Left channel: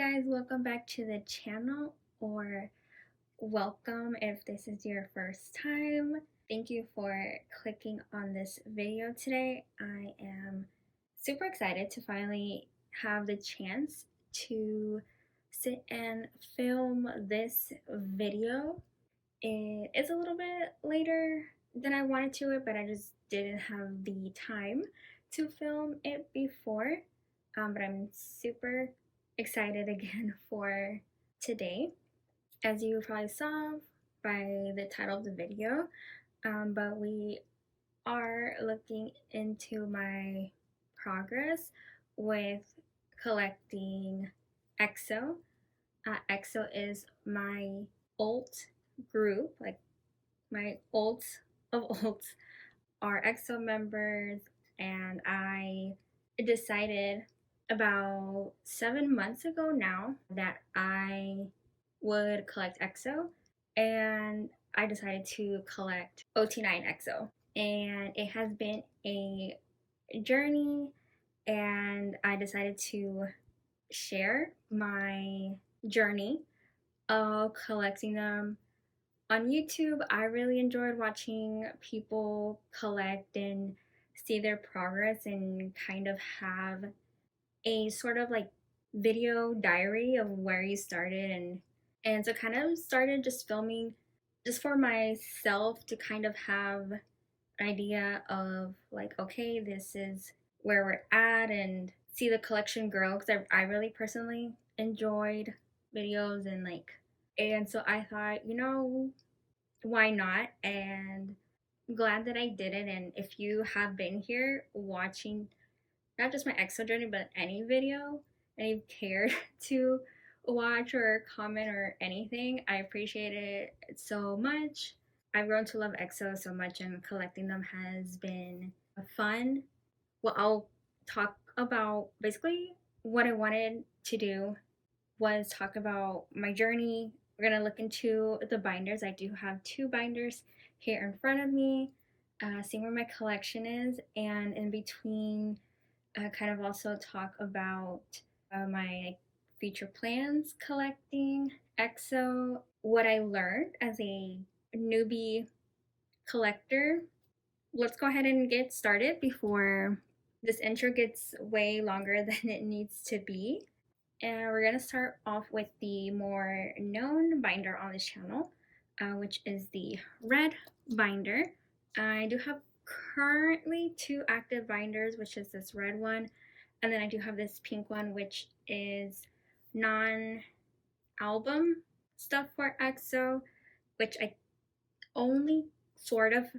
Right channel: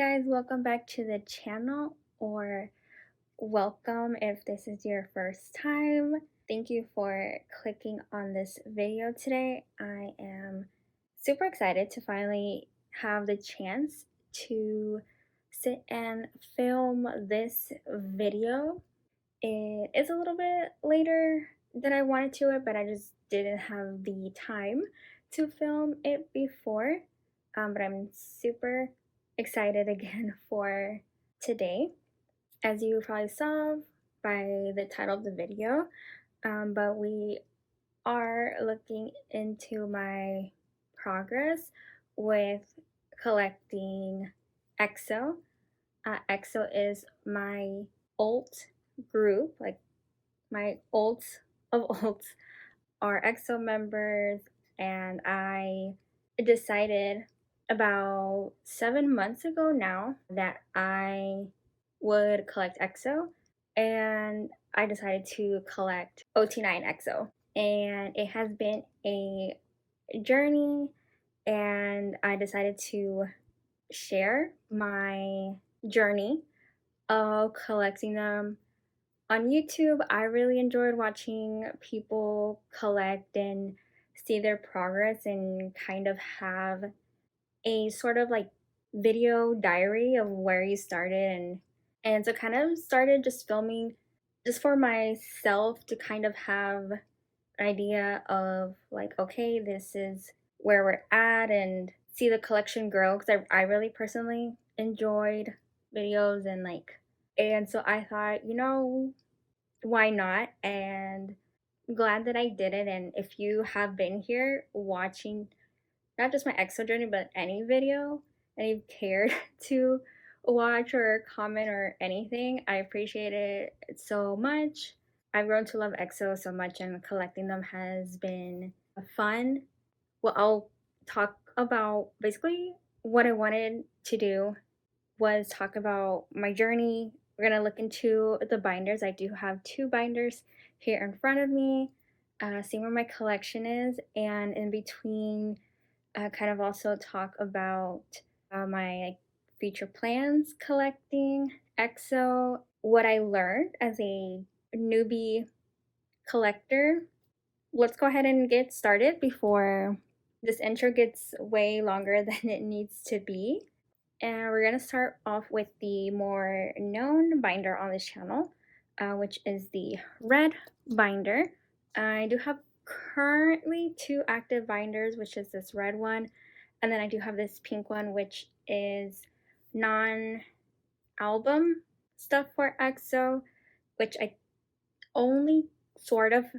guys, welcome back to the channel, or welcome if this is your first time. Thank you for clicking on this video today. I am super excited to finally have the chance to sit and film this video. It is a little bit later than I wanted to, but I just didn't have the time to film it before. But I'm super excited again for today, as you probably saw by the title of the video. But we are looking into my progress with collecting EXO. EXO is my alt group, like my alts of alts are EXO members, and I decided about 7 months ago now that I would collect EXO, and I decided to collect OT9 EXO, and it has been a journey, and I decided to share my journey of collecting them on YouTube. I really enjoyed watching people collect and see their progress and kind of have a sort of like video diary of where you started, and so kind of started just filming just for myself to kind of have an idea of like, okay, this is where we're at, and see the collection grow, because I really personally enjoyed videos and so I thought, you know, why not? And glad that I did it. And if you have been here watching not just my EXO journey, but any video, and you care to watch or comment or anything, I appreciate it so much. I've grown to love EXO so much, and collecting them has been fun. Well, I'll talk about basically what I wanted to do was talk about my journey. We're gonna look into the binders. I do have 2 binders here in front of me, see where my collection is, and in between kind of also talk about my future plans collecting EXO, what I learned as a newbie collector. Let's go ahead and get started before this intro gets way longer than it needs to be. And we're going to start off with the more known binder on this channel, which is the red binder. I do have currently 2 active binders, which is this red one, and then I do have this pink one, which is non-album stuff for EXO, which I only sort of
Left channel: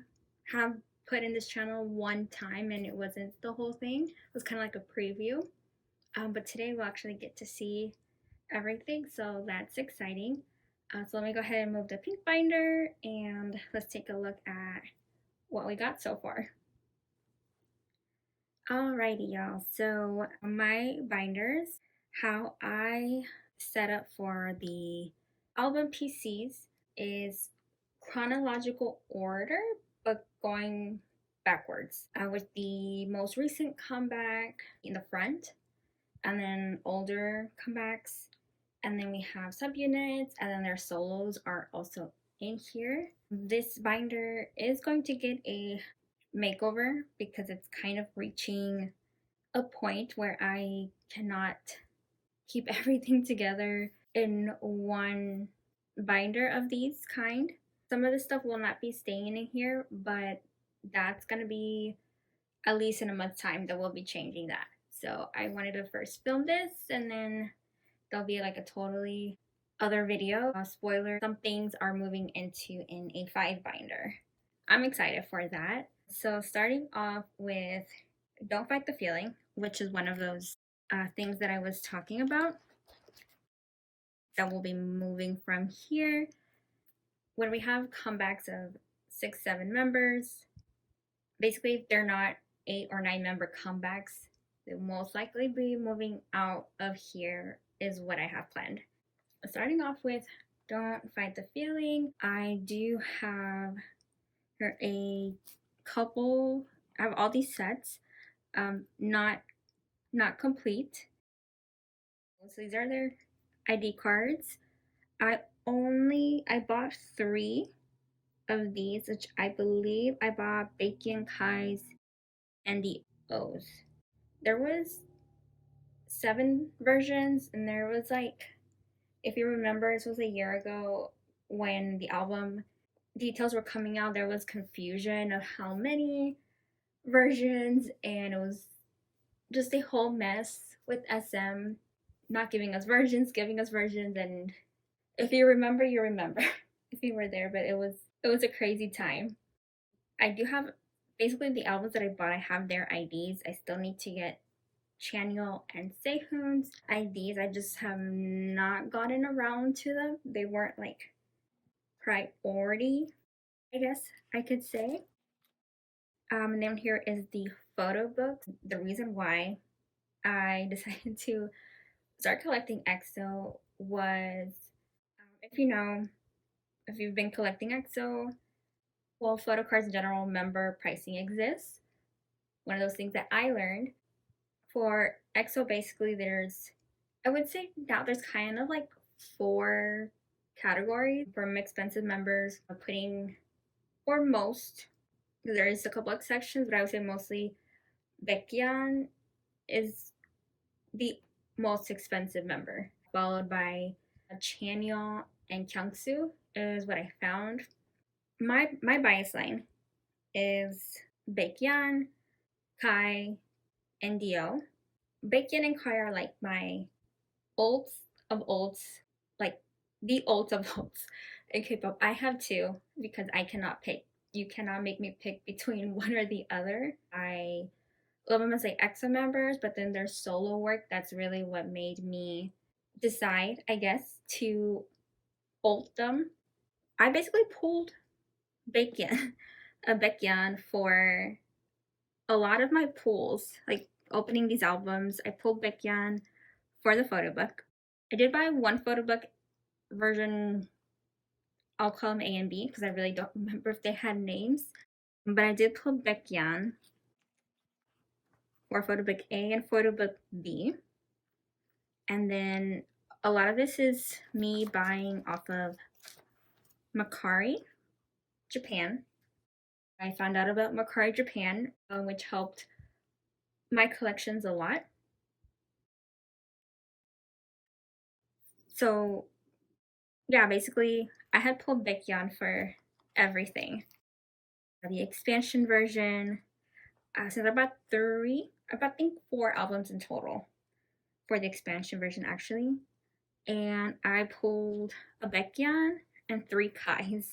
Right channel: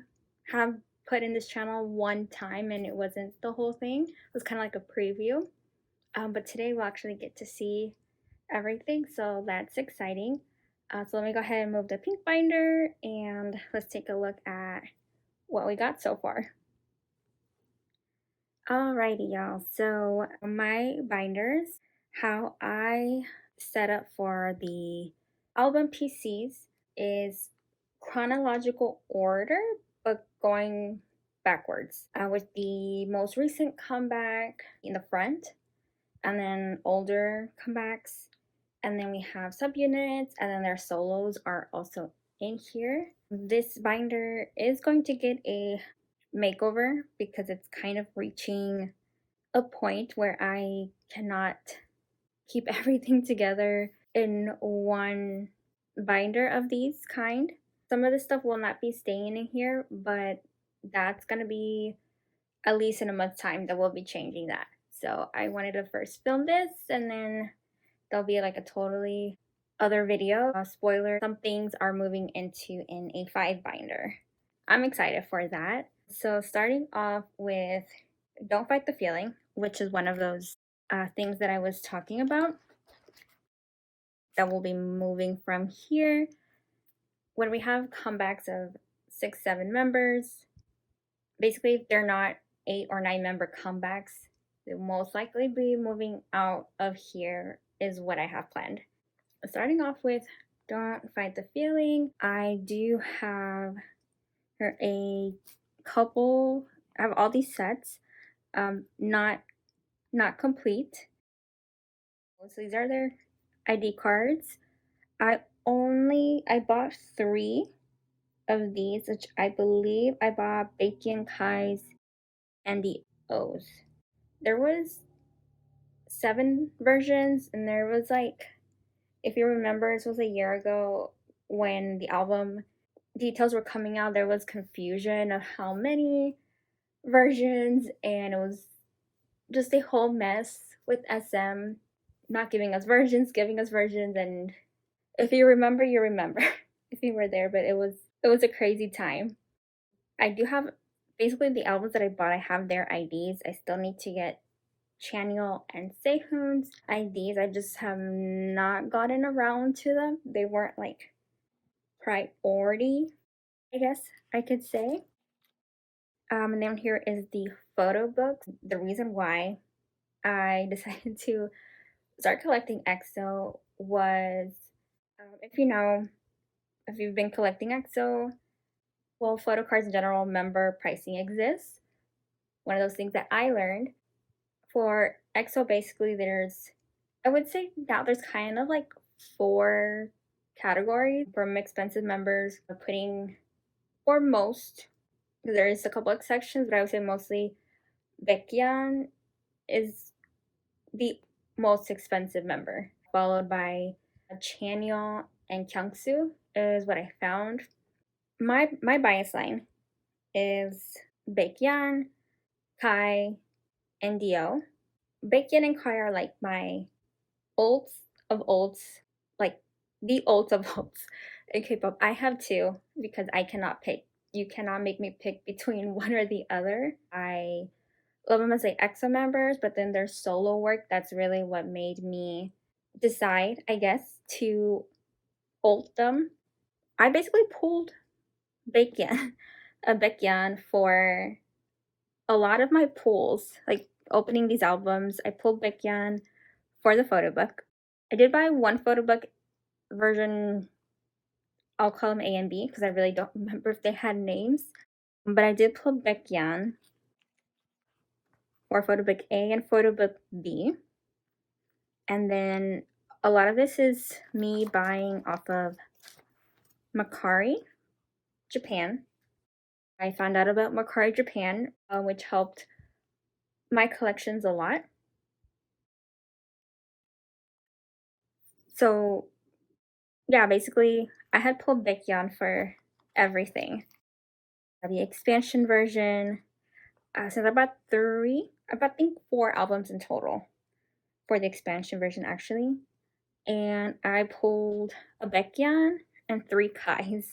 have put in this channel one time, and it wasn't the whole thing. It was kind of like a preview. But today we'll actually get to see everything, so that's exciting. So let me go ahead and move the pink binder, and let's take a look at what we got so far. Alrighty, y'all. So my binders, how I set up for the album PCs is chronological order, but going backwards, with the most recent comeback in the front, and then older comebacks, and then we have subunits, and then their solos are also in here. This binder is going to get a makeover because it's kind of reaching a point where I cannot keep everything together in one binder of these kind. Some of this stuff will not be staying in here, but that's going to be at least in a month's time that we'll be changing that. So I wanted to first film this, and then there'll be like a totally other video. Spoiler, some things are moving into an A5 binder. I'm excited for that. So starting off with Don't Fight the Feeling, which is one of those things that I was talking about that will be moving from here. When we have comebacks of 6-7 members, basically if they're not 8 or 9 member comebacks, they'll most likely be moving out of here is what I have planned. Starting off with Don't Fight the Feeling, I do have a couple, I have all these sets, not complete. So these are their ID cards. I bought 3 of these, which I believe I bought Baekhyun, Kai's, and the O's. There was 7 versions, and there was like, if you remember, this was a year ago when the album details were coming out, there was confusion of how many versions, and it was just a whole mess with SM not giving us versions, giving us versions, and if you remember, you remember if you were there, but it was a crazy time. I do have basically the albums that I bought, I have their IDs. I still need to get Chanyeol and Sehun's IDs. I just have not gotten around to them. They weren't like priority, I guess I could say. And then here is the photo book. The reason why I decided to start collecting EXO was, if you know, if you've been collecting EXO, well, Photocard's general member pricing exists. One of those things that I learned for EXO, basically, I would say now there's kind of like 4 categories. From expensive members, putting, or most, there is a couple exceptions, but I would say mostly Baekhyun is the most expensive member, followed by Chanyeol and Kyungsu is what I found. My bias line is Baekhyun, Kai, and Dio. Baekhyun and Kai are like my ults of ults, like the ults of ults in K-pop. I have 2 because I cannot pick. You cannot make me pick between one or the other. I love them as like EXO members, but then their solo work, that's really what made me decide, I guess, to ult them. I basically pulled Baekhyun, a Baekhyun for a lot of my pulls, like opening these albums. I pulled Baekhyun for the photo book. I did buy one photo book version, I'll call them A and B because I really don't remember if they had names. But I did pull Baekhyun for photo book A and photo book B. And then a lot of this is me buying off of Mercari Japan. I found out about Mercari Japan, which helped my collections a lot. So yeah, basically I had pulled Baekhyun for everything. The expansion version, so I bought 4 albums in total for the expansion version actually. And I pulled a Baekhyun and 3 Kais.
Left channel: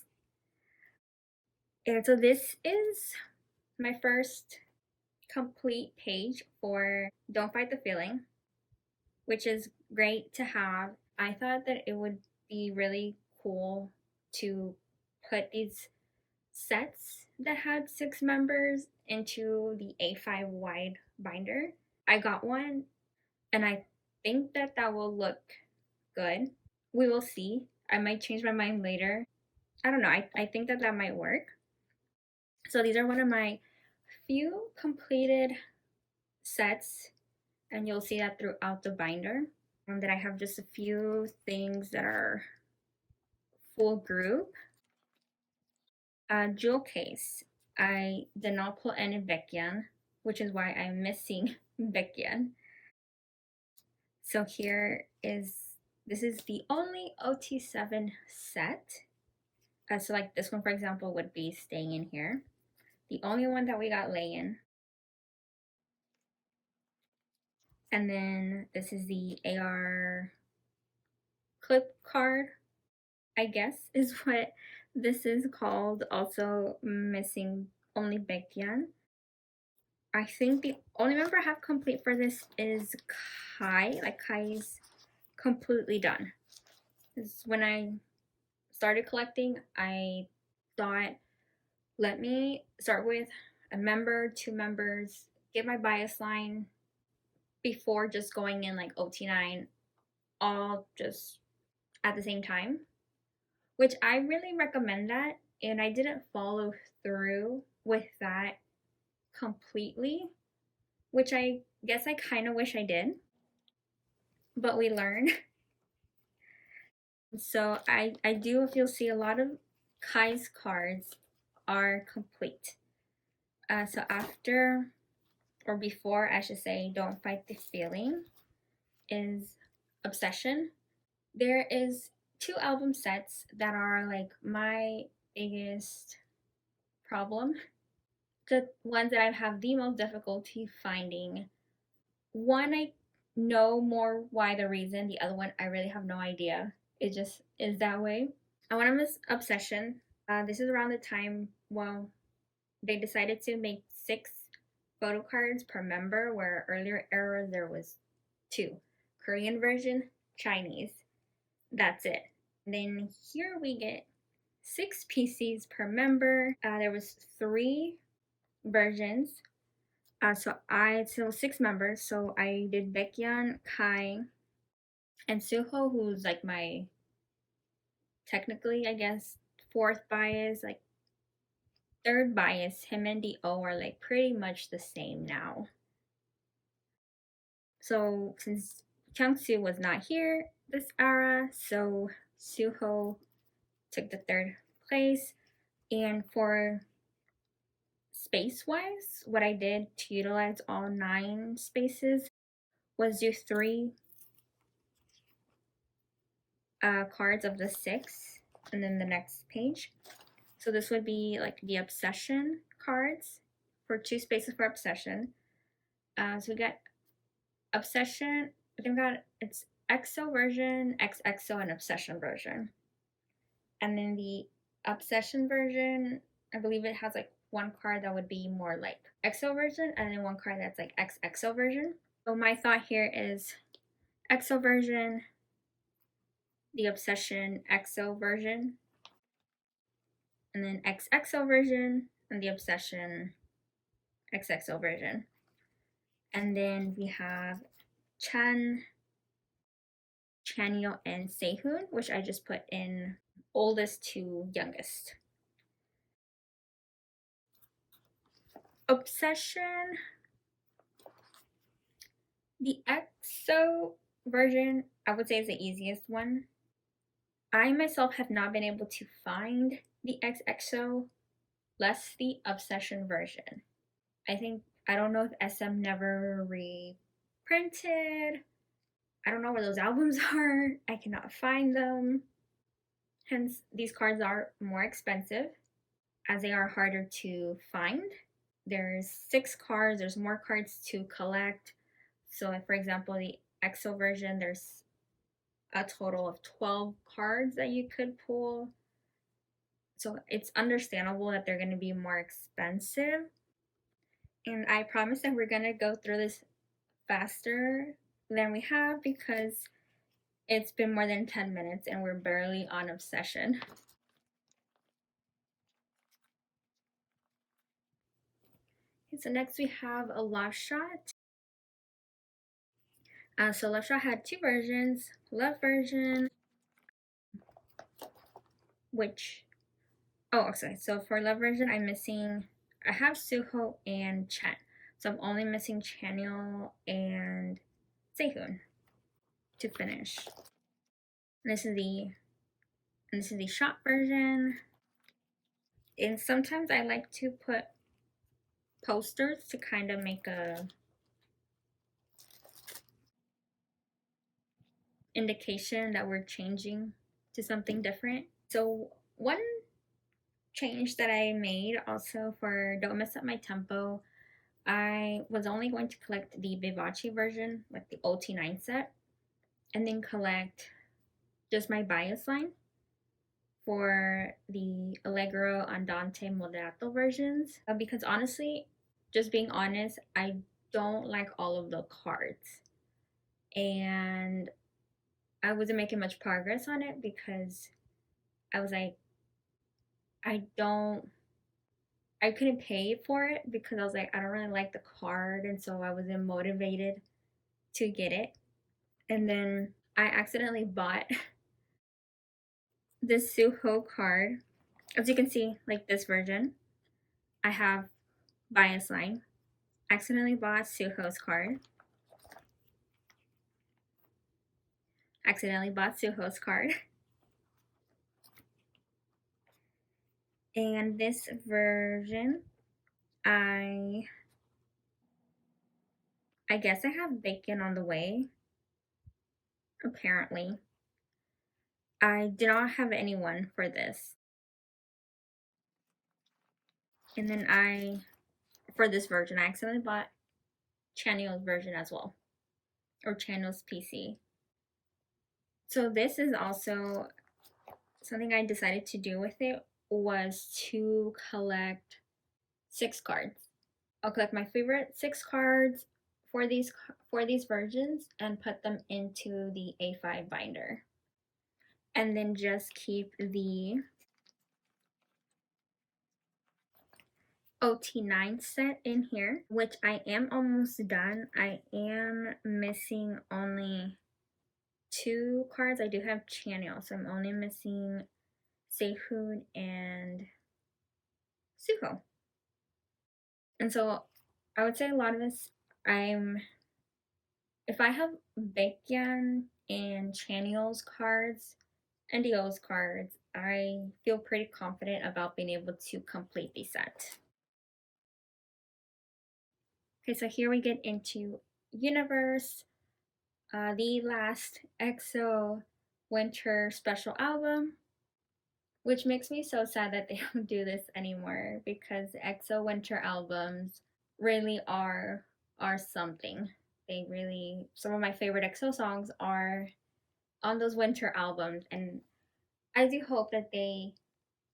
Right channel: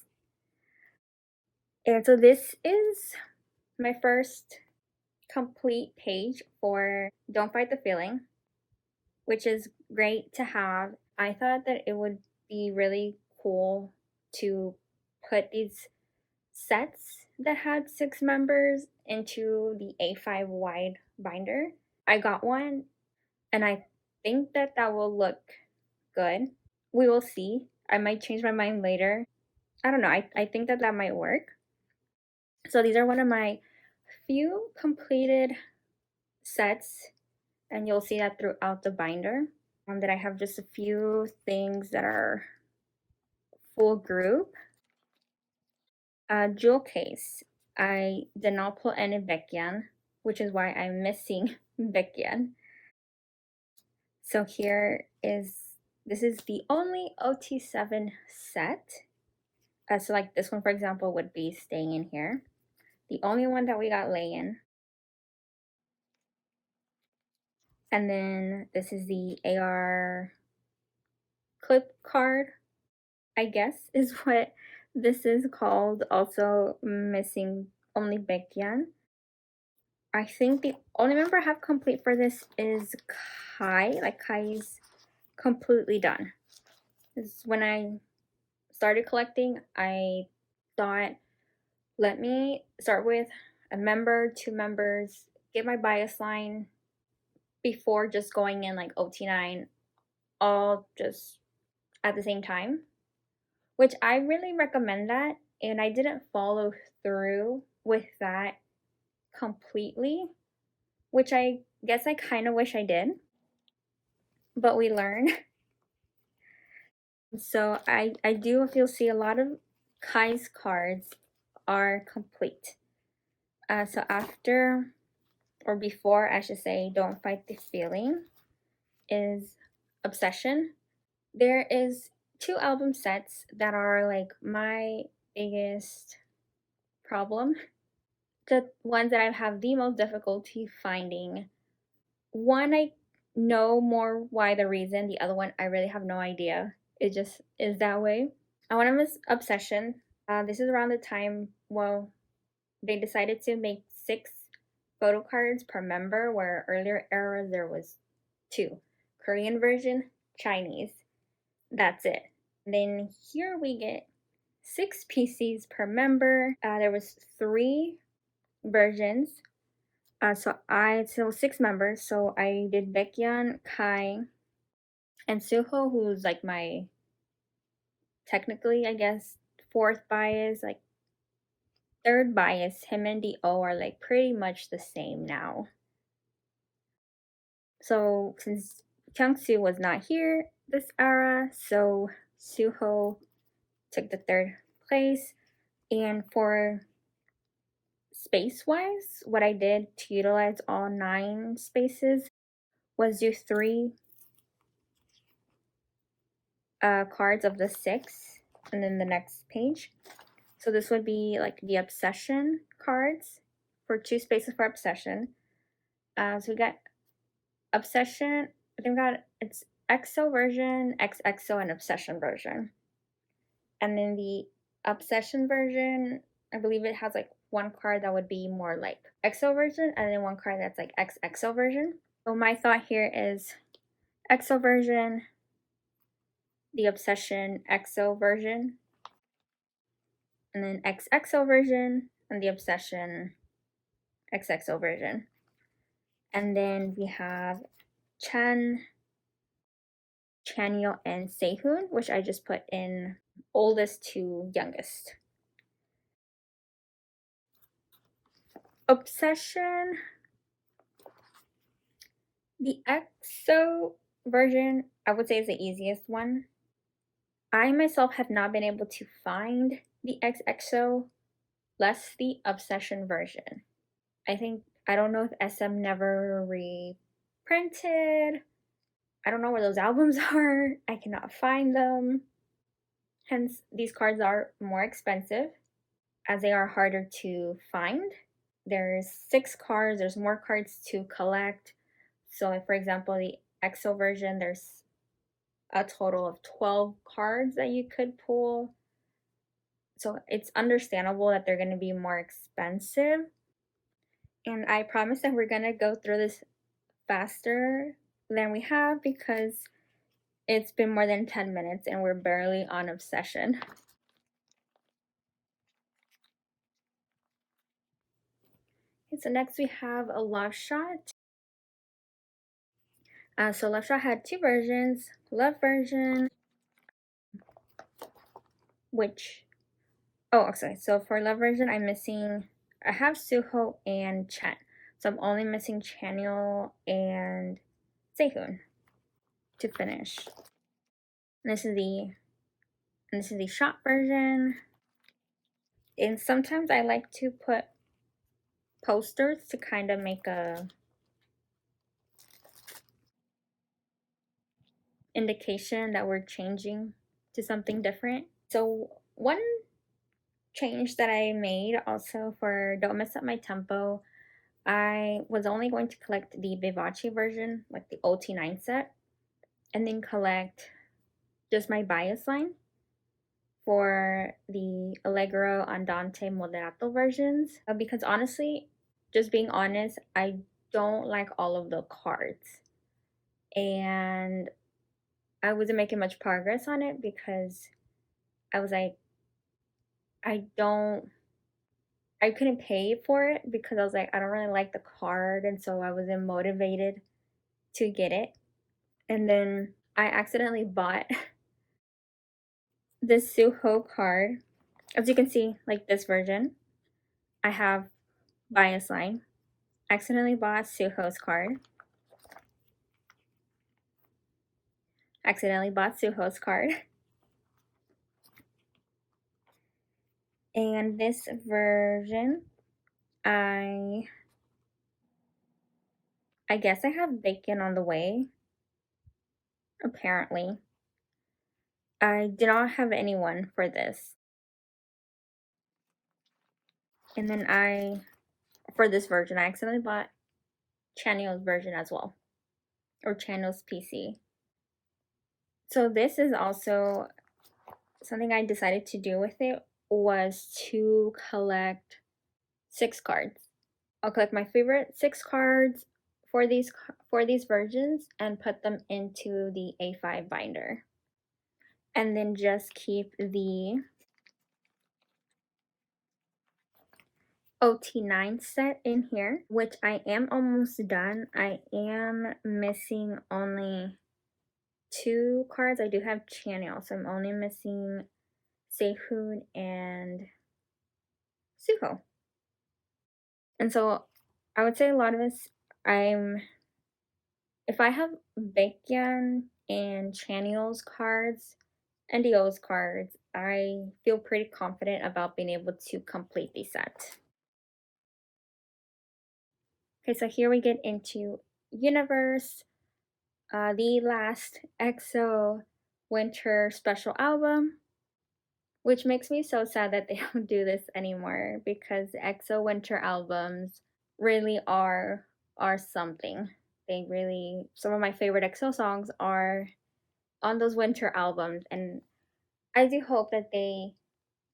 And so this is my first complete page for Don't Fight the Feeling, which is great to have. I thought that it would be really cool to put these sets that had 6 members into the A5 wide binder. I got one and I think that will look good. We will see. I might change my mind later. I don't know. I think that might work. So these are one of my few completed sets, and you'll see that throughout the binder. That I have just a few things that are full group. Jewel case. I did not pull any Baekhyun, which is why I'm missing Baekhyun. So this is the only OT7 set. So like this one, for example, would be staying in here. The only one that we got laying. And then this is the AR clip card, I guess is what this is called. Also missing only Baekhyun. I think the only member I have complete for this is Kai. Like Kai's completely done. Because when I started collecting, I thought, let me start with a member, 2 members, get my bias line before just going in like OT9 all just at the same time, which I really recommend that. And I didn't follow through with that completely, which I guess I kind of wish I did, but we learn. So I do, if you'll see, a lot of Kai's cards are complete. So after, or before I should say, Don't Fight the Feeling is Obsession. There is 2 album sets that are like my biggest problem. The ones that I have the most difficulty finding. One, I know more why the reason. The other one, I really have no idea. It just is that way. One of them is Obsession. This is around the time, well, they decided to make 6 photo cards per member, where earlier eras there was 2. Korean version, Chinese. That's it. Then here we get 6 PCs per member. There was 3 versions. So 6 members. So I did Baekhyun, Kai, and Suho, who's like my, technically, I guess, 4th bias, like 3rd bias. Him and Do are like pretty much the same now. So since Changsu was not here this era, so Suho took the 3rd place. And for space-wise, what I did to utilize all 9 spaces was do 3 cards of the 6, and then the next page. So this would be like the Obsession cards for 2 spaces for Obsession. So we got Obsession, I think it's EXO version, XXO, and Obsession version. And then the Obsession version, I believe it has like 1 card that would be more like EXO version, and then 1 card that's like XXO version. So my thought here is EXO version, the Obsession EXO version, and then XXO version, and the Obsession XXO version. And then we have Chanyeol, and Sehun, which I just put in oldest to youngest. Obsession, the EXO version, I would say, is the easiest one. I myself have not been able to find the XXO, less the Obsession version. I don't know if SM never reprinted. I don't know where those albums are. I cannot find them. Hence, these cards are more expensive as they are harder to find. There's 6 cards, there's more cards to collect. So like, for example, the EXO version, there's a total of 12 cards that you could pull. So it's understandable that they're going to be more expensive. And I promise that we're going to go through this faster than we have, because it's been more than 10 minutes and we're barely on Obsession. Okay, so next we have a Love Shot. So Love Shot had 2 versions. Love version, which, oh, sorry. So for Love version, I have Suho and Chen. So I'm only missing Chanyeol and Sehun to finish. And this is the shot version. And sometimes I like to put posters to kind of make a indication that we're changing to something different. So one change that I made also for Don't Mess Up My Tempo, I was only going to collect the Vivace version, like the OT9 set, and then collect just my bias line for the Allegro, Andante, Moderato versions. Because honestly, just being honest, I don't like all of the cards. And I wasn't making much progress on it because I was like, I couldn't pay for it because I was like, I don't really like the card, and so I wasn't motivated to get it. And then I accidentally bought this Suho card. As you can see, like this version, I have bias line. Accidentally bought Suho's card. Accidentally bought Suho's card. And this version, I guess I have bacon on the way, apparently. I did not have anyone for this. And then for this version, I accidentally bought Chanyeol's version as well, or Chanyeol's PC. So this is also something I decided to do with it, was to collect 6 cards. I'll collect my favorite 6 cards for these versions and put them into the A5 binder. And then just keep the OT9 set in here, which I am almost done. I am missing only 2 cards. I do have Chanyeol, so I'm only missing Sehun and Suho. And so I would say a lot of this, if I have Baekhyun and Chanyeol's cards and Dio's cards, I feel pretty confident about being able to complete the set. Okay, so here we get into Universe, the last EXO winter special album, which makes me so sad that they don't do this anymore, because EXO winter albums really are something. Some of my favorite EXO songs are on those winter albums, and I do hope that they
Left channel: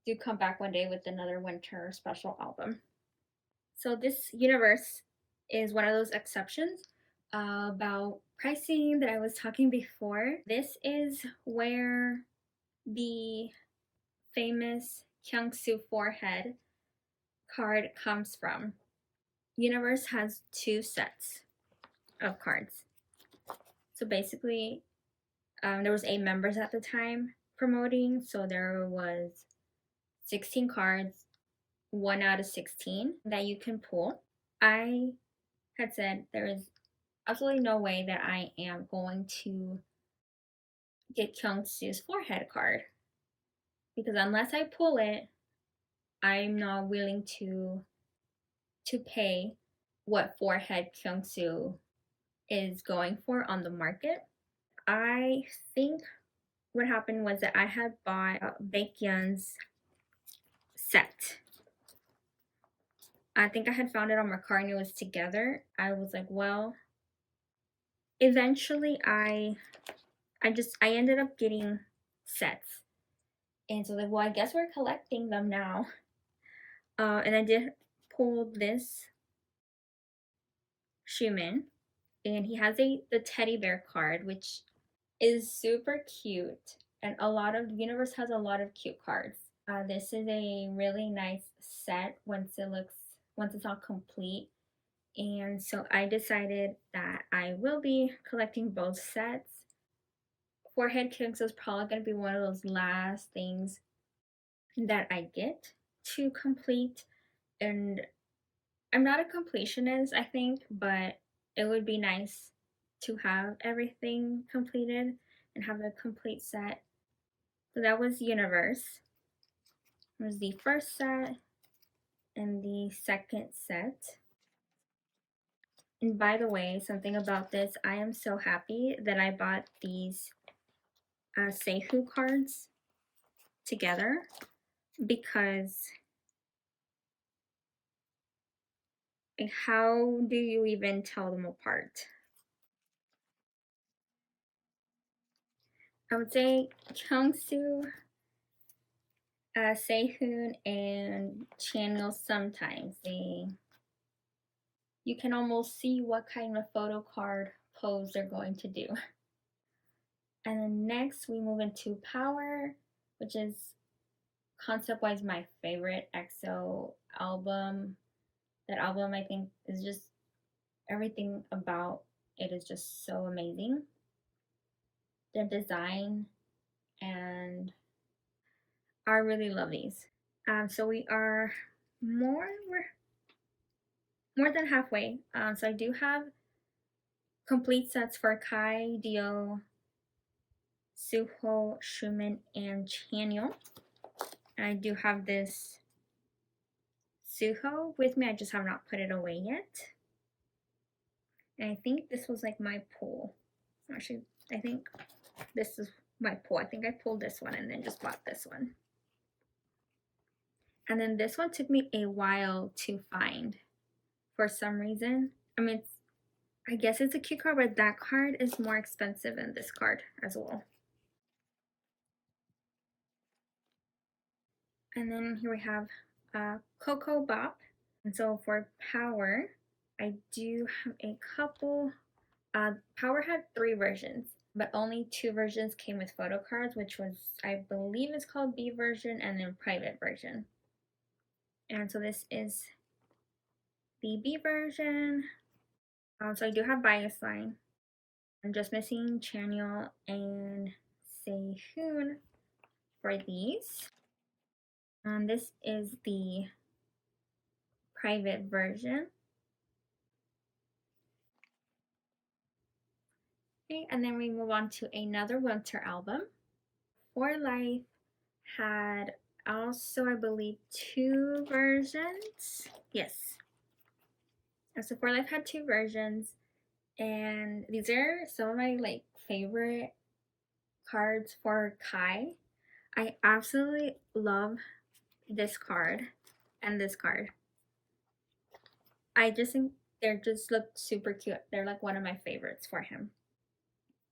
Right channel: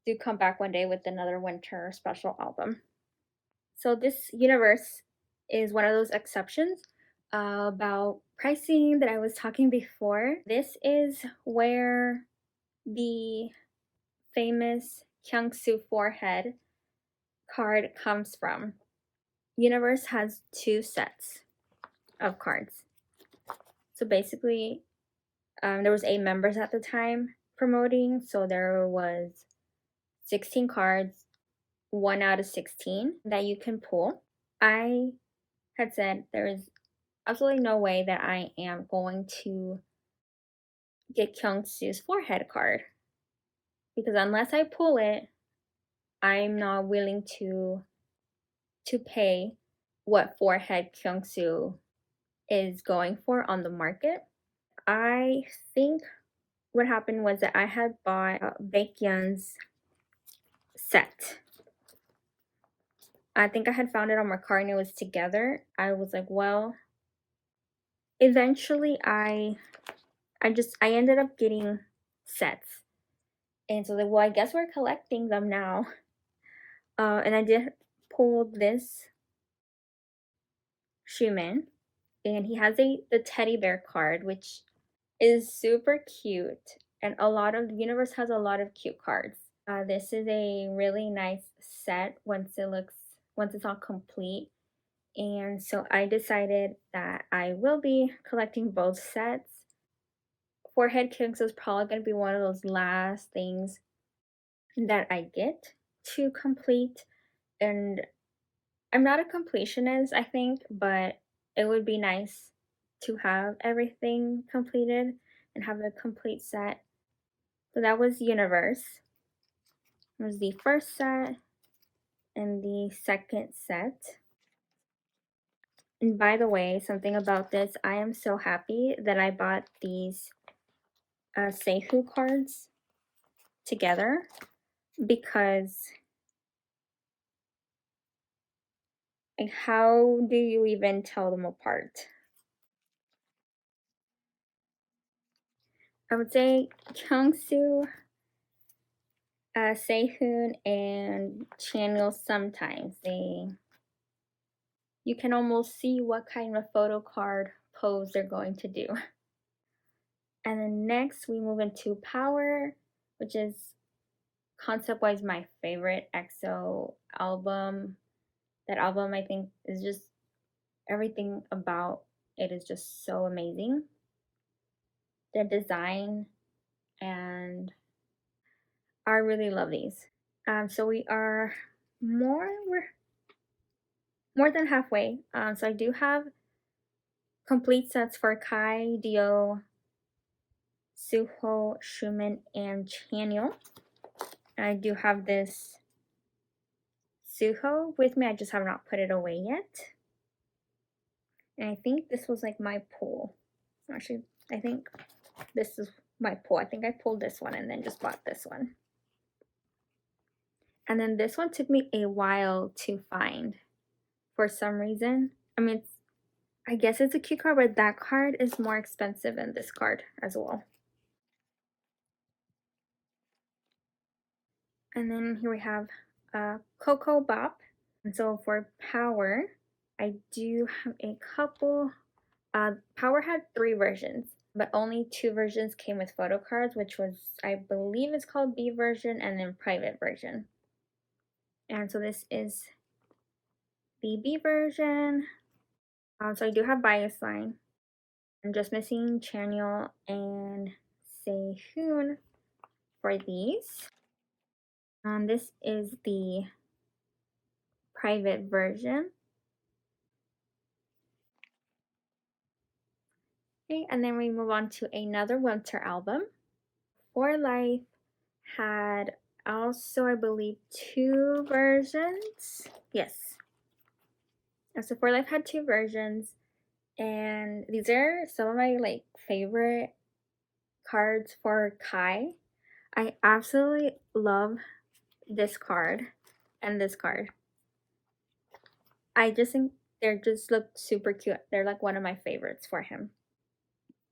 do come back one day with another winter special album. So this Universe is one of those exceptions about pricing that I was talking before. This is where the famous Kyungsoo forehead card comes from. Universe has 2 sets of cards. So basically, there was 8 members at the time promoting, so there was 16 cards, 1 out of 16 that you can pull. I had said there is absolutely no way that I am going to get Kyungsoo's forehead card, because unless I pull it, I'm not willing to pay what forehead Kyungsoo is going for on the market. I think what happened was that I had bought Baekhyun's set. I think I had found it on Mercari and it was together. I was like, well, eventually I ended up getting sets. And so like, well, I guess we're collecting them now. And I did pull this Schumann, and he has the teddy bear card, which is super cute. And Universe has a lot of cute cards. This is a really nice set once it's all complete. And so I decided that I will be collecting both sets. Forehead Kings is probably going to be one of those last things that I get to complete. And I'm not a completionist, I think, but it would be nice to have everything completed and have a complete set. So that was Universe. It was the first set and the second set. And by the way, something about this, I am so happy that I bought these Seihu cards together, because like, how do you even tell them apart? I would say Kyungsoo, Sehun, and Chanyeol sometimes. You can almost see what kind of photo card pose they're going to do. And then next we move into Power, which is concept-wise my favorite EXO album. That album, I think, is just everything about it is just so amazing. Their design, and I really love these. So we are more than halfway. So I do have complete sets for Kai, Dio, Suho, Schumann, and Chanyeol. I do have this Suho with me. I just have not put it away yet. And I think this was like my pull. Actually, I think this is my pull. I think I pulled this one and then just bought this one. And then this one took me a while to find for some reason. I mean, I guess it's a cute card, but that card is more expensive than this card as well. And then here we have Coco Bop. And so for Power, I do have a couple. Power had 3 versions, but only 2 versions came with photo cards, which was, I believe it's called B version and then private version. And so this is the B version. So I do have Bias Line. I'm just missing Chanyeol and Sehun for these. This is the private version. Okay, and then we move on to another winter album. For Life had also, I believe, 2 versions. Yes. So For Life had 2 versions, and these are some of my like favorite cards for Kai. I absolutely love this card and this card. I just think they just look super cute. They're like one of my favorites for him.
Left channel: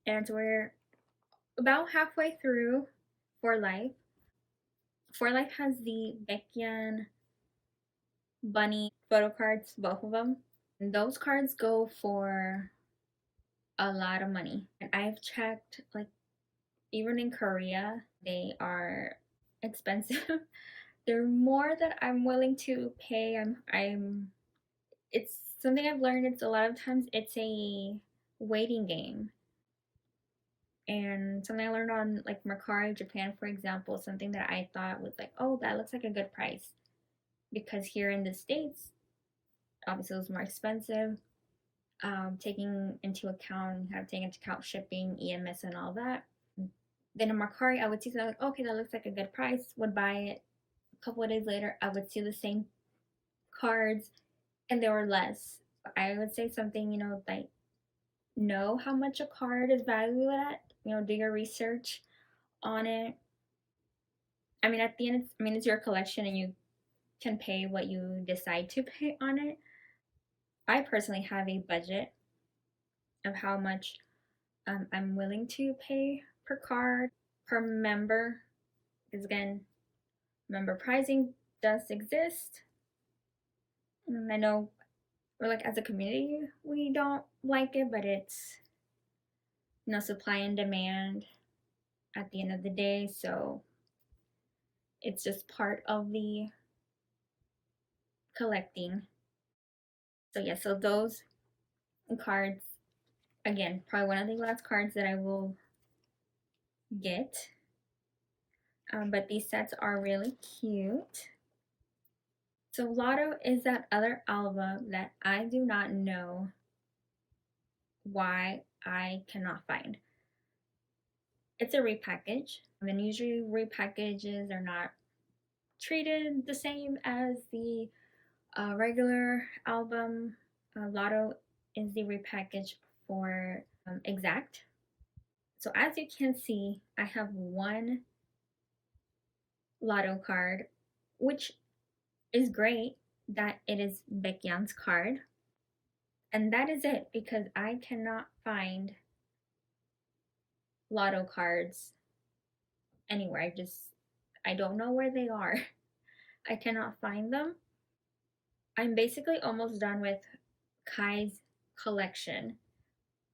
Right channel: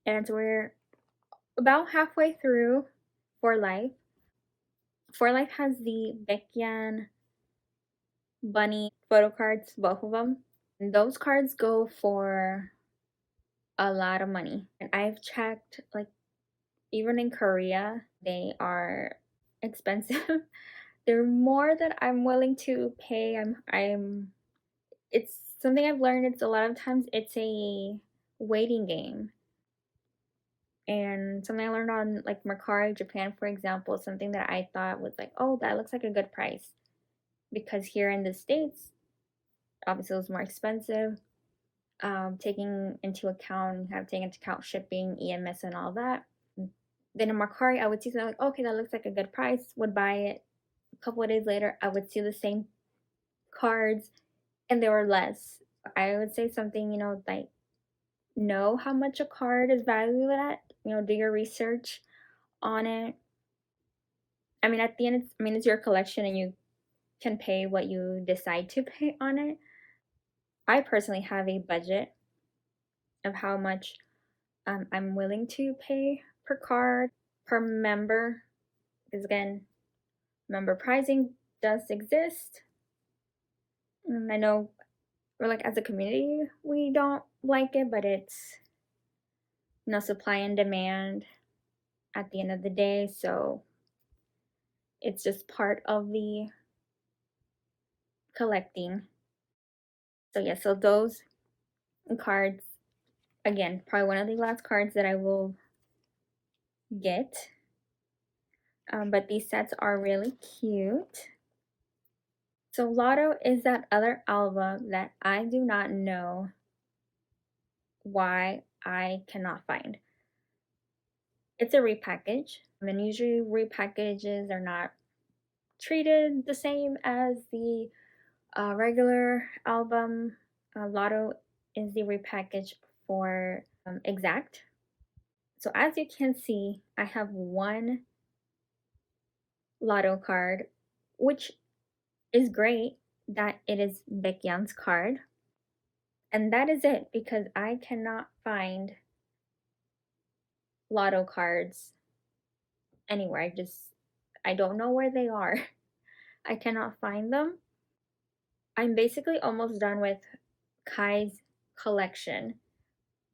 And we're about halfway through For Life. For Life has the Baekhyun bunny photo cards, both of them. And those cards go for a lot of money. And I've checked, like, even in Korea, they are expensive. They're more than I'm willing to pay. It's something I've learned. It's a lot of times it's a waiting game. And something I learned on like Mercari Japan, for example, something that I thought was like, oh, that looks like a good price. Because here in the States, obviously it was more expensive. Taking into account, shipping, EMS, and all that. Then in Mercari, I would see something like, okay, that looks like a good price, would buy it. A couple of days later, I would see the same cards and they were less. I would say something, like, know how much a card is valued at, do your research on it. I mean, at the end, it's your collection and you can pay what you decide to pay on it. I personally have a budget of how much I'm willing to pay per card, per member, because again, member pricing does exist. I know, or like as a community, we don't like it, but it's, supply and demand at the end of the day. So it's just part of the collecting. So yeah, so those cards, again, probably one of the last cards that I will get. But these sets are really cute. So Lotto is that other album that I do not know why I cannot find. It's a repackage, and usually repackages are not treated the same as the regular album. Lotto is the repackage for Exact. So as you can see, I have one Lotto card, which is great that it is Baekhyun's card. And that is it, because I cannot find Lotto cards anywhere. I don't know where they are. I cannot find them. I'm basically almost done with Kai's collection.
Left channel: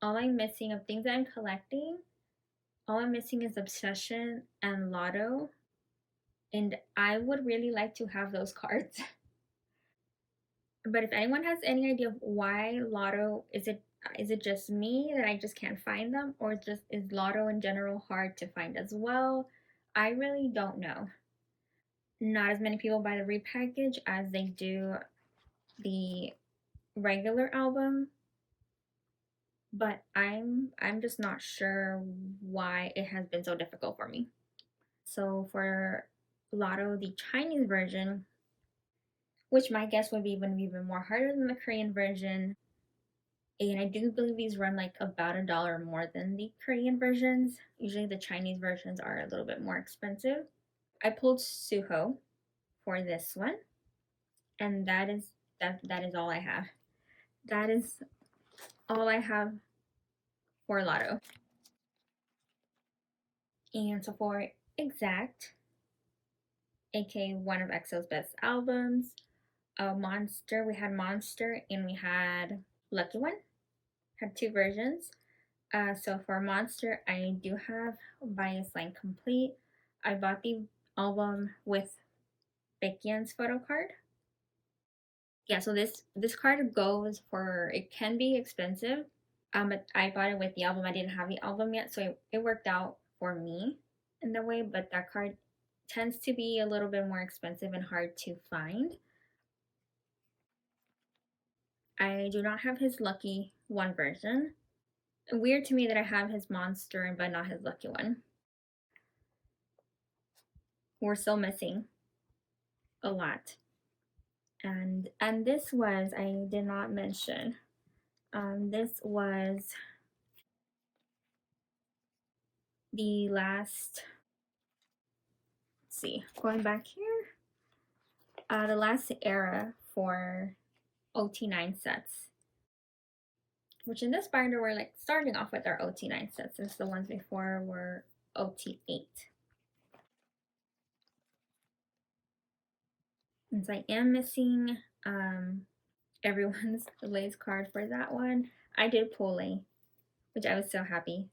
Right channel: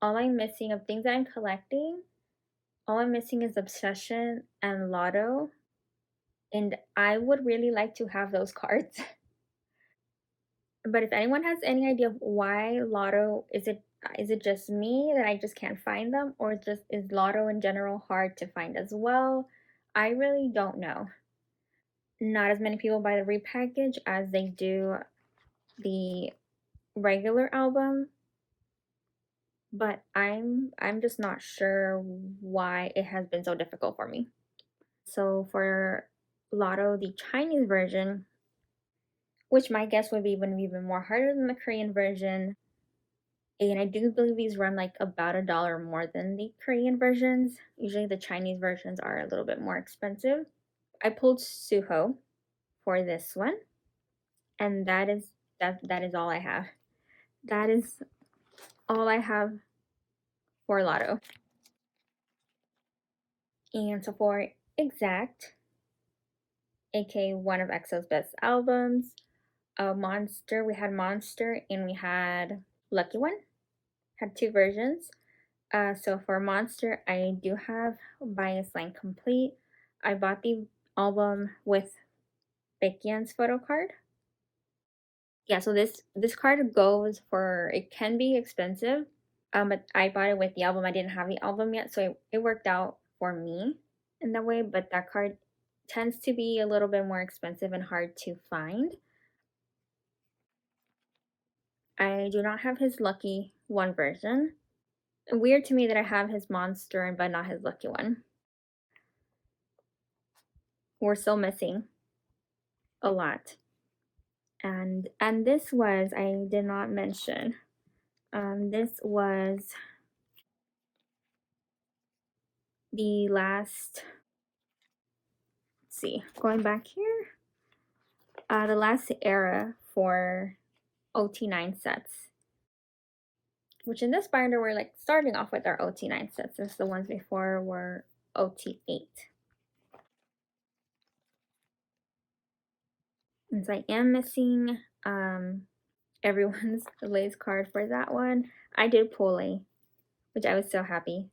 All I'm missing of things I'm collecting, all I'm missing is Obsession and Lotto. And I would really like to have those cards. But if anyone has any idea of why Lotto, is it just me that I just can't find them, or is Lotto in general hard to find as well? I really don't know. Not as many people buy the repackage as they do the regular album, but I'm just not sure why it has been so difficult for me. So for Lotto, the Chinese version, which my guess would be even more harder than the Korean version. And I do believe these run like about $1 more than the Korean versions. Usually the Chinese versions are a little bit more expensive. I pulled Suho for this one, and that is all I have. That is all I have for Lotto. And so for Exact, aka one of EXO's best albums, Monster, we had Monster and we had Lucky One. Had two versions. So for Monster, I do have Bias Line Complete. I bought the album with Baekhyun's photo card. Yeah, so this card goes for, it can be expensive, but I bought it with the album. I didn't have the album yet, so it worked out for me in that way, but that card tends to be a little bit more expensive and hard to find. I do not have his Lucky One version. Weird to me that I have his Monster but not his Lucky One. We're still missing a lot. And this was, I did not mention, this was the last, let's see, going back here, the last era for OT9 sets, which in this binder we're like starting off with our OT9 sets, since the ones before were OT8. And so I am missing everyone's Lay's card for that one. I did pull a, which I was so happy.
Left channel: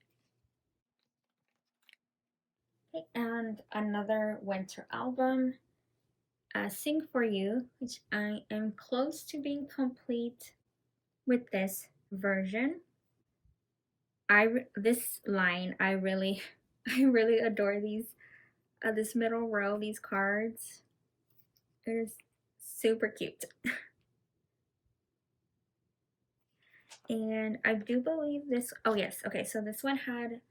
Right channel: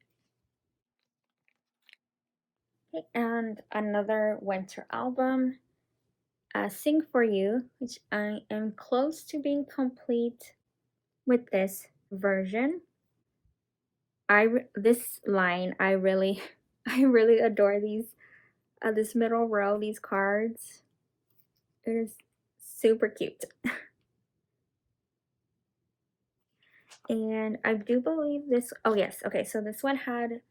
Okay, and another winter album, Sing For You, which I am close to being complete with this version. This line, I really adore these, this middle row, these cards. It is super cute. And I do believe this, oh yes, okay, so this one had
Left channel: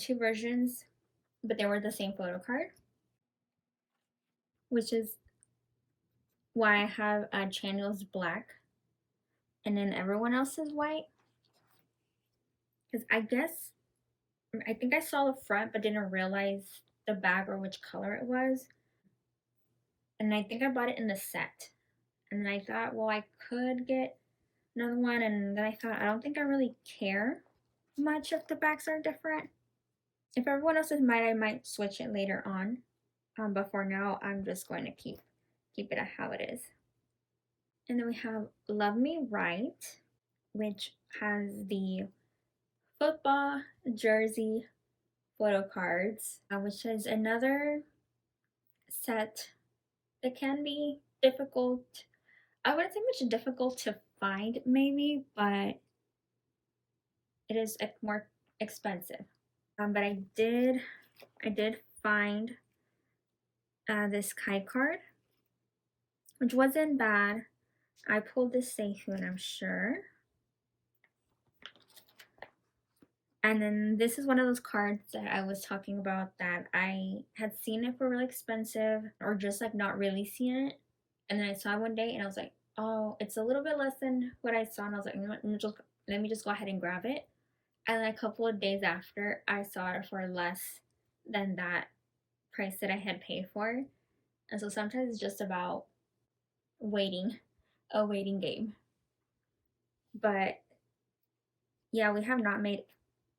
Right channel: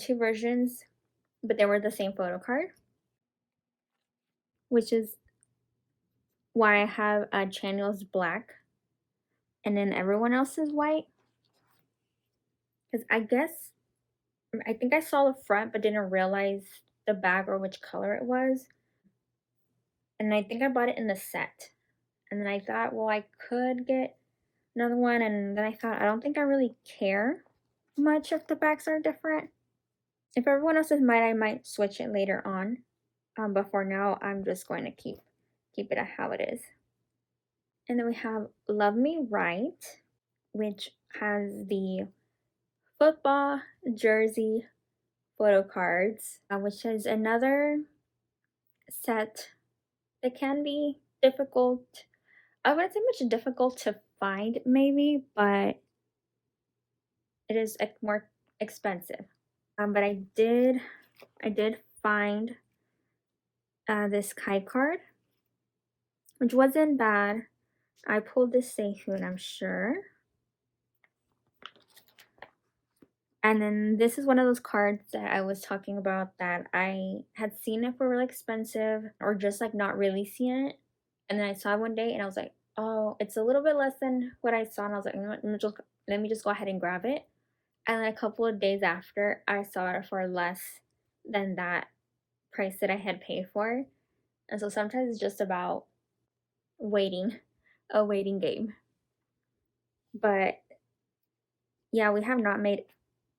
two versions, but they were the same photo card, which is why I have Chanyeol's black and then everyone else is white. Because I think I saw the front but didn't realize the back or which color it was. And I think I bought it in the set. And then I thought, well, I could get another one. And then I thought, I don't think I really care much if the backs are different. If everyone else is white, I might switch it later on. But for now, I'm just going to keep it at how it is. And then we have Love Me Right, which has the football jersey photo cards, which is another set that can be difficult. I wouldn't say much difficult to find, maybe, but it is more expensive. But I did find this Kai card, which wasn't bad. I pulled this Sehun, I'm sure. And then this is one of those cards that I was talking about that I had seen it for really expensive or just like not really seeing it. And then I saw it one day and I was like, oh, it's a little bit less than what I saw. And I was like, let me just go ahead and grab it. And then a couple of days after, I saw it for less than that price that I had paid for. And so sometimes it's just about waiting, a waiting game. But yeah, we have not made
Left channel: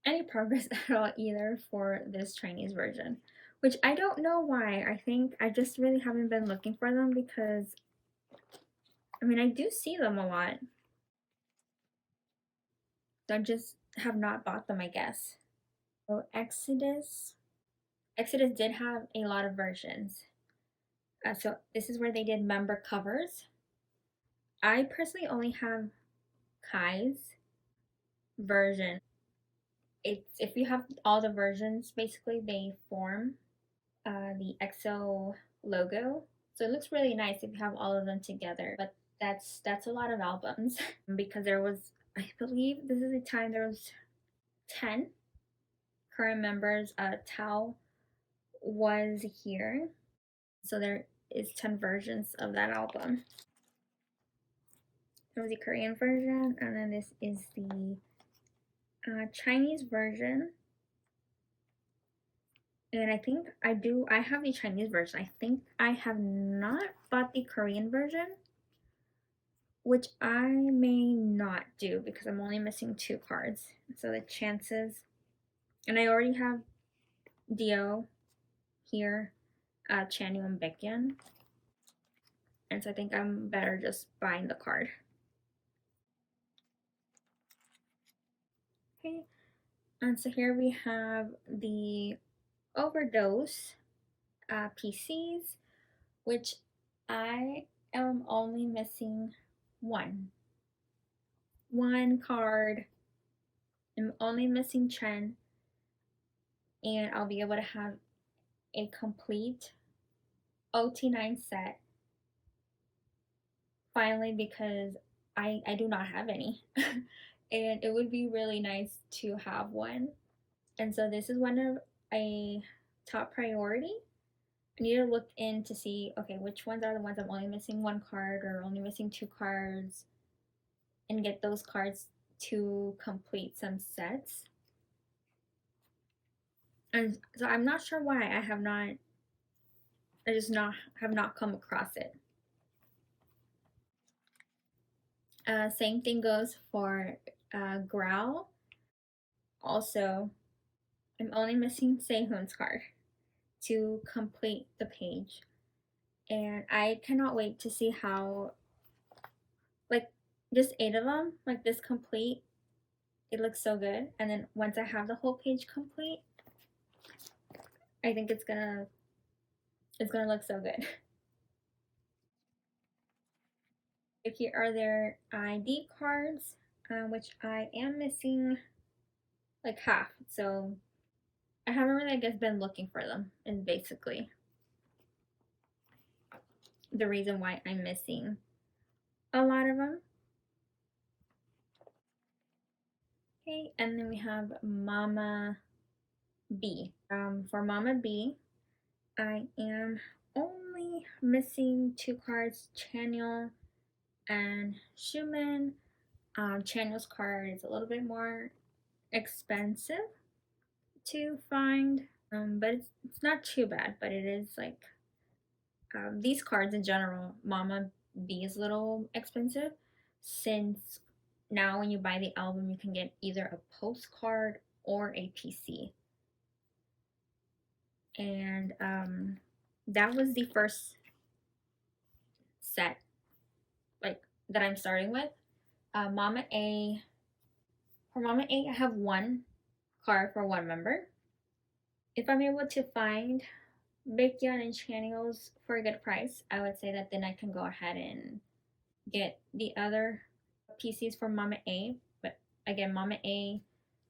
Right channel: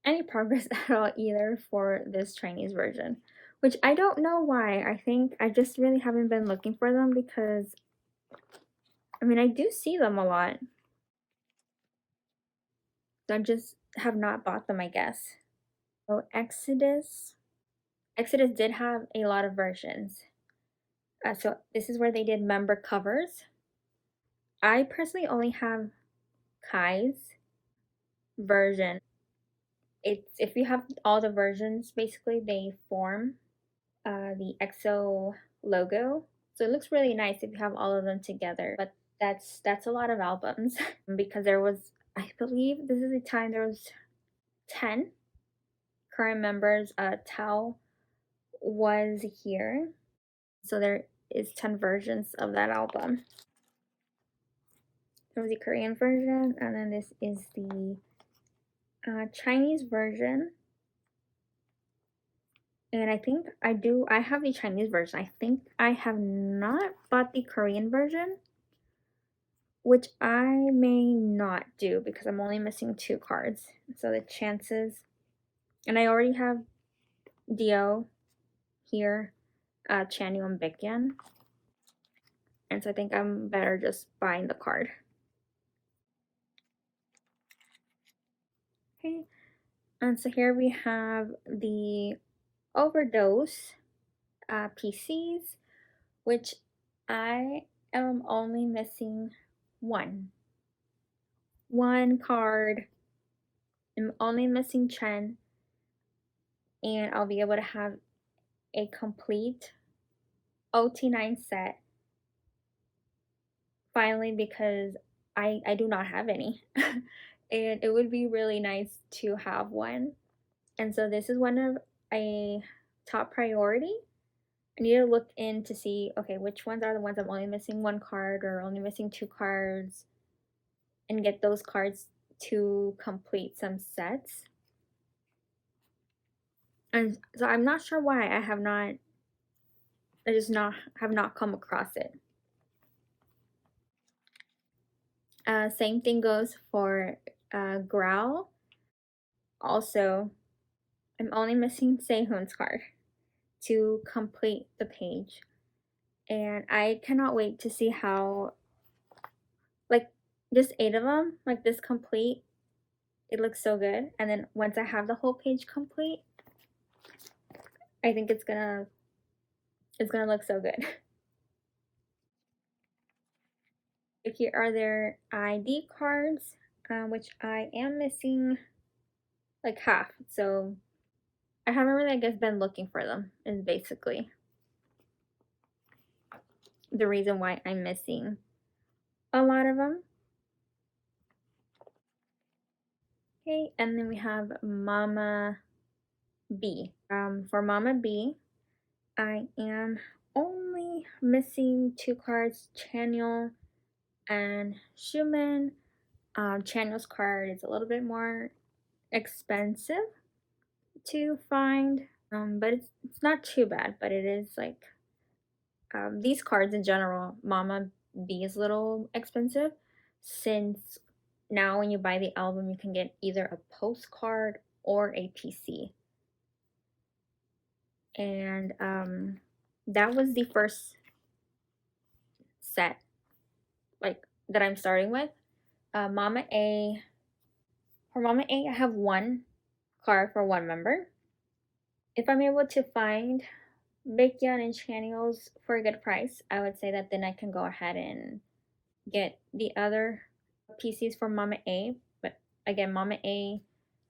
any progress at all either for this Chinese version, which I don't know why. I think I just really haven't been looking for them because, I mean, I do see them a lot. I just have not bought them, I guess. So Exodus did have a lot of versions. So this is where they did member covers. I personally only have Kai's version. It's, if you have all the versions, basically they form the EXO logo. So it looks really nice if you have all of them together. But that's a lot of albums because there was, I believe this is the time there was 10 current members. Tao was here. So there is 10 versions of that album. It was the Korean version, and then this is the Chinese version. And I think I have the Chinese version. I think I have not bought the Korean version, which I may not do because I'm only missing 2 cards. So the chances, and I already have Dio here, Chanyeol and Baekhyun. And so I think I'm better just buying the card. Okay, and so here we have the Overdose PCs, which I am only missing one card. I'm only missing Chen, and I'll be able to have a complete OT9 set finally, because I do not have any. And it would be really nice to have one. And so this is one of a top priority. I need to look in to see, okay, which ones are the ones I'm only missing 1 card or only missing 2 cards, and get those cards to complete some sets. And so I'm not sure why I have not come across it. Same thing goes for Growl. Also, I'm only missing Sehun's card to complete the page. And I cannot wait to see how, like, just 8 of them, like this complete, it looks so good. And then once I have the whole page complete, I think it's gonna look so good. Here are their ID cards, which I am missing like half. So I haven't really, I guess, been looking for them, is basically the reason why I'm missing a lot of them. Okay, and then we have Mama B. For Mama B, I am only missing 2 cards, Chanyeol and Schumann. Chanyeol's card is a little bit more expensive to find, but it's not too bad. But it is like these cards in general, Mama B is a little expensive, since now when you buy the album you can get either a postcard or a PC. And that was the first set like that I'm starting with. Mama A, for Mama A, I have 1 card for 1 member. If I'm able to find Baekhyun and Chanyeol's for a good price, I would say that then I can go ahead and get the other PCs for Mama A. But again, Mama A,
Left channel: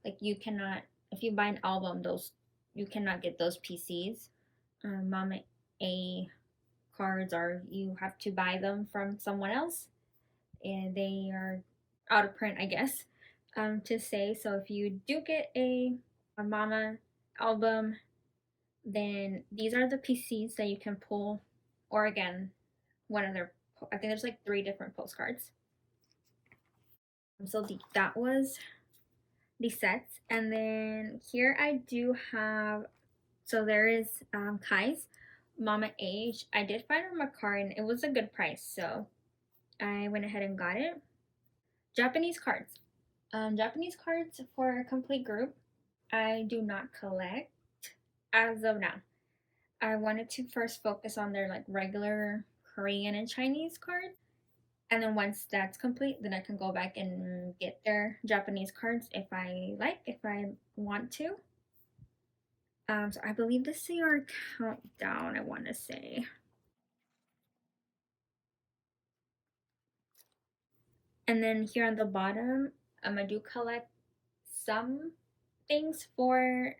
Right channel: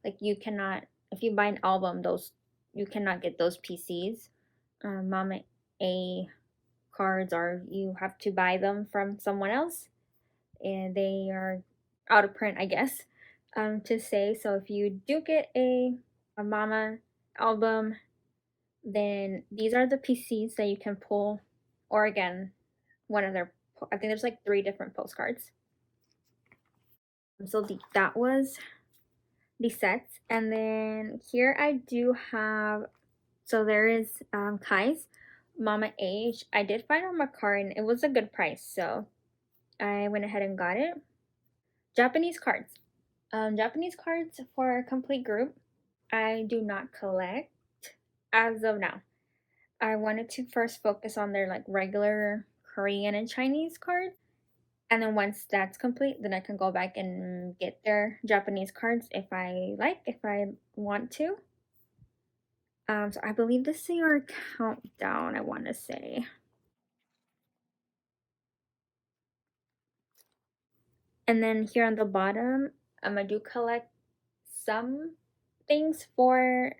like, you cannot, if you buy an album, you cannot get those PCs. Mama A cards you have to buy them from someone else, and they are out of print, I guess, to say. So if you do get a Mama album, then these are the PCs that you can pull, or again, one of their, I think there's like 3 different postcards. So that was the sets. And then here I do have, so there is Kai's Mama Age. I did find on my card and it was a good price, so I went ahead and got it. Japanese cards. Japanese cards for a complete group, I do not collect as of now. I wanted to first focus on their like regular Korean and Chinese cards, and then once that's complete, then I can go back and get their Japanese cards if I want to. So I believe this is our countdown, I want to say. And then here on the bottom, I do collect some things for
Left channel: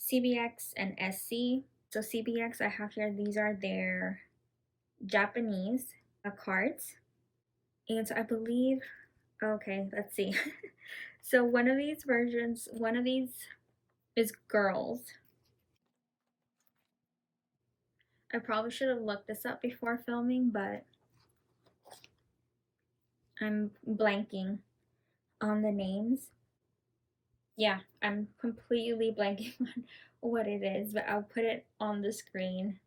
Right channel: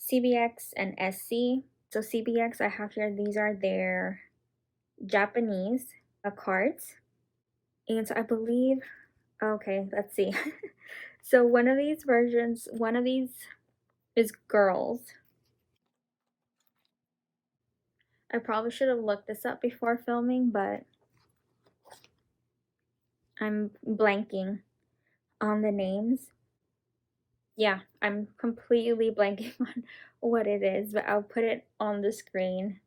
CBX and SC. So CBX, I have here, these are their Japanese cards. And so I believe, okay, let's see. So one of these is girls. I probably should have looked this up before filming, but I'm blanking on the names. Yeah, I'm completely blanking on what it is, but I'll put it on the screen.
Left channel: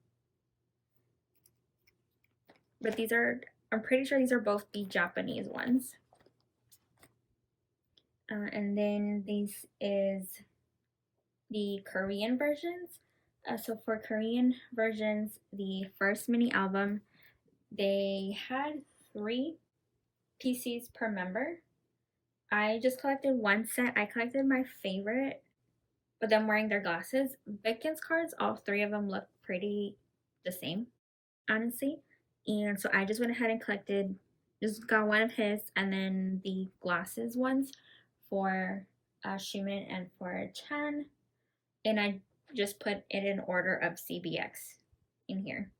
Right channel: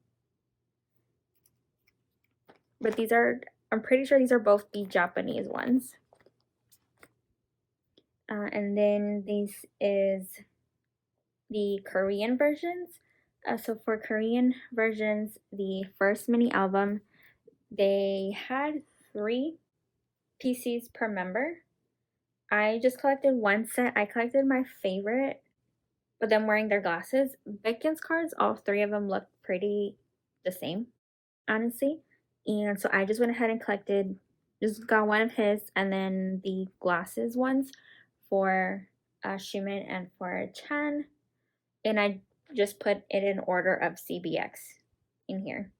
But these are, I'm pretty sure these are both the Japanese ones. And then this is the Korean versions. So for Korean versions, the first mini album, they had 3 PCs per member. I just collected one set. I collected my favorite, but them wearing their glasses. Baekhyun's cards, all 3 of them look pretty the same, honestly. And so I just went ahead and collected, just got one of his, and then the glasses ones for Ximin and for Chan. And I just put it in order of CBX in here.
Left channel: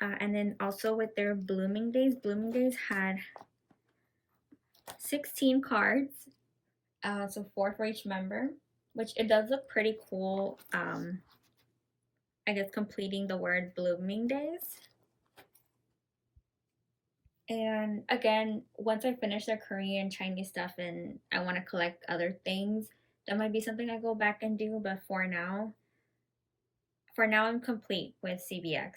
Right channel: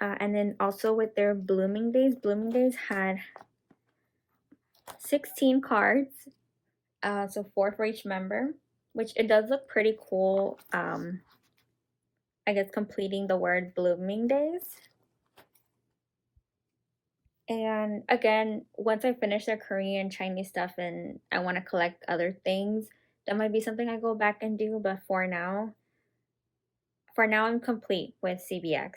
And then also with their Blooming Days had 16 cards, so 4 for each member, which it does look pretty cool. I guess completing the word Blooming Days. And again, once I finish the Korean, Chinese stuff and I want to collect other things, that might be something I go back and do. But for now I'm complete with CBX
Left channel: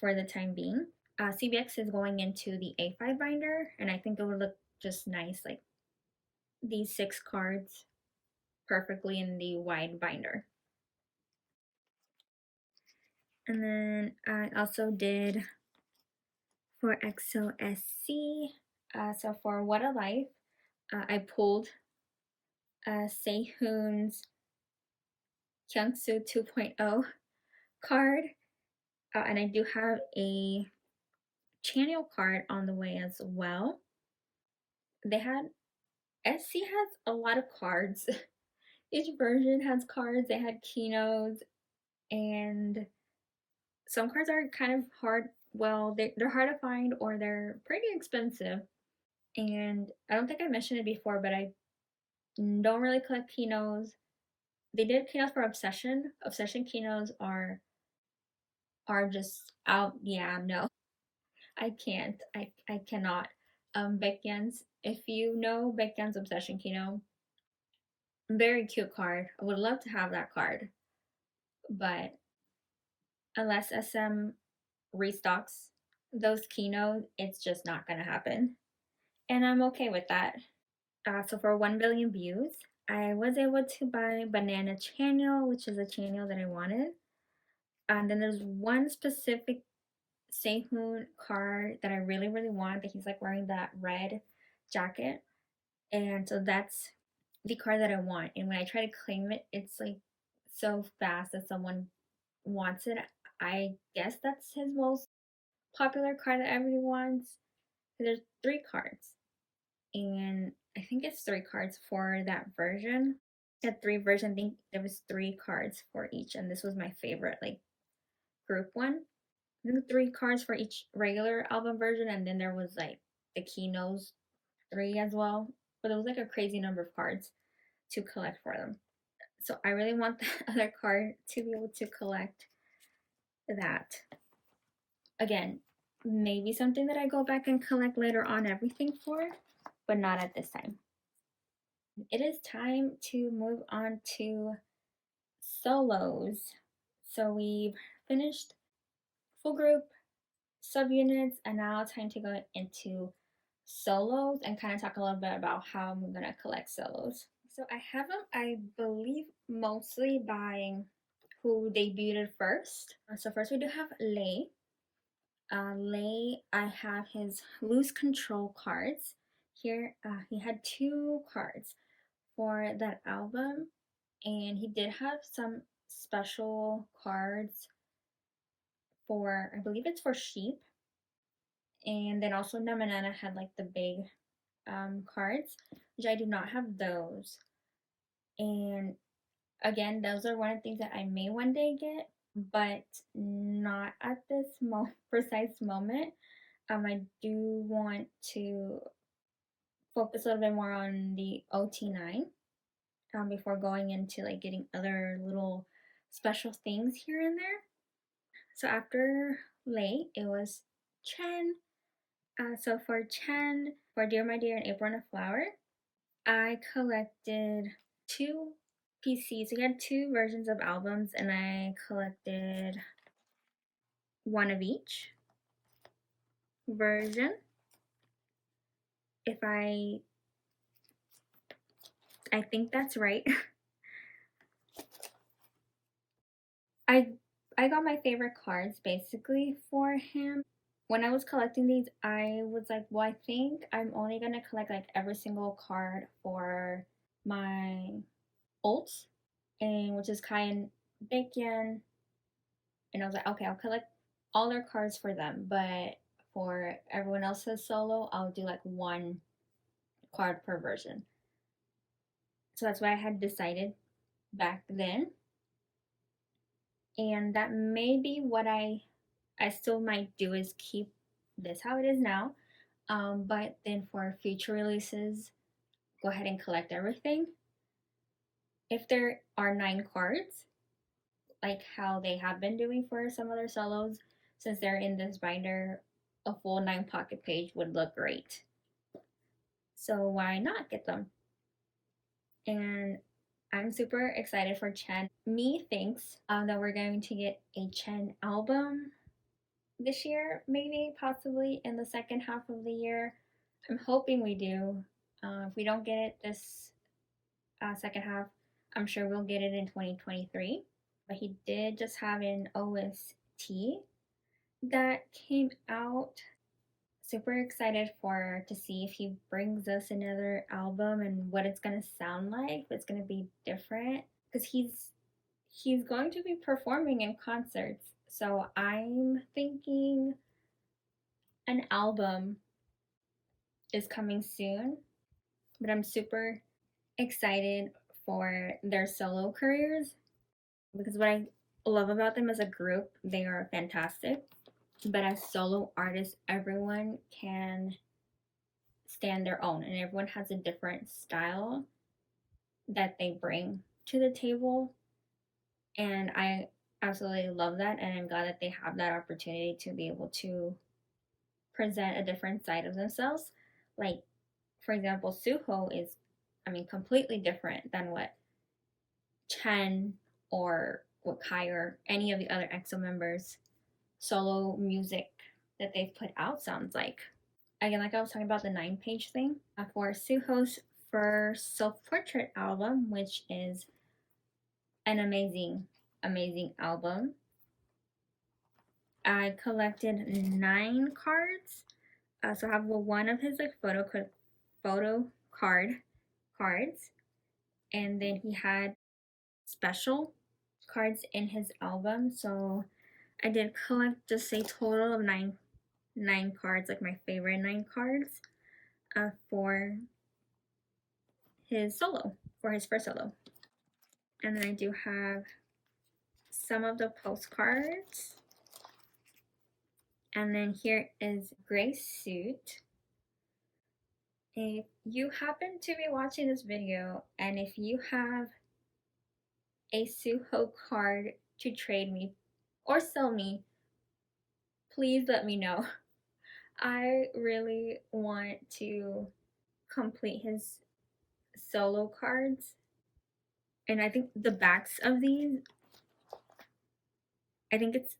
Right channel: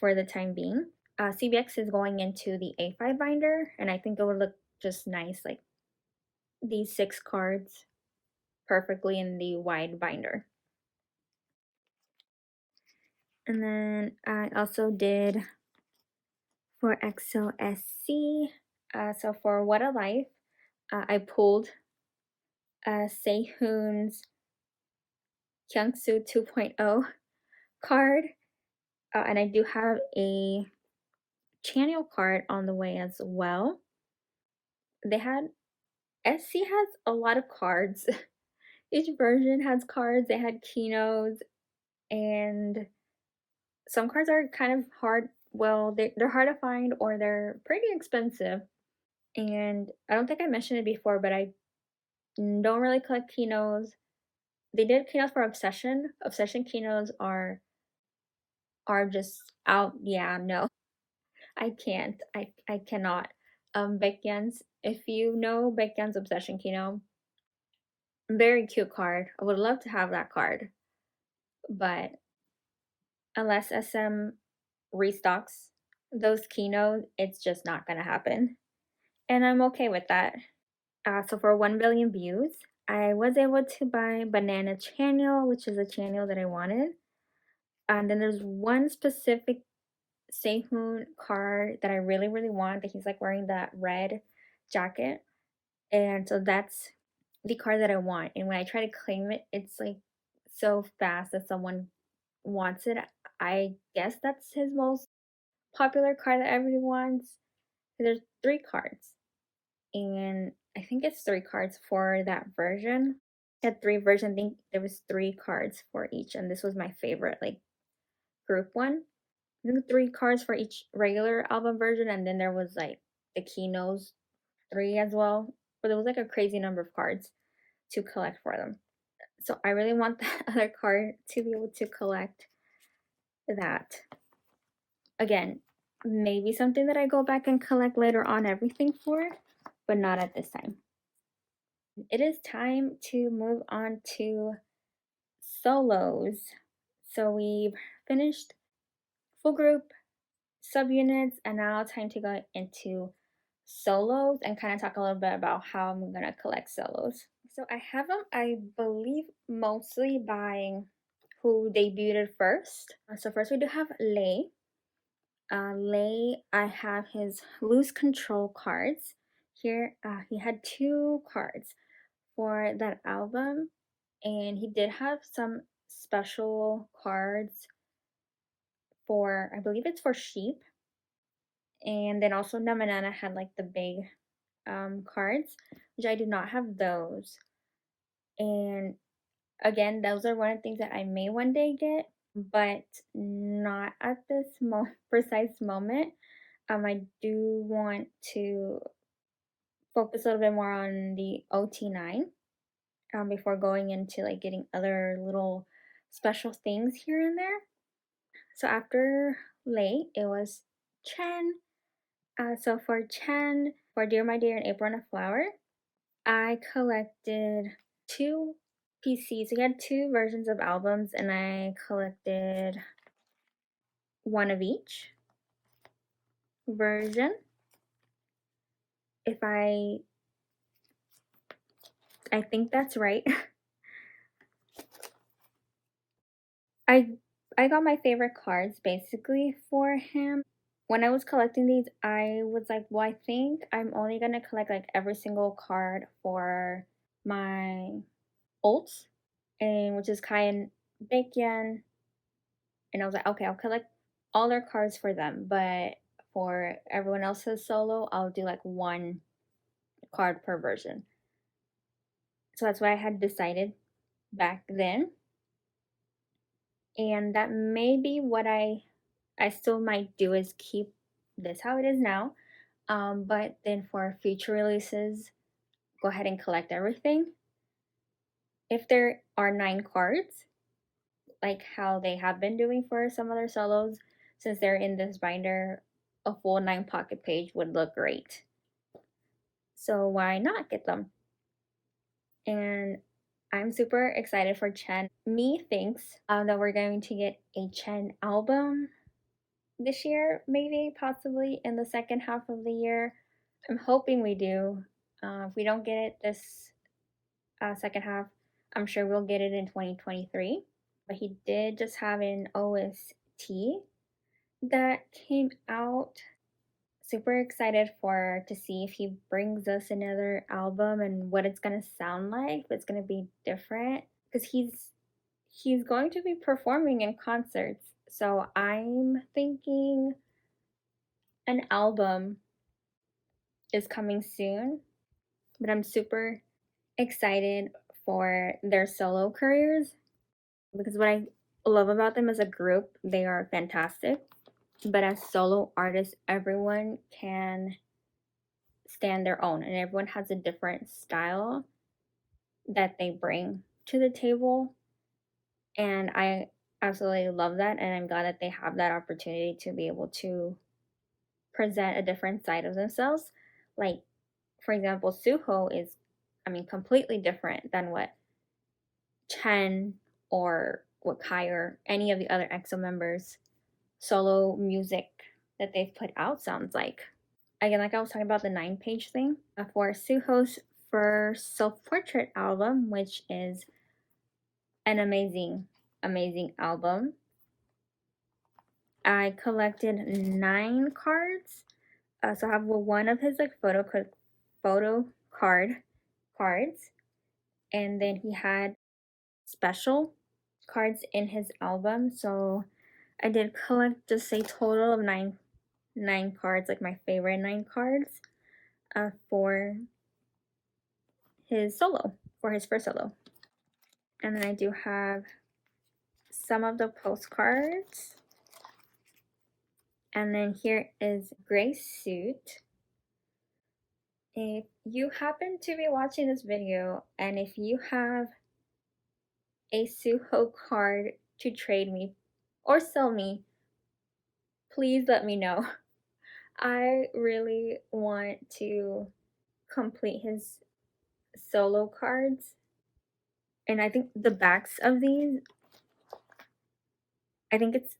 for the time being. CBX is going into the A5 binder, and I think it would look just nice, like these 6 cards perfectly in the wide binder. And then I also did for EXO SC. So for What a Life, I pulled Sehun's Kyungsu 2.0 card, and I do have a channel card on the way as well. They had, SC has a lot of cards. Each version has cards. They had Kinos, and some cards are kind of hard. Well, they're hard to find, or they're pretty expensive. And I don't think I mentioned it before, but I don't really collect Kinos. They did Kinos for Obsession. Obsession Kinos are just out. Yeah, no, I can't. I cannot. Baekhyun's, if you know Baekhyun's Obsession Kino, very cute card. I would love to have that card, but unless SM restocks those Kinos, it's just not gonna happen. And I'm okay with that. So for 1 billion views, I was able to buy Banana Channel, which is a channel that I wanted. And then there's one specific Sehun card that I really, really want, that he's like wearing that red jacket. And so that's the card that I want. And when I try to claim it, it's like so fast that someone wants it. I guess that's his most popular card that everyone wants. There's 3 cards, and I think it's 3 cards for that version. At 3 version, I think there was 3 cards for each, and this was my favorite, like group one. I think 3 cards for each regular album version, and then there was like the Kinos 3 as well. But there was like a crazy number of cards to collect for them. So I really want that other card to be able to collect that. Again, maybe something that I go back and collect later on everything for, but not at this time. It is time to move on to solos. So we've finished full group, subunits, and now time to go into solos and kind of talk a little bit about how I'm gonna collect solos. So I have them, I believe, mostly by who debuted first. So first we do have Lay. Lay, I have his Loose Control cards. Here, he had 2 cards for that album, and he did have some special cards for, I believe it's for Sheep, and then also Namanana had like the big cards, which I do not have those. And again, those are one of the things that I may one day get, but not at this precise moment. I do want to focus a little bit more on the OT9 before going into like getting other little special things here and there. So after Lay, it was Chen. So for Chen, for Dear My Dear and April and a Flower, I collected 2 PCs. So he had 2 versions of albums, and I collected 1 of each version. If I think that's right. I got my favorite cards basically for him. When I was collecting these, I was like, well, I think I'm only gonna collect like every single card for my ults, and which is Kai and Baekhyun. And I was like, okay, I'll collect all their cards for them, but for everyone else's solo, I'll do like 1 card per version. So that's what I had decided back then. And that may be what I still might do, is keep this how it is now. But then for future releases, go ahead and collect everything. If there are 9 cards, like how they have been doing for some other solos, since they're in this binder, a full 9 pocket page would look great. So why not get them? And I'm super excited for Chen. Me thinks that we're going to get a Chen album this year, maybe, possibly in the second half of the year. I'm hoping we do. If we don't get it this second half, I'm sure we'll get it in 2023. But he did just have an OST that came out. Super excited to see if he brings us another album and what it's gonna sound like. It's gonna be different because he's going to be performing in concerts. So I'm thinking an album is coming soon, but I'm super excited for their solo careers because what I love about them as a group, they are fantastic. But as solo artists, everyone can stand their own, and everyone has a different style that they bring to the table. And I absolutely love that, and I'm glad that they have that opportunity to be able to present a different side of themselves. Like, for example, Suho is, completely different than what Chen or what Kai or any of the other EXO members' solo music that they've put out sounds like. Again, like I was talking about the 9-page thing, for Suho's first self-portrait album, which is an amazing, amazing album, I collected 9 cards. So I have 1 of his like photo card cards, and then he had special cards in his album. So I did collect just a total of 9 cards, like my favorite 9 cards, for his first solo. And then I do have some of the postcards. And then here is Gray Suit. If you happen to be watching this video, and if you have a Suho card to trade me or sell me, please let me know. I really want to complete his solo cards. And I think the backs of these, I think it's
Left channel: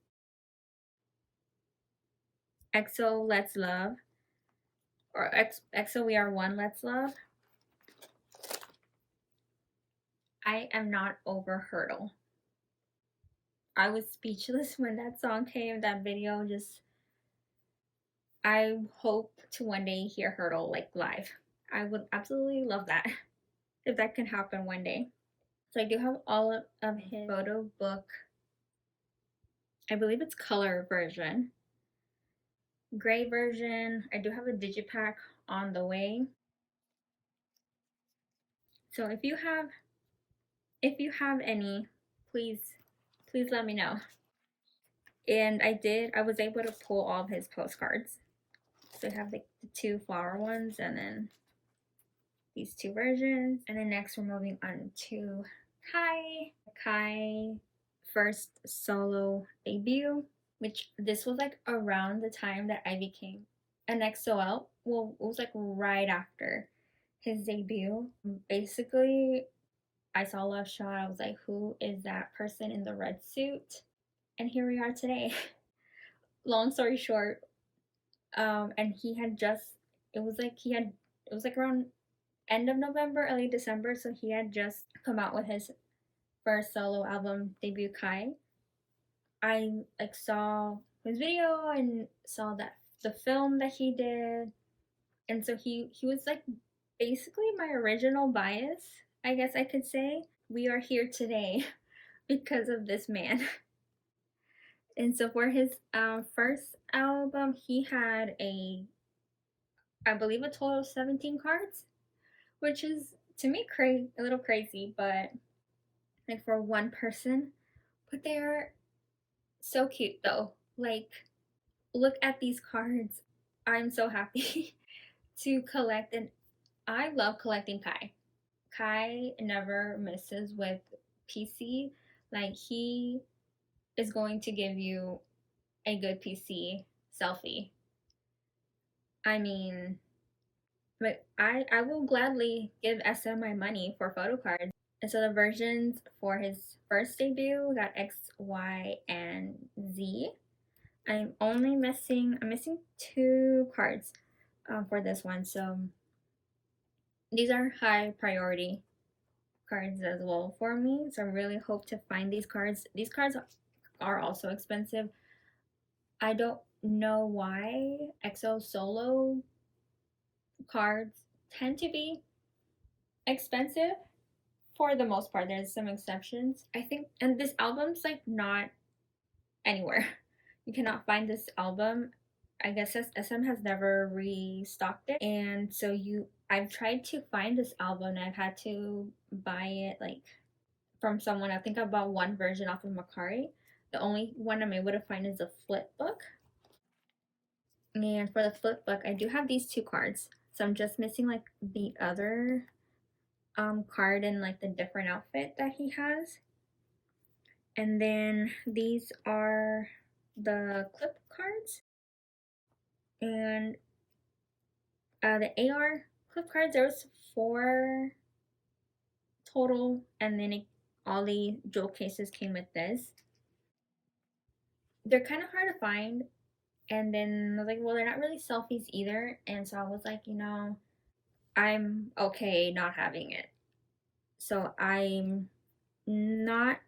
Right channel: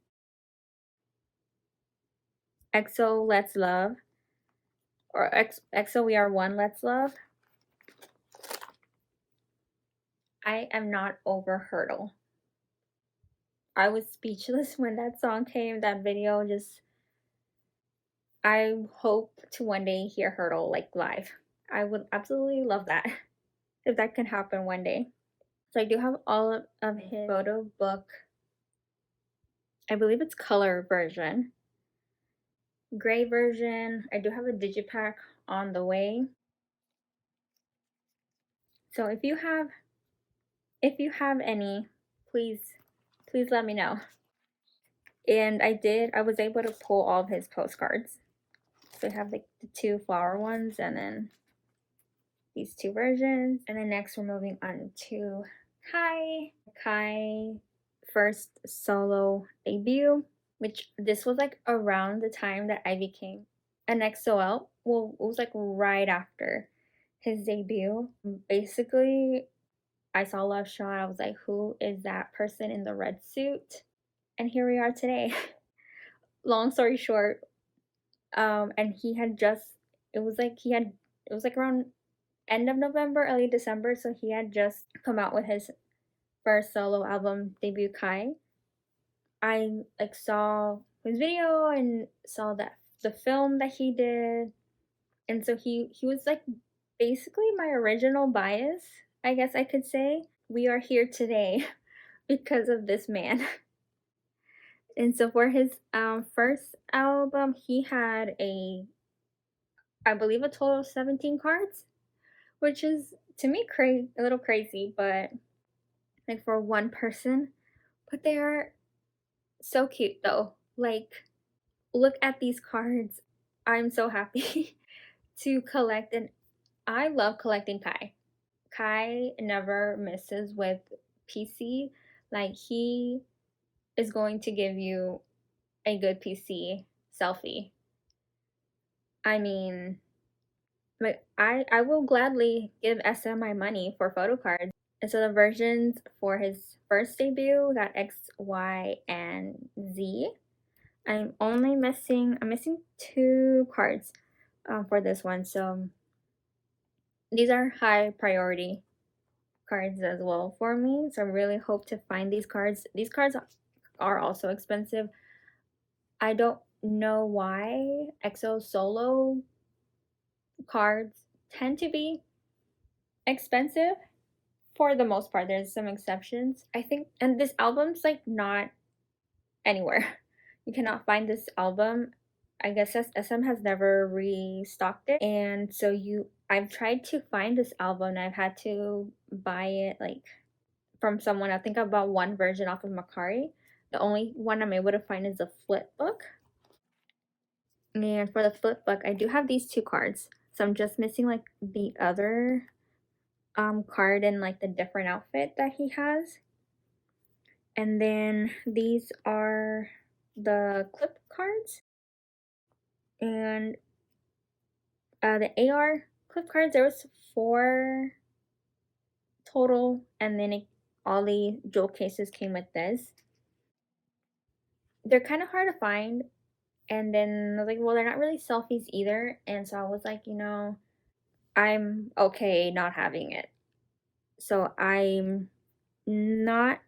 EXO Let's Love or EXO We Are One Let's Love. I am not over Hurdle. I was speechless when that song came, that video. I hope to one day hear Hurdle like live. I would absolutely love that if that can happen one day. So I do have all of his photo book. I believe it's color version. Gray version. I do have a digipack on the way. So if you have any, please let me know. And I was able to pull all of his postcards. So I have like the 2 flower ones and then these 2 versions. And then next we're moving on to Kai first solo debut. which this was like around the time that I became an EXO. Well, it was like right after his debut. Basically, I saw Love Sean. I was like, who is that person in the red suit? And here we are today. Long story short, and he had just, it was like around end of November, early December, so he had just come out with his first solo album, debut Kai. I like saw his video and saw that the film that he did, and so he was like basically my original bias, I guess I could say. We are here today because of this man. And so for his first album, he had I believe, a total of 17 cards, which is to me a little crazy, but like for one person. But they're so cute though. Like, look at these cards. I'm so happy to collect, and I love collecting Kai. Kai never misses with PC. Like, he is going to give you a good PC selfie. I mean, like, I will gladly give SM my money for photo cards. And so the versions for his first debut got X, Y, and Z. I'm missing 2 cards for this one. So these are high priority cards as well for me. So I really hope to find these cards. These cards are also expensive. I don't know why EXO solo cards tend to be expensive. For the most part, there's some exceptions, I think. And this album's like not anywhere. You cannot find this album. I guess SM has never restocked it, and so I've tried to find this album, and I've had to buy it like from someone. I think I bought one version off of Macari. The only one I'm able to find is the flip book. And for the flip book, I do have these 2 cards, so I'm just missing like the other card and like the different outfit that he has. And then these are the clip cards, and the AR clip cards, there was 4 total, and then all the jewel cases came with this. They're kind of hard to find, and then I was like, well, they're not really selfies either, and so I was like, I'm okay not having it. So I'm not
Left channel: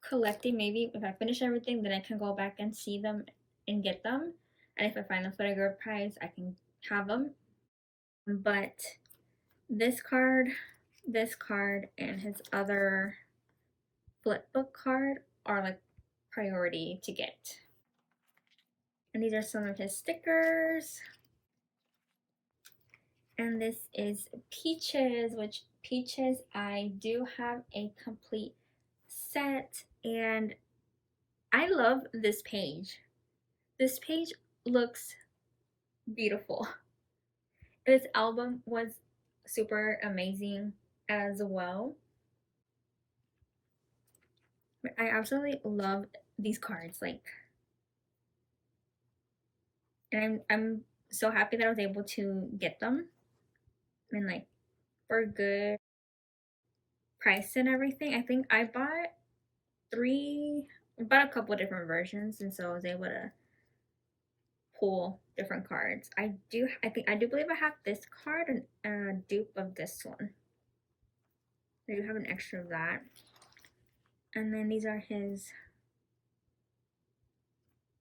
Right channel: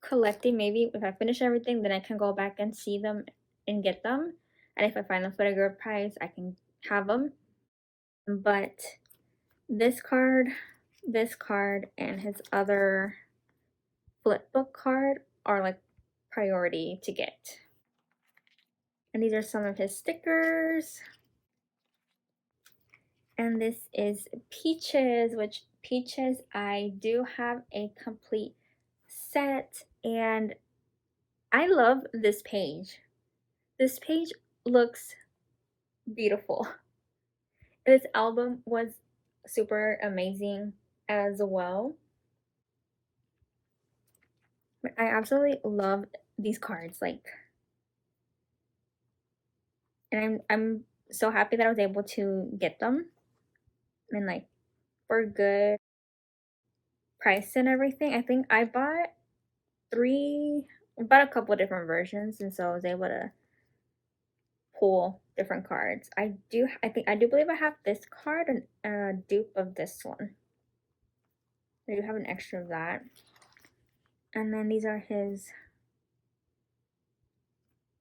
collecting. Maybe if I finish everything, then I can go back and see them and get them, and if I find the photograph price, I can have them. But this card, and his other flipbook card are like priority to get. And these are some of his stickers. And this is Peaches, which Peaches, I do have a complete set, and I love this page. This page looks beautiful. This album was super amazing as well. I absolutely love these cards, like, and I'm so happy that I was able to get them, and like for good price and everything. I think I bought a couple of different versions, and so I was able to pull different cards. I do believe I have this card and a dupe of this one. I do have an extra of that. And then these are his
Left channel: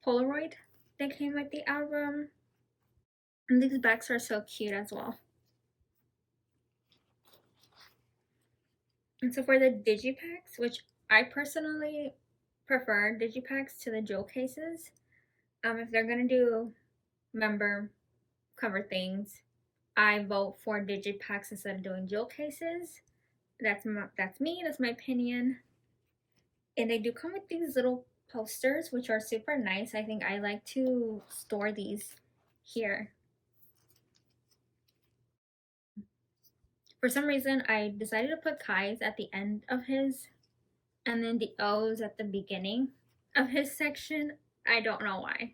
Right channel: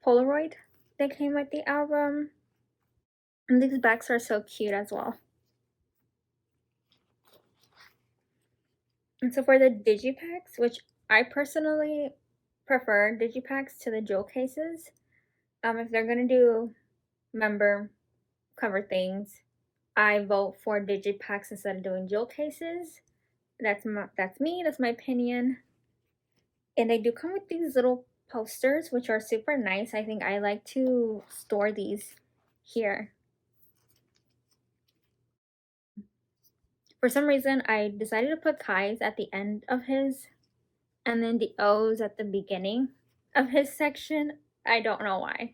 Polaroid that came with the album. And these backs are so cute as well. And so for the digipacks, which I personally prefer digipacks to the jewel cases. If they're gonna do member cover things, I vote for digipacks instead of doing jewel cases. That's me. That's my opinion. And they do come with these little posters, which are super nice. I think I like to store these here. For some reason, I decided to put Kai's at the end of his, and then the O's at the beginning of his section. I don't know why.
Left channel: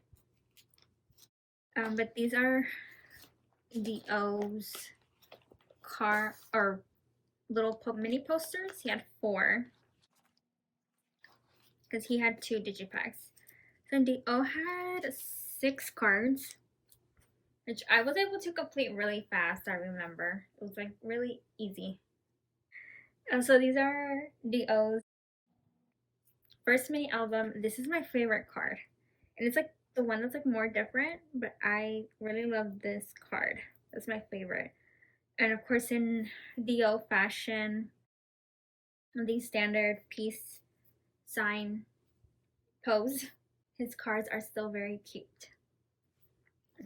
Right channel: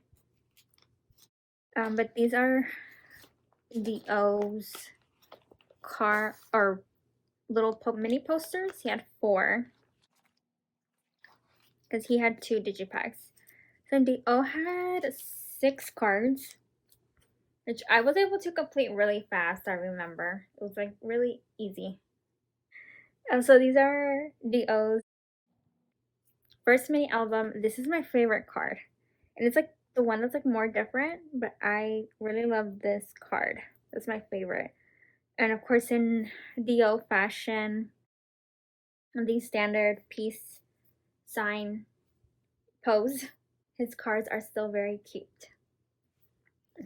But these are Dio's car or little mini posters. He had 4 because he had 2 digipacks. So Dio had 6 cards, which I was able to complete really fast. I remember it was like really easy. So these are Dio's first mini album. This is my favorite card, and it's like the one that's like more different, but I really love this card. That's my favorite. And of course, in Dio fashion, the standard peace sign pose, his cards are still very cute.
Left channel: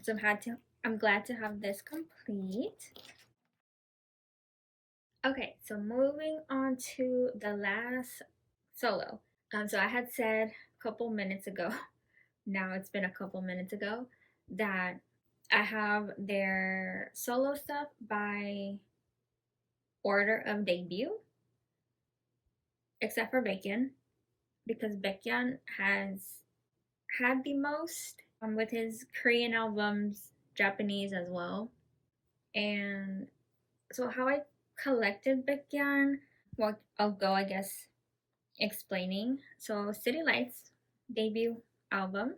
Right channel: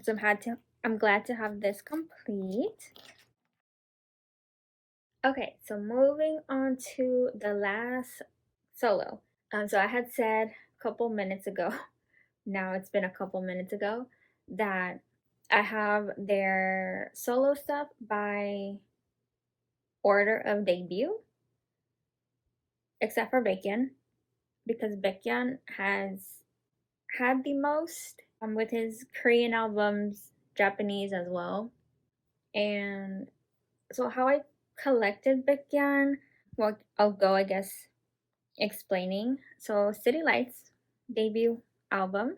So I'm glad to have this complete. Okay, so moving on to the last solo. So I had said a couple minutes ago, now it's been a couple minutes ago, that I have their solo stuff by order of debut, except for Baekhyun, because Baekhyun has had the most with his Korean albums, Japanese as well. And so how I collected Baekhyun, well, I'll go, I guess, explaining. So City Lights debut album,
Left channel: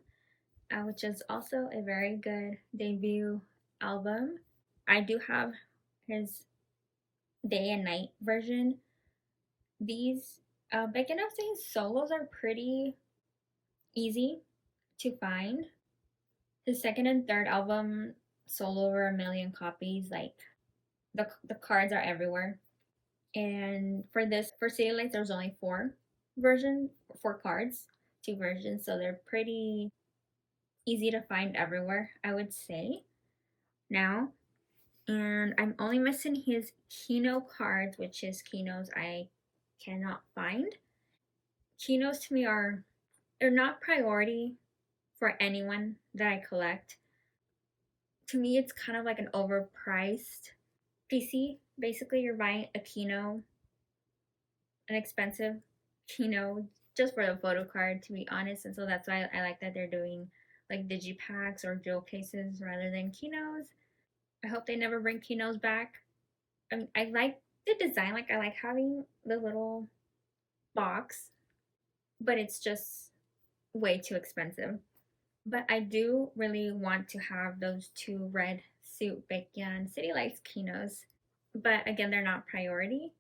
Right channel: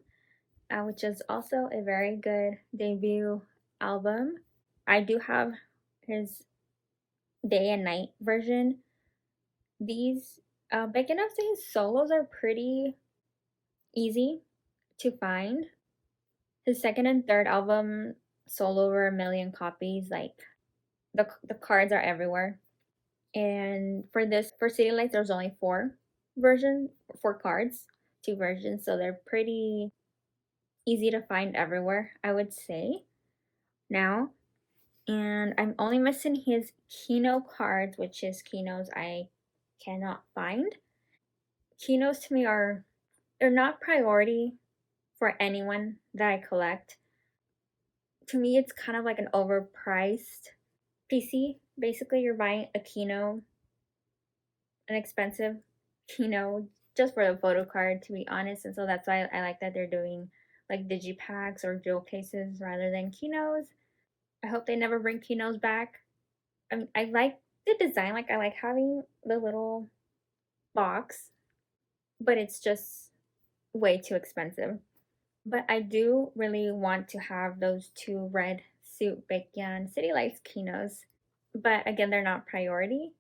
which is also a very good debut album. I do have his day and night version. These Baekhyun's solos are pretty easy to find. His second and third album sold over 1 million copies. Like the cards are everywhere. And for City Lights, there's only 4 cards, 2 versions, so they're pretty easy to find everywhere, I would say now. And I'm only missing his Kino cards, which is Kinos I cannot find. Kinos to me they're not priority for anyone that I collect. To me, it's kind of like an overpriced PC. Basically, you're buying a Kino, an expensive Kino, just for the photo card, to be honest. And so that's why I like that they're doing like digipacks or jewel cases rather than Kinos. I hope they never bring Kinos back. I like the design. Like, I like having the little box, but it's just way too expensive. But I do really want to have those 2 red suit Baekhyun City Lights Kinos. But again, they're not priority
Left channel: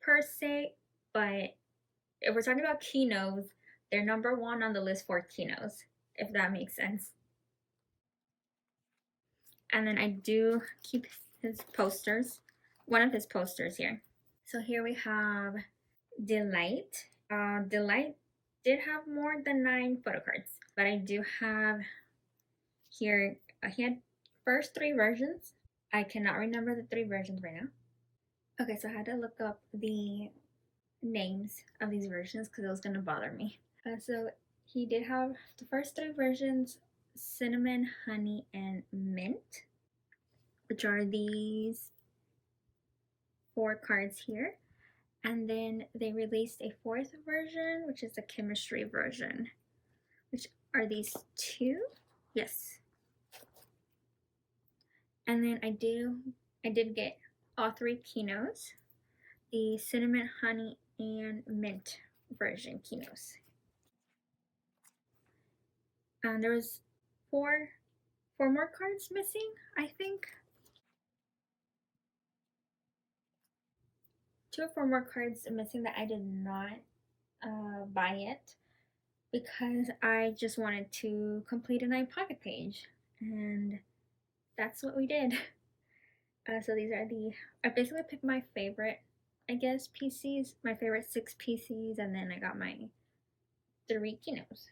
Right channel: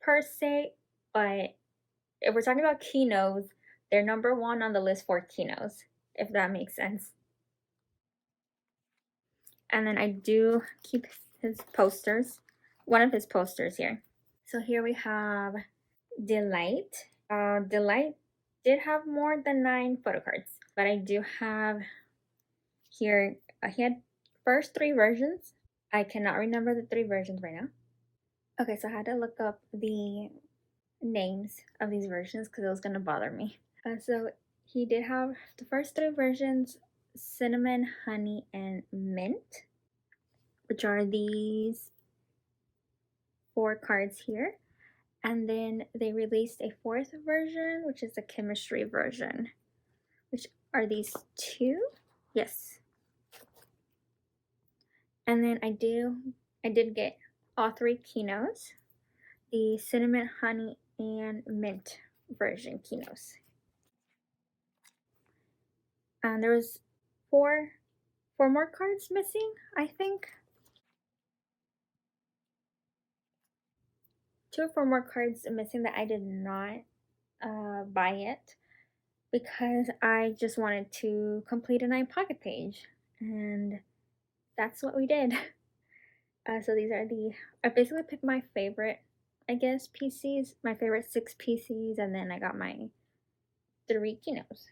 per se. But if we're talking about Kinos, they're number 1 on the list for Kinos, if that makes sense. And then I do keep his posters, one of his posters here. So here we have Delight. Delight did have more than 9 photo cards, but I do have here, he had first 3 versions. I cannot remember the 3 versions right now. Okay, so I had to look up the names of these versions because it was going to bother me. So he did have the first 3 versions, cinnamon, honey, and mint, which are these 4 cards here. And then they released a 4th version, which is the chemistry version, which are these 2. Yes. And then I did get all 3 Kinos, the cinnamon, honey, and mint version Kinos. And there was 4 more cards missing, I think. 2 or 4 more cards missing that I did not buy yet because I just wanted to complete a 9 pocket page, and that's what we did. So these are I basically picked my favorite, I guess, PCs, my favorite 6 PCs, and then I got my 3 Kinos.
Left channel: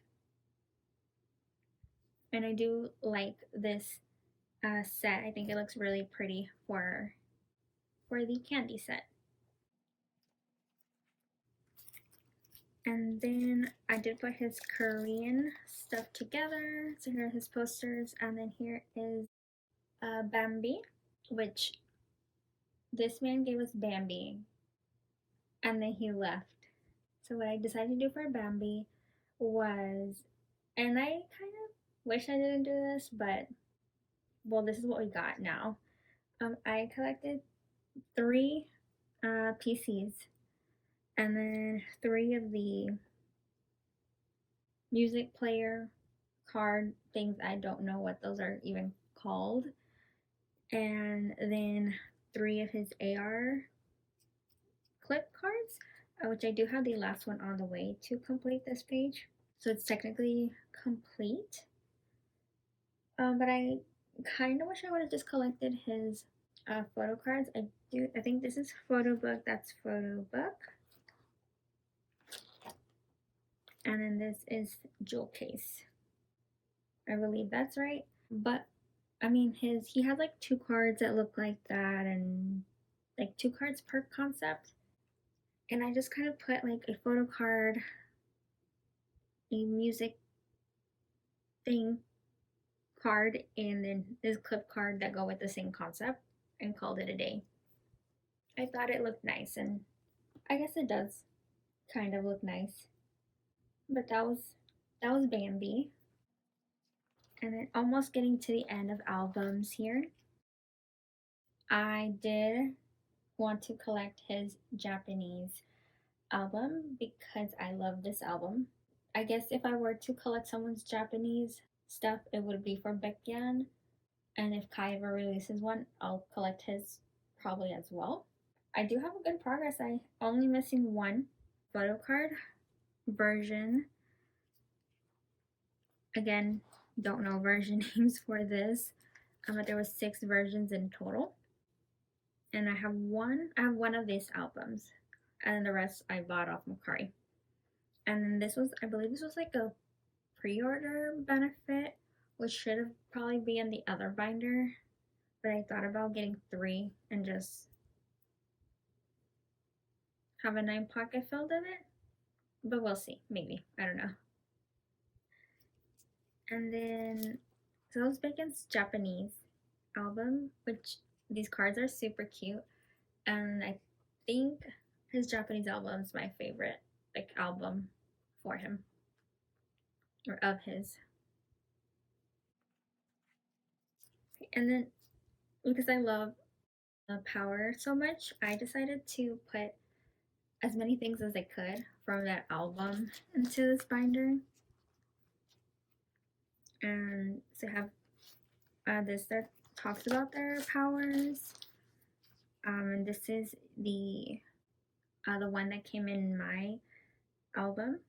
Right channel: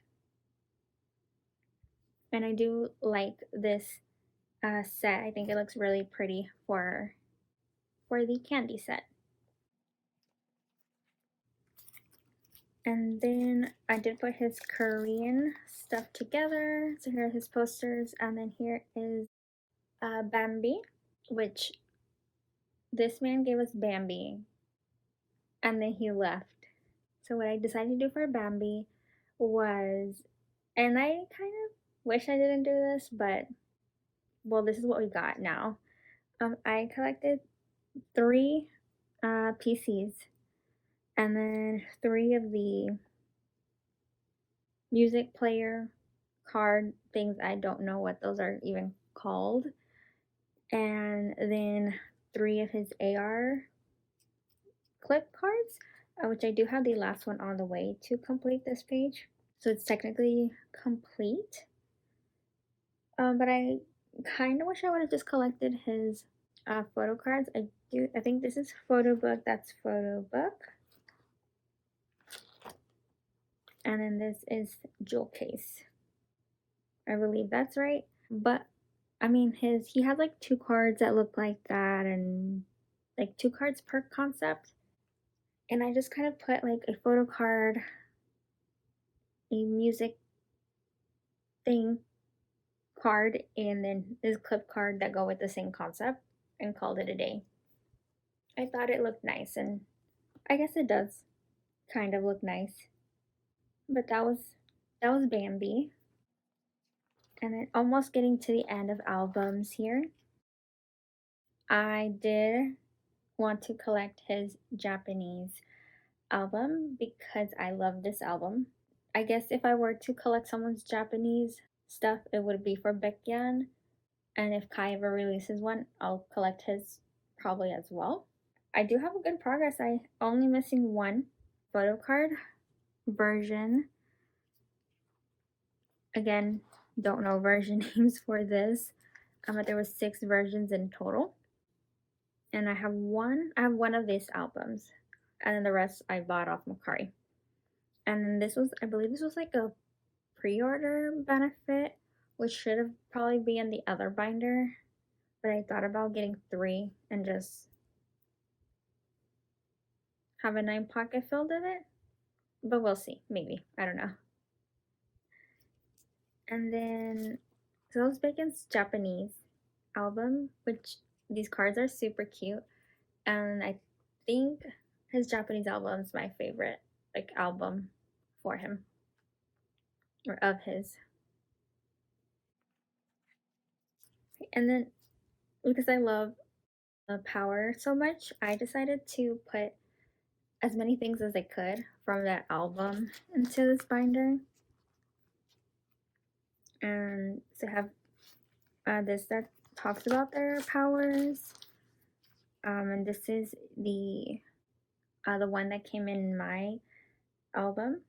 And I do like this set. I think it looks really pretty for the candy set. And then I did put his Korean stuff together. So here are his posters, and then here is Bambi, which this man gave us Bambi, and then he left. So what I decided to do for Bambi was And I kind of wish I didn't do this, but well, this is what we got now. I collected 3 PCs and then 3 of the music player card things. I don't know what those are even called. And then 3 of his AR clip cards, which I do have the last one on the way to complete this page. So it's technically complete. But I kind of wish I would have just collected his photo cards. I think this is photo book. That's photo book. And then this is jewel case. I believe that's right. But I mean, he has like 2 cards that look like that, and like 2 cards per concept. And I just kind of put like a photo card, a music thing card, and then this clip card that go with the same concept, and called it a day. I thought it looked nice, and I guess it does kind of look nice. But that was Bambi. And then almost getting to the end of albums here. I did want to collect his Japanese album because I love this album. I guess if I were to collect someone's Japanese stuff, it would be for Baekhyun. And if Kai ever releases one, I'll collect his probably as well. I do have a good progress. I only missing 1 photo card version. Again, don't know version names for this, but there was 6 versions in total. And I have one of these albums, and then the rest I bought off Mercari. And this was, I believe this was like a pre-order benefit, which should have probably been in the other binder, but I thought about getting 3 and just have a 9 pocket filled in it, but we'll see, maybe, I don't know. And then Sales Bacon's Japanese album, which these cards are super cute, and I think his Japanese album is my favorite like album for him, or of his. And then because I love Power so much, I decided to put as many things as I could from that album into this binder. And to have this that talks about their powers. And this is the one that came in my album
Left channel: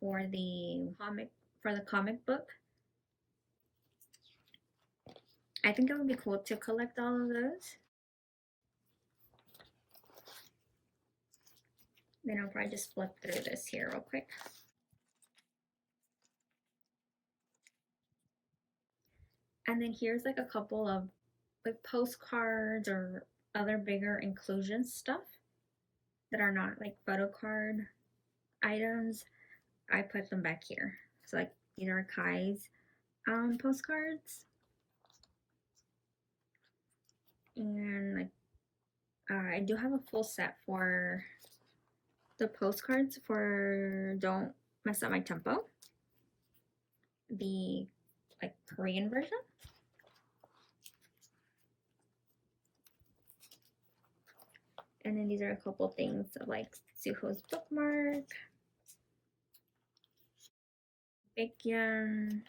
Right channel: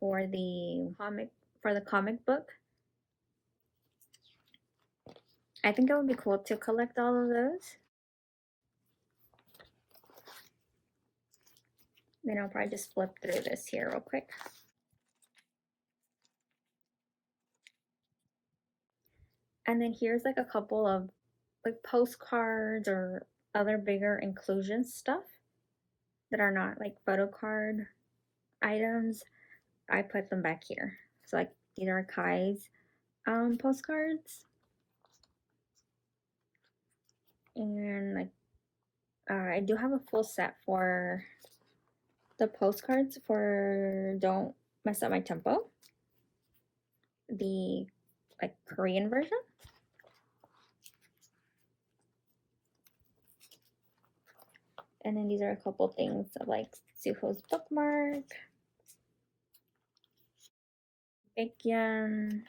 for the comic book. I think it would be cool to collect all of those. Then I'll probably just flip through this here real quick. And then here's like a couple of like postcards or other bigger inclusion stuff that are not like photo card items. I put them back here. So like these are Kai's postcards. And like I do have a full set for the postcards for Don't Mess Up My Tempo, the like Korean version. And then these are a couple things of like Suho's bookmark, Baekhyun,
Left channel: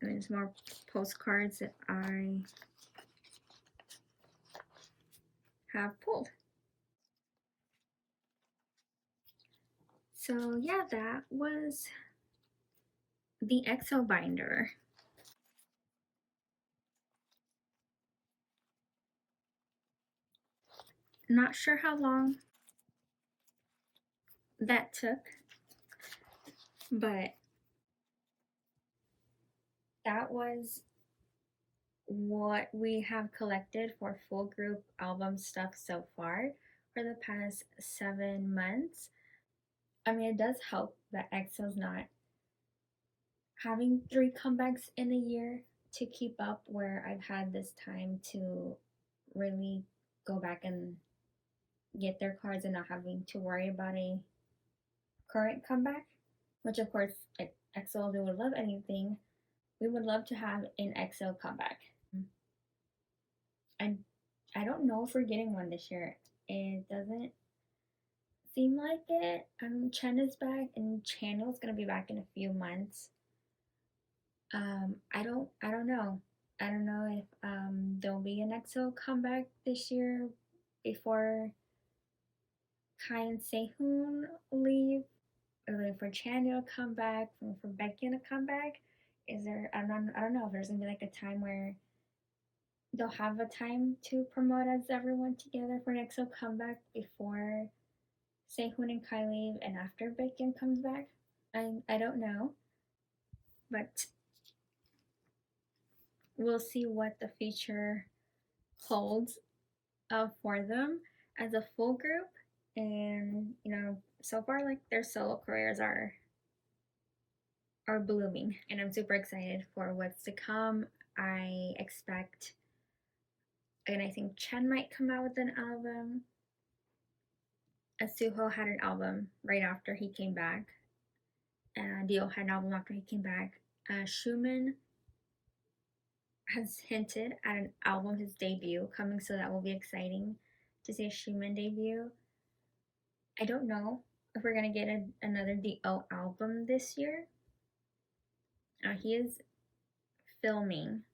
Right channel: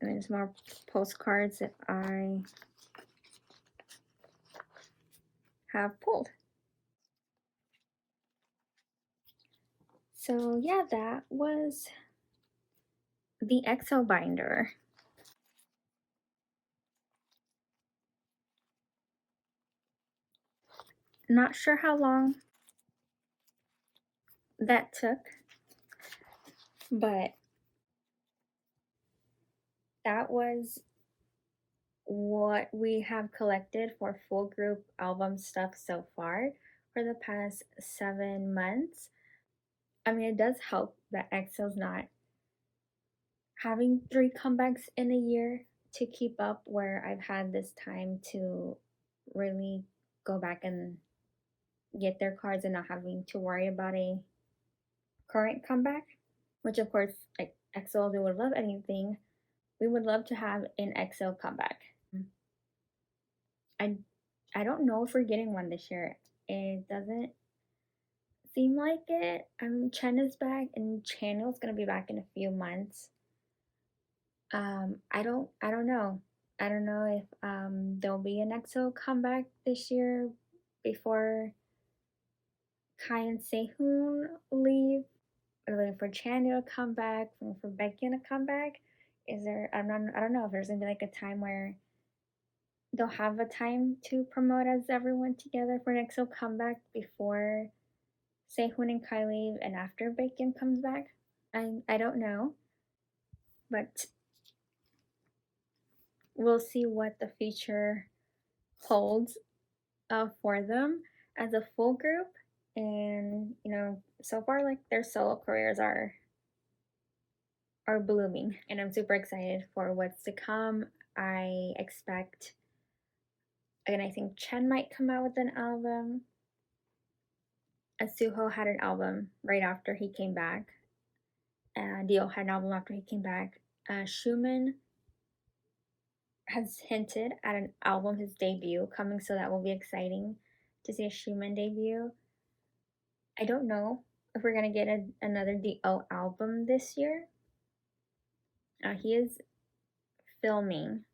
and then some more postcards that I have pulled. So yeah, that was the EXO binder. Not sure how long that took, but that was what we have collected for full group album stuff so far for the past 7 months. I mean, it does help that EXO's not having 3 comebacks in a year to keep up, where I've had this time to really go back and get their cards and not having to worry about a current comeback. which of course, like EXO, they would love anything. We would love to have an EXO comeback. I I don't know if we're getting one this year. It doesn't seem like it. Chen is back, and Channel's gonna be back in a few months. I don't know. I don't know if there'll be an EXO comeback this year before Kai and Sehun leave, or for Chanyeol to come back, or for Baekhyun to come back. Is there? I don't know if there's gonna be like a time where they'll have a time to promote as everyone together for an EXO comeback before Sehun and Kai leave and after Baekhyun comes back. I don't know, but we'll see what the future holds for them as a full group. And so far, like, their solo careers are blooming, and I'm super excited for what's to come. I expect, again, I think Chen might come out with an album. Suho had an album right after he came back. Dio had an album after he came back. Schumann has hinted at an album, his debut, coming, so that will be exciting to see a Schumann debut. I don't know if we're gonna get another Dio album this year. He is filming,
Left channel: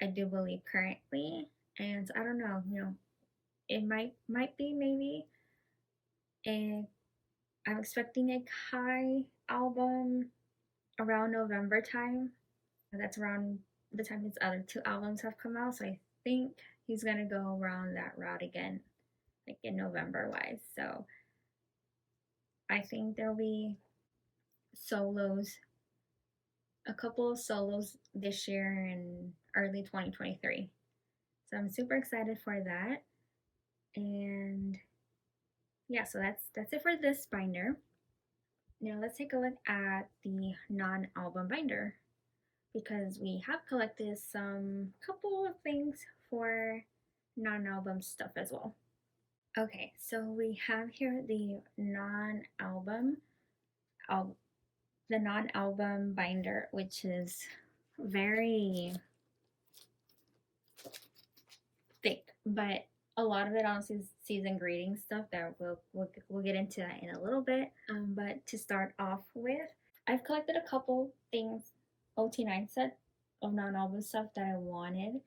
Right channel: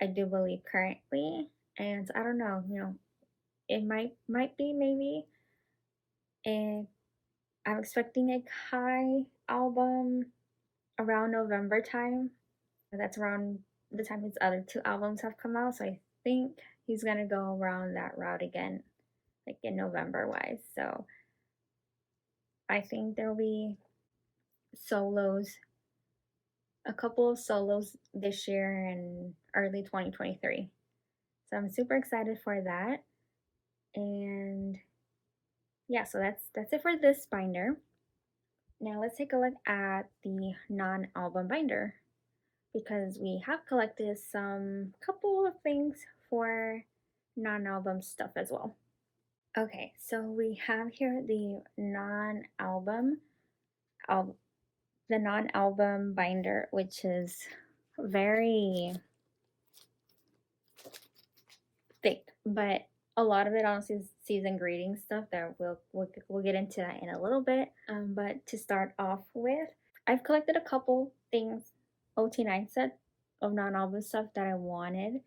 I do believe, currently, and I don't know. It might be maybe. And I'm expecting a Kai album around November time. That's around the time his other two albums have come out, so I think he's gonna go around that route again, like in November wise. So I think there'll be solos, a couple of solos this year and early 2023. So I'm super excited for that. And yeah, so that's it for this binder. Now let's take a look at the non-album binder, because we have collected some couple of things for non-album stuff as well. Okay, so we have here the non-album binder, which is very thick, but a lot of it honestly is season greeting stuff that we'll get into that in a little bit. But to start off with, I've collected a couple things, OT9 set of non-album stuff that I wanted,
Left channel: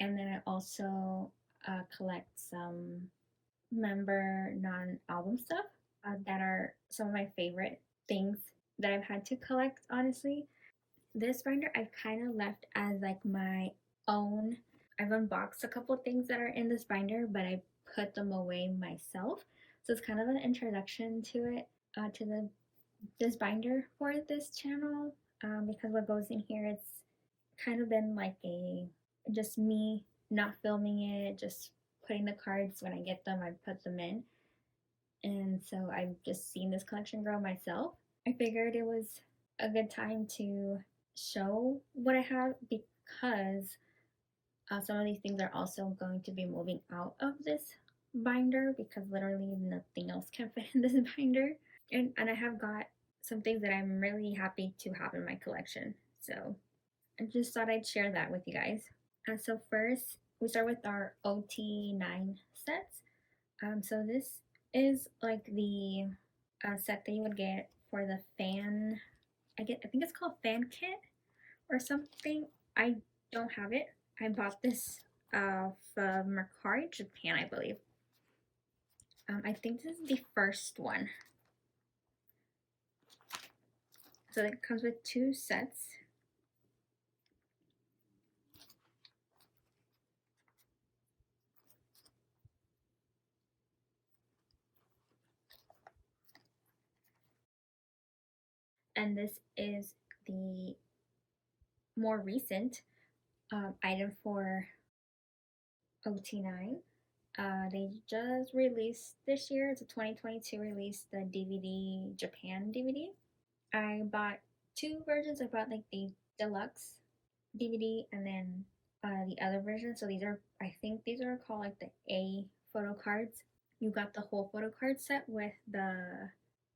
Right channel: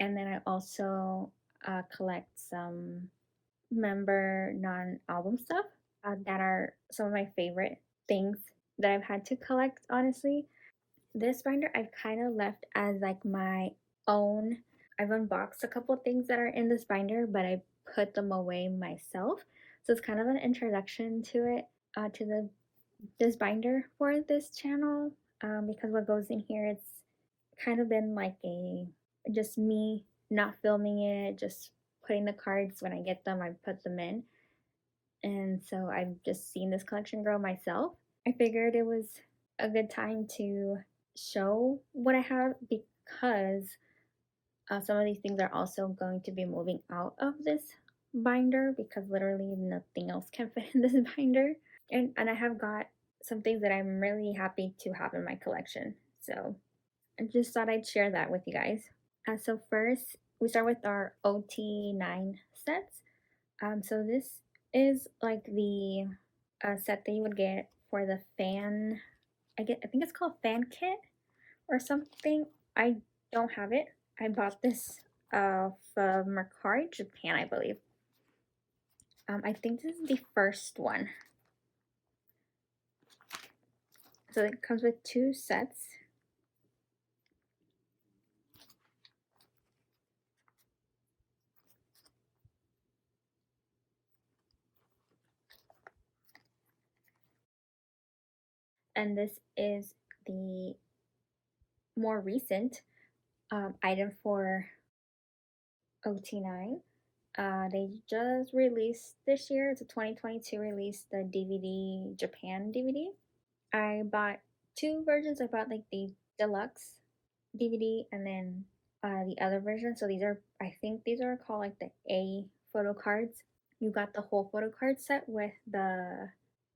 and then I also collect some member non-album stuff that are some of my favorite things that I've had to collect, honestly. This binder I kind of left as like my own. I've unboxed a couple things that are in this binder, but I put them away myself. So it's kind of an introduction to it, to this binder for this channel, because what goes in here, it's kind of been like just me not filming it, just putting the cards when I get them, I put them in. And so I've just seen this collection grow myself. I figured it was a good time to show what I have, because some of these things are also going to be moving out of this binder, because literally nothing else can fit in this binder. And I have got some things that I'm really happy to have in my collection. So I just thought I'd share that with you guys. So first, we start with our OT9 sets. So this is like the set that you would get for the fan. I think it's called fan kit or something. I don't have it. I bought this from Mercari, Japan, I believe. I think this is the first one. So it comes with two sets. And this is the more recent item for OT9. They just released this year, it's a 2022 release, the DVD, Japan DVD. I bought two versions. I bought like the deluxe DVD and then the other version. So I think these are called like the A photo cards. You got the whole photo card set with the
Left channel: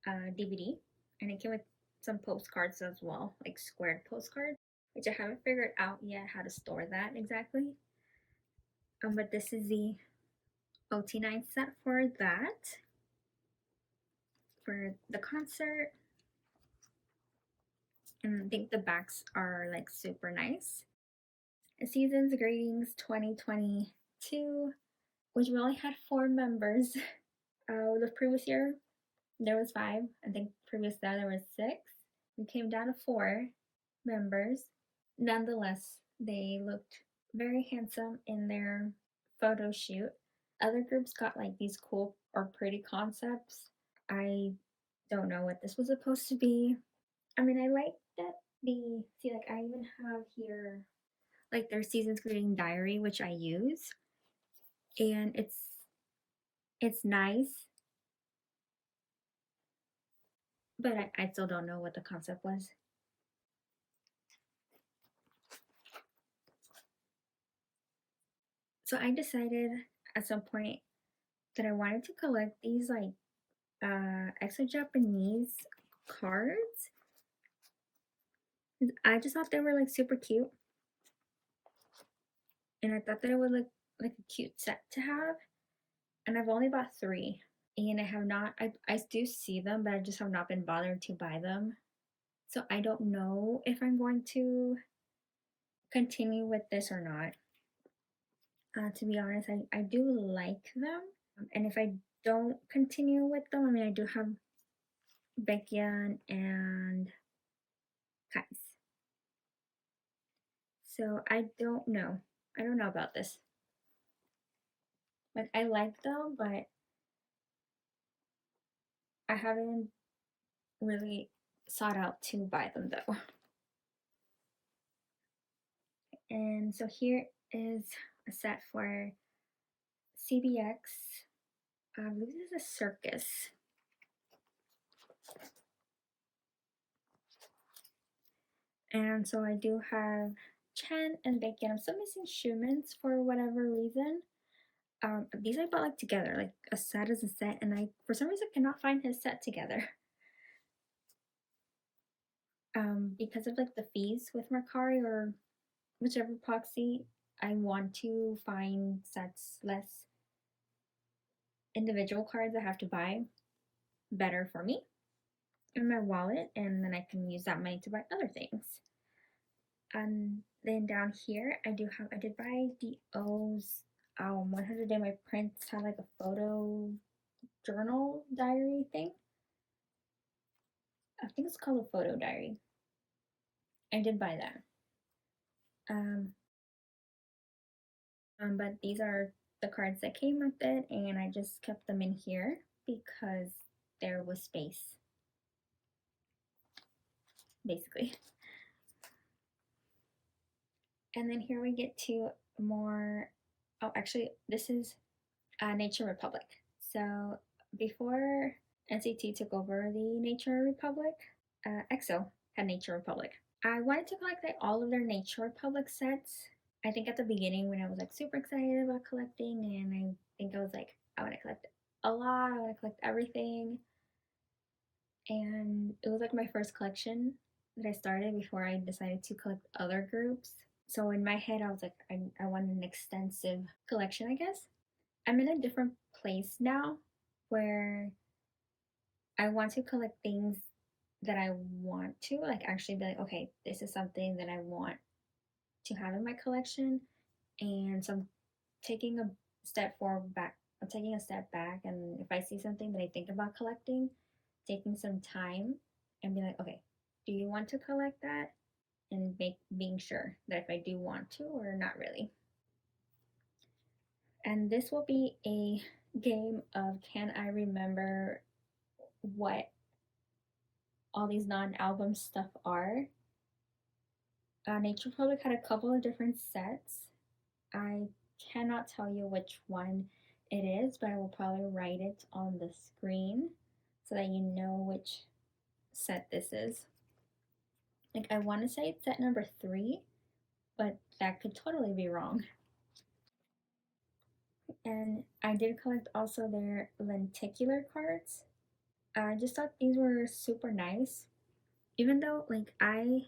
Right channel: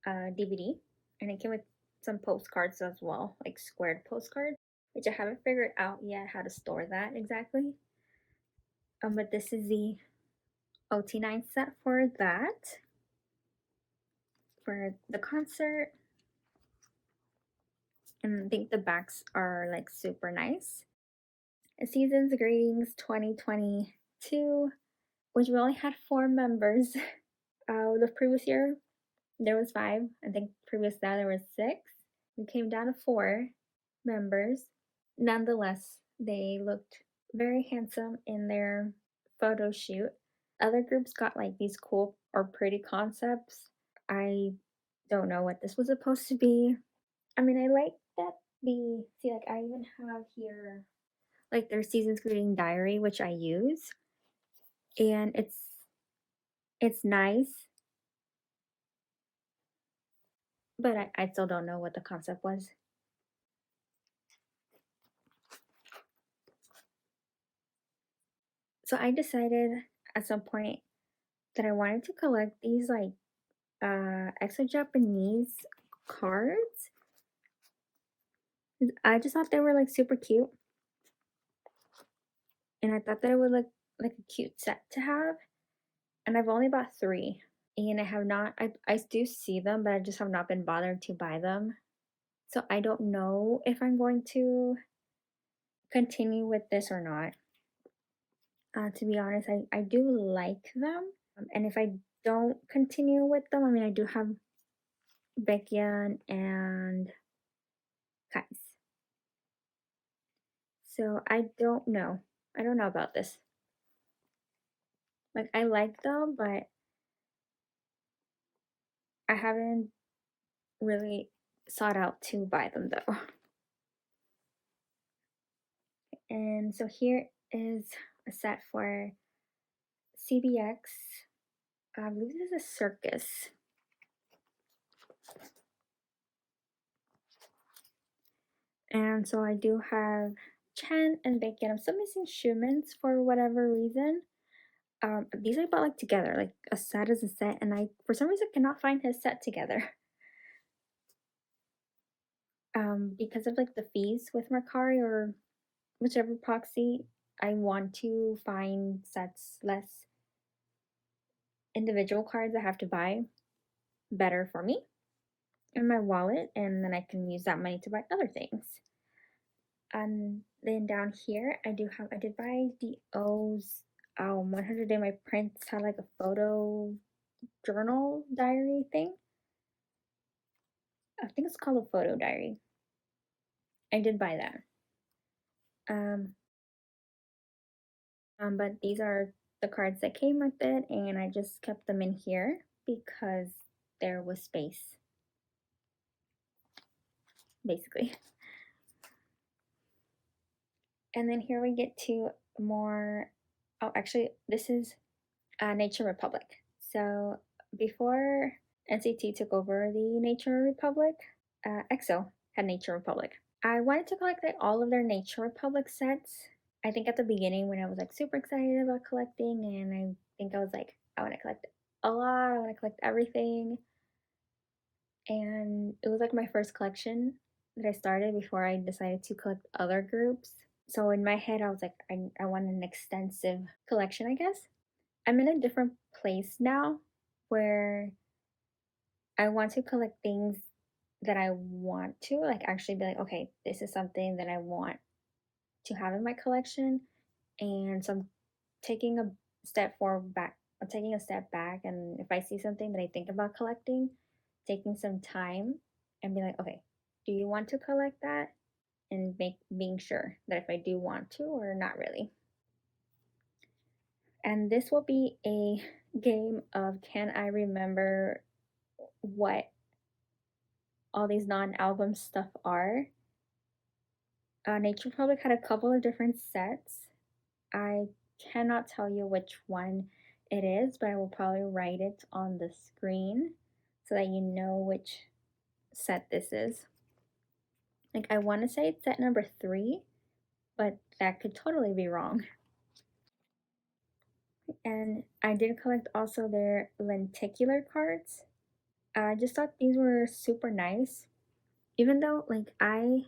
DVD, and it came with some postcards as well, like squared postcards, which I haven't figured out yet how to store that exactly. But this is the OT9 set for that, for the concert. And I think the backs are like super nice. Season's Greetings 2022, which we only had 4 members. The previous year there was 5. I think previous that there was 6. We came down to 4 members. Nonetheless, they looked very handsome in their photo shoot. Other groups got like these cool or pretty concepts. I don't know what this was supposed to be. I mean, I like that see, like I even have here like their Season's Greeting diary, which I use, and it's nice, but I still don't know what the concept was. So I decided at some point that I wanted to collect these like EXO Japanese cards. I just thought they were like super cute, and I thought that it would look like a cute set to have. And I've only bought 3, and I have not. I do see them, but I just have not been bothered to buy them. So I don't know if I'm going to continue with this or not. To be honest, I do like them, and if I don't continue with them, I mean, I do have Baekhyun and Kais. So I don't know. I don't know about this. Like, I like them, but I haven't really sought out to buy them though. And so here is a set for CBX. I believe this is a circus. And so I do have Chen and Baekhyun. I'm still missing Shumen's for whatever reason. These I bought like together, like a set is a set, and I for some reason cannot find his set together. Because of like the fees with Mercari or whichever proxy, I want to find sets less individual cards I have to buy better for me in my wallet, and then I can use that money to buy other things. Then down here I did buy the O's 100 Day My Prince had like a photo journal diary thing. I think it's called a photo diary. I did buy that. But these are the cards that came with it, and I just kept them in here because there was space, basically. And then here we get to more, oh, actually, this is Nature Republic. So before NCT took over the Nature Republic, EXO had Nature Republic. I wanted to collect like all of their Nature Republic sets. I think at the beginning when I was like super excited about collecting, and I think I was like, I want to collect a lot, I want to collect everything. And it was like my first collection that I started before I decided to collect other groups. So in my head, I was like, I want an extensive collection, I guess. I'm in a different place now where I want to collect things that I want to, like actually be like, okay, this is something that I want to have in my collection. And so I'm taking a step back, and if I see something that I think about collecting, taking some time and be like, okay, do you want to collect that? And being sure that if I do want to or not really. And this will be a game of can I remember what all these non-album stuff are. Nature Republic had a couple of different sets. I cannot tell you which one it is, but I will probably write it on the screen so that you know which set this is. Like, I want to say it's set number 3, but that could totally be wrong. And I did collect also their lenticular cards. I just thought these were super nice. even though like I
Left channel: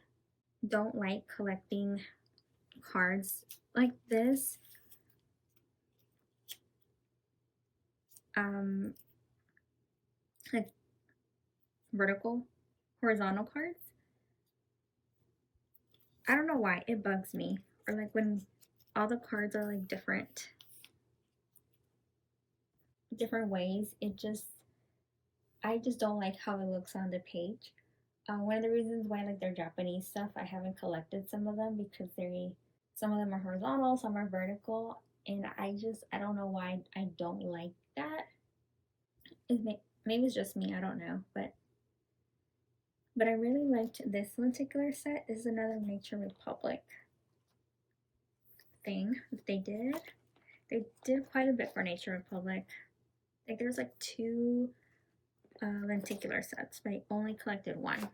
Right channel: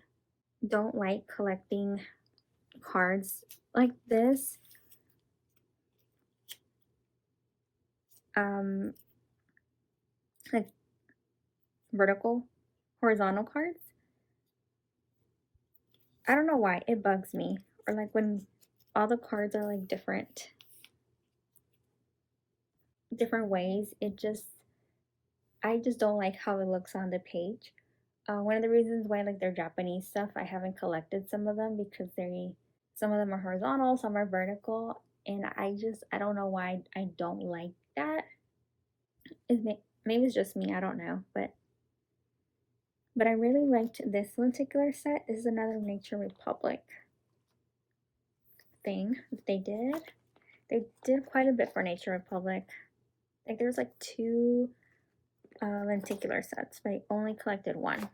don't like collecting cards like this, like vertical, horizontal cards. I don't know why it bugs me, or like when all the cards are like different ways. I just don't like how it looks on the page. One of the reasons why like they're Japanese stuff, I haven't collected some of them because some of them are horizontal, some are vertical, and I don't know why I don't like that. Maybe it's just me, I don't know, but I really liked this particular set. This is another Nature Republic thing that they did. They did quite a bit for Nature Republic. Like there's like two lenticular sets, but I only collected one.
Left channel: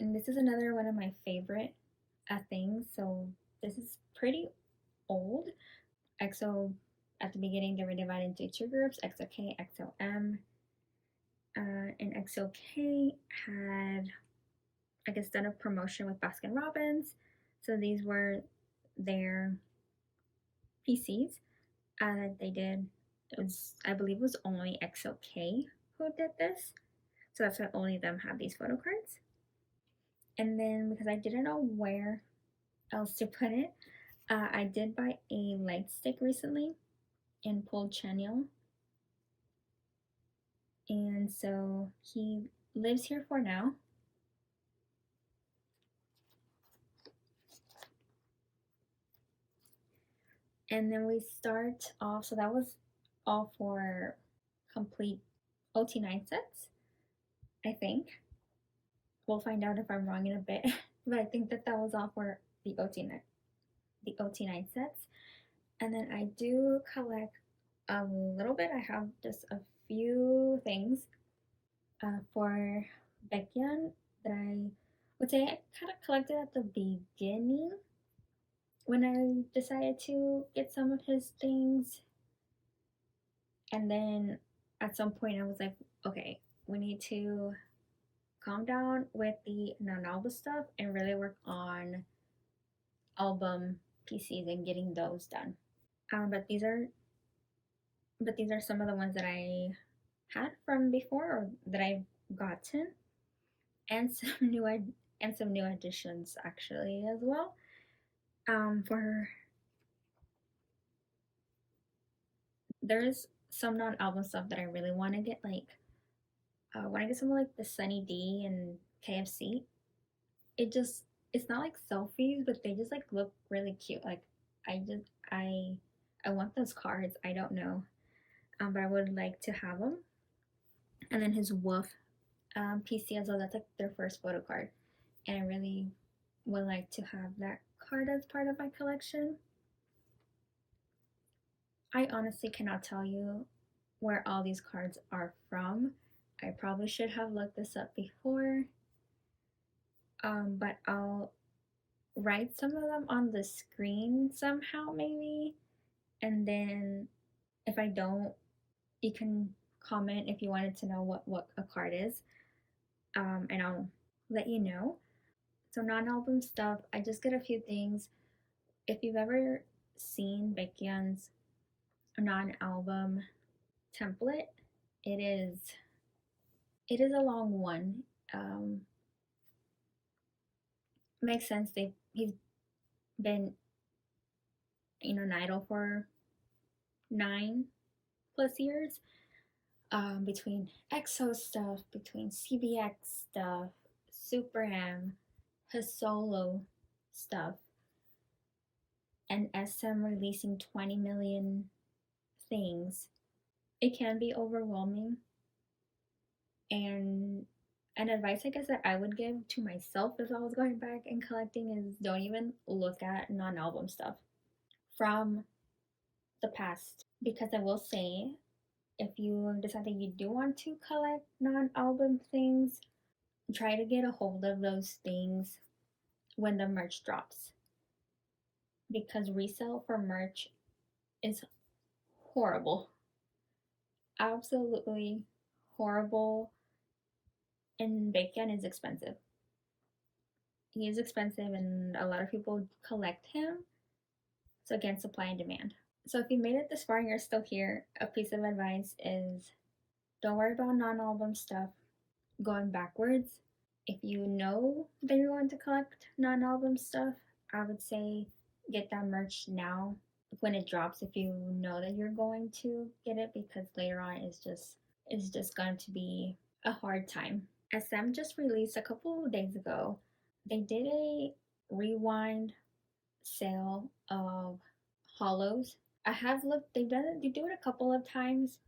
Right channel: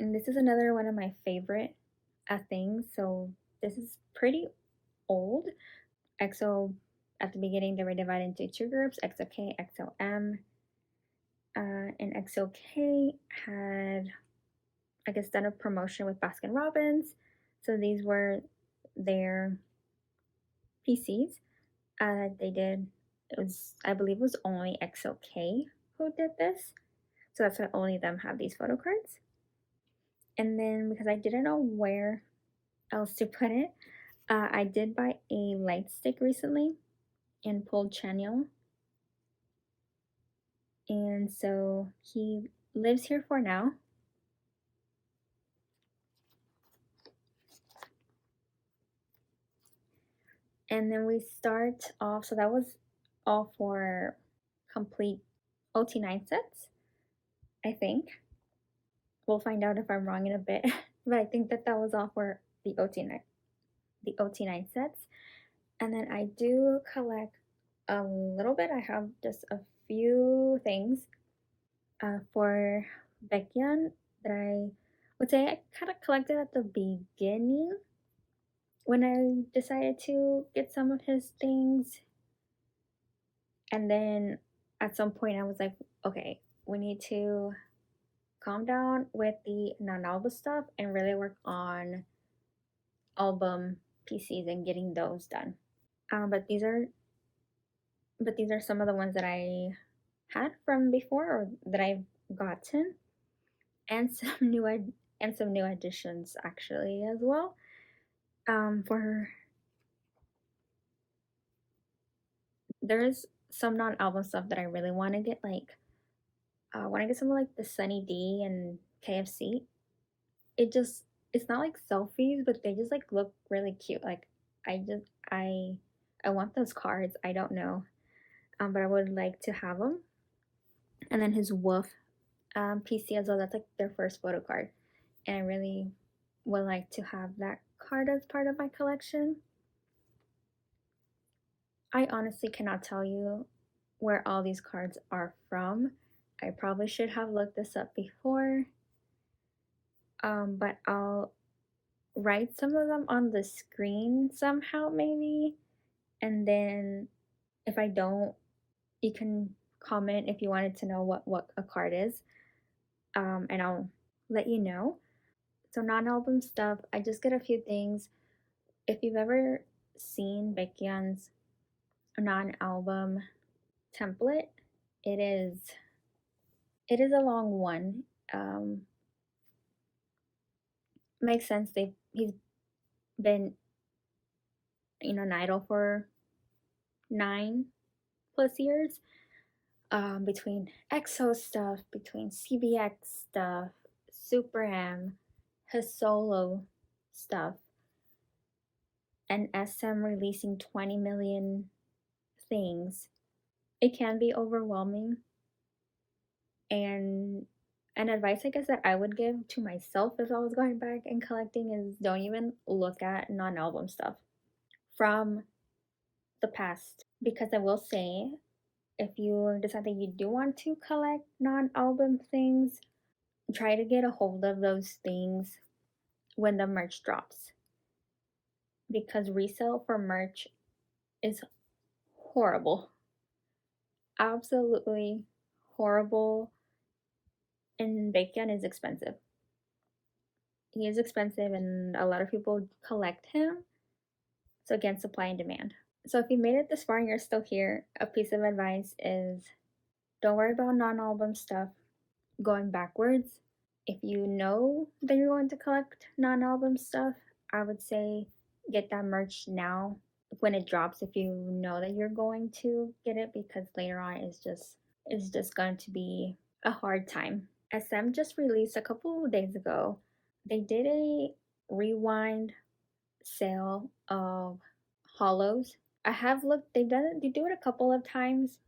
And this is another one of my favorite things. So this is pretty old. EXO, at the beginning, they were divided into two groups, EXO-K, EXO-M. And EXO-K had, I guess, done a promotion with Baskin Robbins. So these were their PCs. They did, I believe it was only EXO-K who did this. So that's why only them have these photo cards. And then because I didn't know where else to put it, I did buy a light stick recently and pulled Chanyeol. And so he lives here for now. And then we start off, so that was all for complete OT9 sets, I think. We'll find out if I'm wrong in a bit, but I think that was all for the OT9 sets. And then I do collect a little bit. I have just a few things for Baekhyun that I would say I kind of collected at the beginning when I decided to get some of his things. And then at some point I was like, okay, we need to calm down with the Nonambum stuff and really work on album PCs and getting those done. But these are some of the ones that I had from before or that I've gotten, and some new additions actually as well. For there's some non-album stuff that I really want to get, like when I get something like the Sunny D and KFC, it's not like selfies, but they just like look really cute. Like I I want those cards. I don't know, but I would like to have them. And then his Wolf PC as well. That's like their first photo card, and I really would like to have that card as part of my collection. I honestly cannot tell you where all these cards are from. I probably should have looked this up before, but I'll write some of them on the screen somehow, maybe. And then if I don't, you can comment if you wanted to know what a card is, and I'll let you know. So non-album stuff, I just get a few things. If you've ever seen Baekhyun's non-album template, it is a long one. Makes sense. He's been an idol for 9+ years. Between EXO stuff, between CBX stuff, Super M, his solo stuff, and SM releasing 20 million things, it can be overwhelming. And an advice I guess that I would give to myself if I was going back and collecting is don't even look at non-album stuff from the past, because I will say if you decide that you do want to collect non-album things, try to get a hold of those things when the merch drops, because resale for merch is horrible, absolutely horrible. and Baekhyun is expensive. He is expensive and a lot of people collect him. So again, supply and demand. So if you made it this far and you're still here, a piece of advice is don't worry about non-album stuff going backwards. If you know that you're going to collect non-album stuff, I would say get that merch now when it drops, if you know that you're going to get it, because later on it's just going to be a hard time. SM just released a couple of days ago. They did a rewind sale of hollows. I have looked, they do it a couple of times,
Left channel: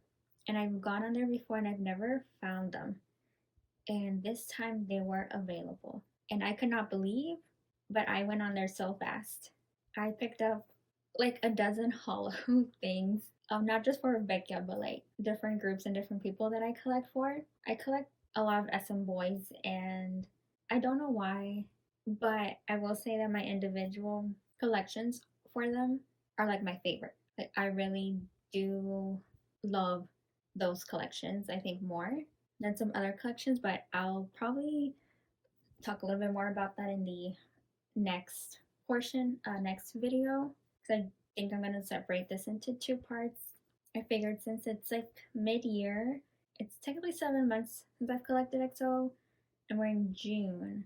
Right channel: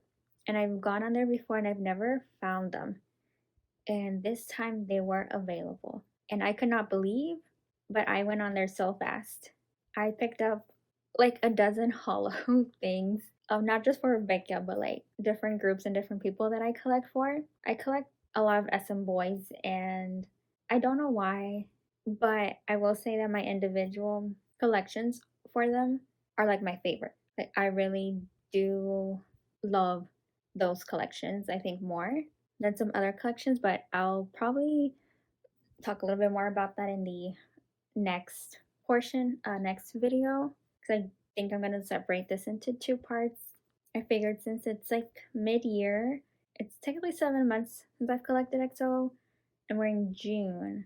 and I've gone on there before and I've never found them. And this time they weren't available. And I could not believe, but I went on there so fast. I picked up like a dozen hollow things. Not just for Becca, but like different groups and different people that I collect for. I collect a lot of SM boys, and I don't know why, but I will say that my individual collections for them are like my favorite. Like, I really do love those collections, I think, more than some other collections, but I'll probably talk a little bit more about that in the next portion, next video, because I think I'm going to separate this into 2 parts. I figured since it's like mid-year, it's technically 7 months since I've collected EXO, and we're in June,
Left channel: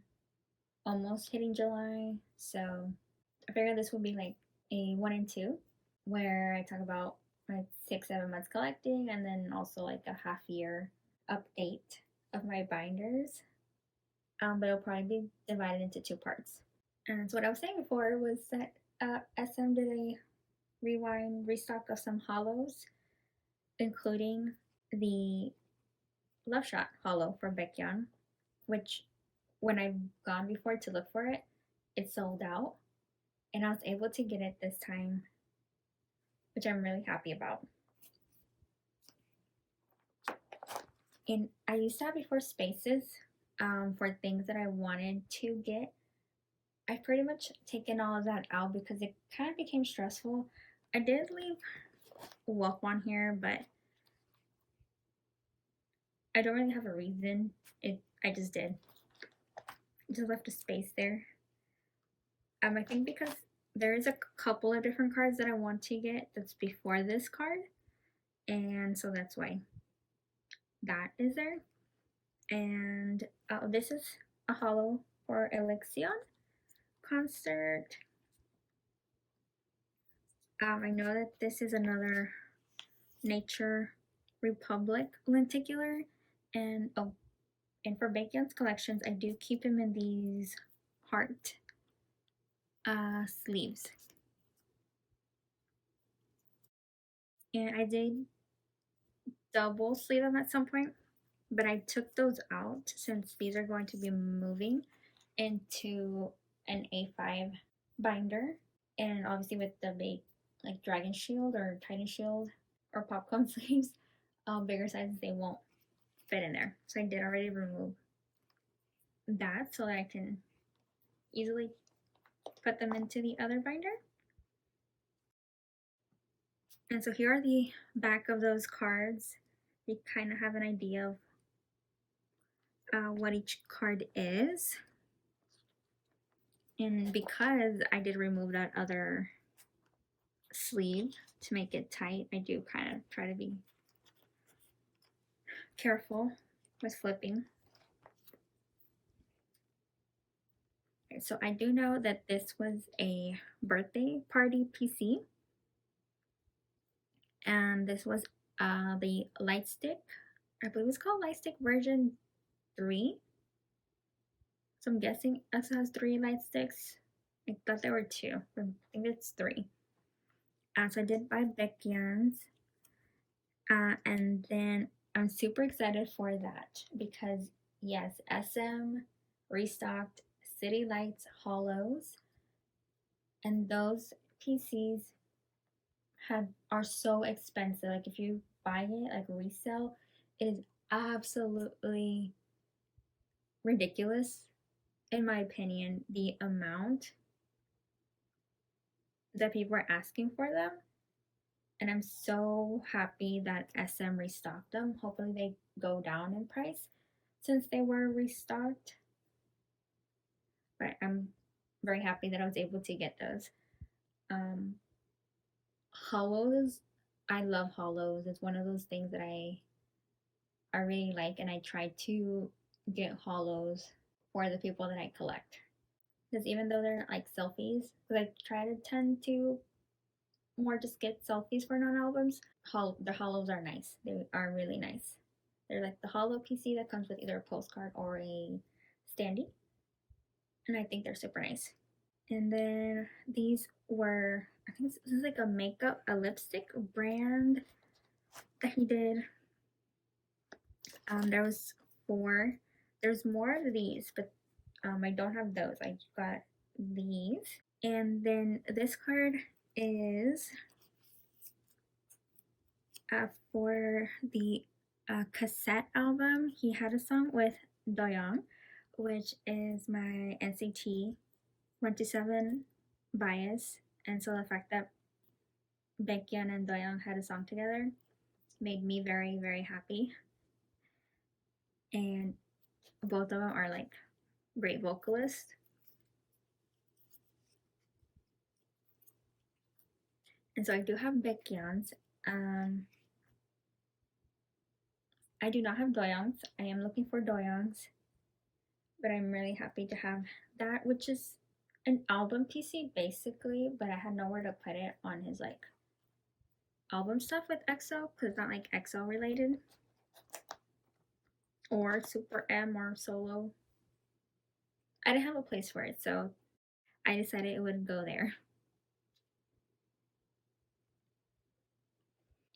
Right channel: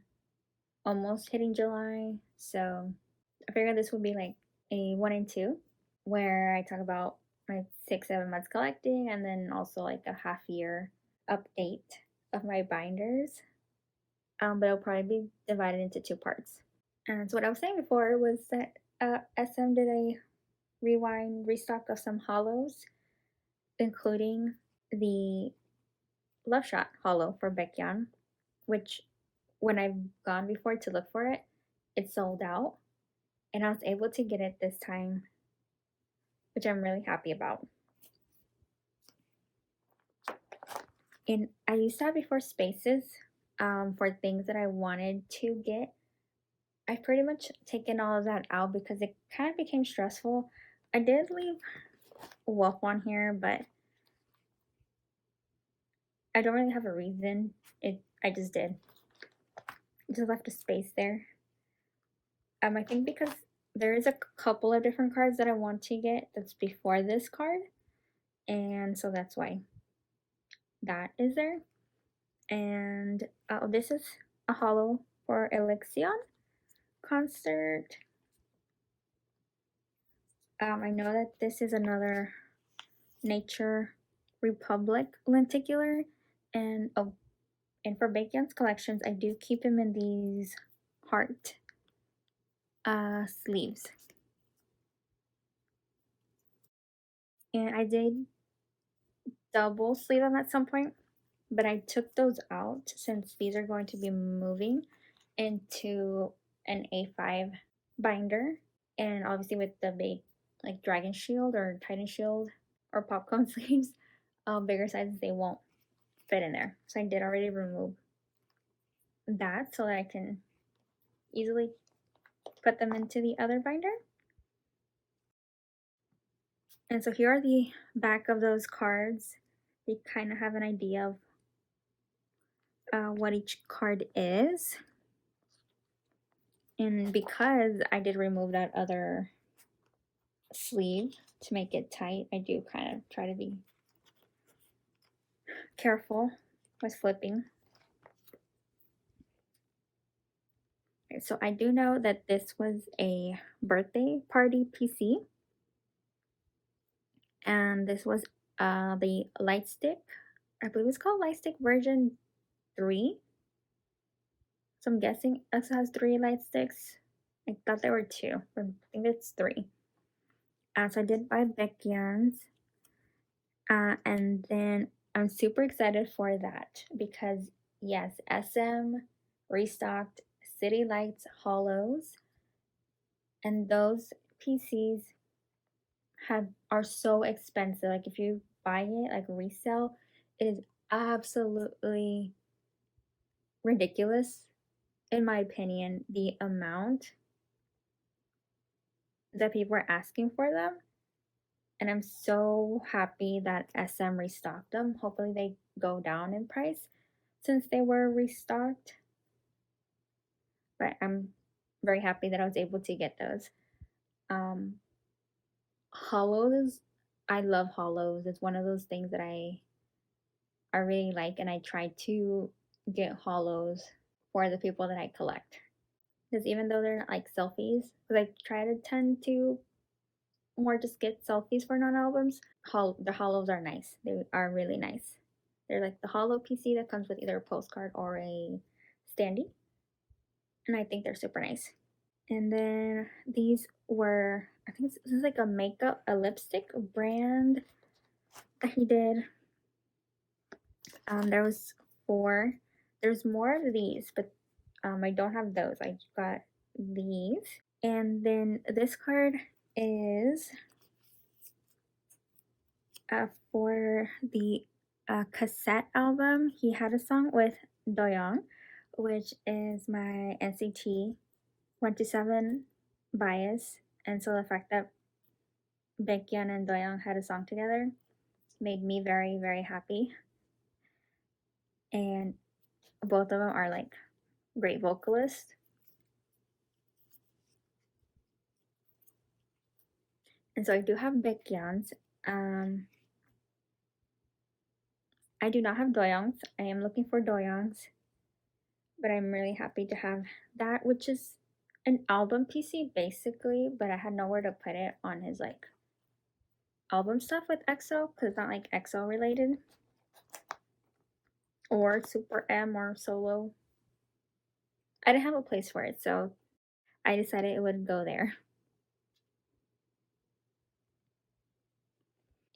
almost hitting July, so I figured this will be like a 1 and 2, where I talk about like 6-7 months collecting, and then also like a half year update of my binders. But it'll probably be divided into 2 parts. And so what I was saying before was that SM did a restock of some hollows, including the Love Shot hollow for Baekhyun, which when I've gone before to look for it, it sold out. And I was able to get it this time, which I'm really happy about. And I used to have before spaces for things that I wanted to get. I've pretty much taken all of that out because it kind of became stressful. I did leave Wolf on here, but I don't really have a reason. I just did. I just left a space there. I think because there is a couple of different cards that I want to get that's before this card, and so that's why that is there. And this is a hollow for Elixion concert. I know that this is another Nature Republic lenticular, and for Baekhyun's collections, I do keep him in these heart sleeves. And I did double sleeve them at some point, but I took those out since these are going to be moving into an A5 binder, and obviously with the big like Dragon Shield or Titan Shield or popcorn sleeves, bigger sizes, they won't fit in there. So I did already remove that so that I can easily put them into the other binder. And so here are the back of those cards. You kind of have an idea of what each card is. And because I did remove that other sleeve to make it tight, I do kind of try to be careful with flipping. Okay, so I do know that this was a birthday party PC. And this was the Lightstick. I believe it's called Lightstick version 3. So I'm guessing it has 3 Lightsticks. I thought there were 2, but I think it's 3. So I did buy Baekhyun's. And then I'm super excited for that because, yes, SM restocked City Lights hollows. And those PCs are so expensive. Like, if you buy it like resale, it is absolutely ridiculous, in my opinion, the amount that people are asking for them. And I'm so happy that SM restocked them. Hopefully they go down in price. since they were restocked. But I'm very happy that I was able to get those. Hollows, I love hollows. It's one of those things that I really like, and I try to get hollows for the people that I collect. Because even though they're not like selfies, because I try to tend to more just get selfies for non-albums, the hollows are nice. They are really nice. They're like the hollow PC that comes with either a postcard or a standee, and I think they're super nice. And then these were, I think this is like a lipstick brand that he did. There was 4. There's more of these, but I don't have those. I got these. And then this card is for the cassette album. He had a song with Doyoung, which is my NCT 127 bias. And so the fact that Baekhyun and Doyoung had a song together made me very, very happy. And both of them are like great vocalists. And so I do have Baekhyun's. I do not have Doyoung's. I am looking for Doyoung's, but I'm really happy to have that, which is an album PC basically, but I had nowhere to put it on his like album stuff with EXO because it's not like EXO related or Super M or Solo. I didn't have a place for it, so I decided it would go there.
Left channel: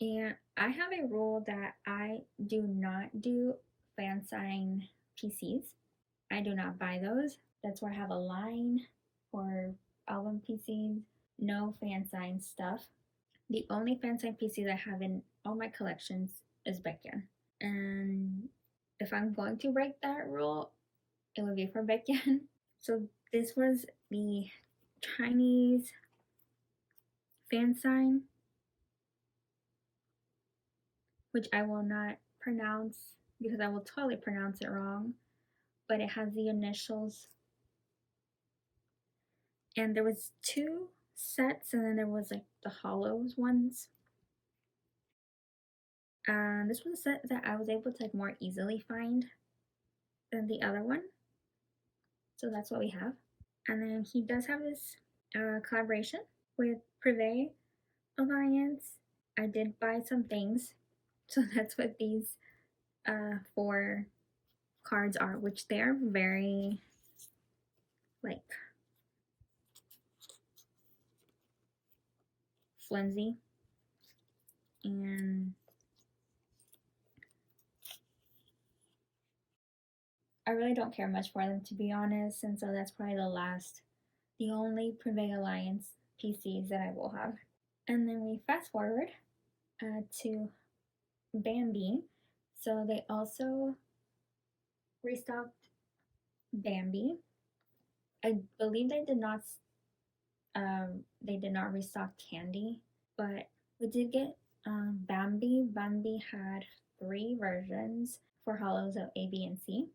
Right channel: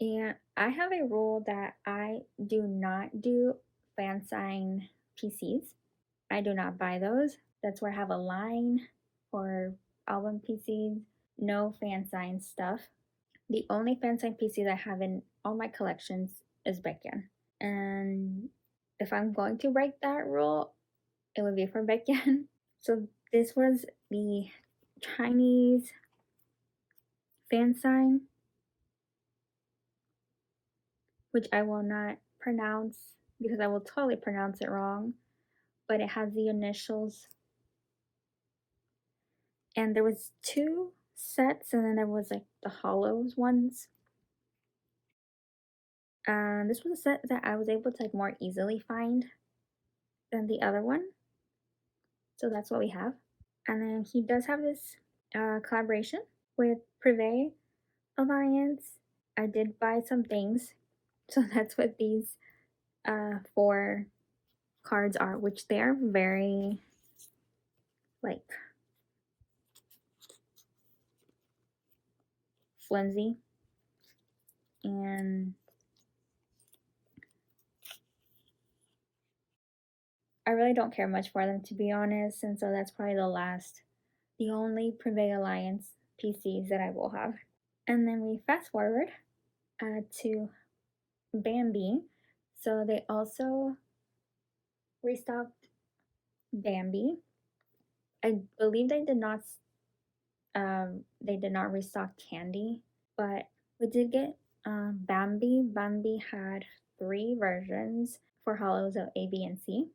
And I have a rule that I do not do fan sign PCs. I do not buy those. That's where I have a line for album PCs. No fan sign stuff. The only fan sign PC that I have in all my collections is Baekhyun. And if I'm going to break that rule, it would be for Baekhyun. So this was the Chinese fan sign, which I will not pronounce because I will totally pronounce it wrong, but it has the initials. And there was 2 sets, and then there was like the hollows ones. This was a set that I was able to like more easily find than the other one. So that's what we have. And then he does have this collaboration with Privé Alliance. I did buy some things. So that's what these 4 cards are, which they are very like flimsy. And I really don't care much for them, to be honest, and so that's probably the only Privé Alliance PCs that I will have. And then we fast forward to Bambi. So they also restocked Bambi. I believe they did not restock Candy, but we did get Bambi. Bambi had 3 versions for hollows of A, B, and C.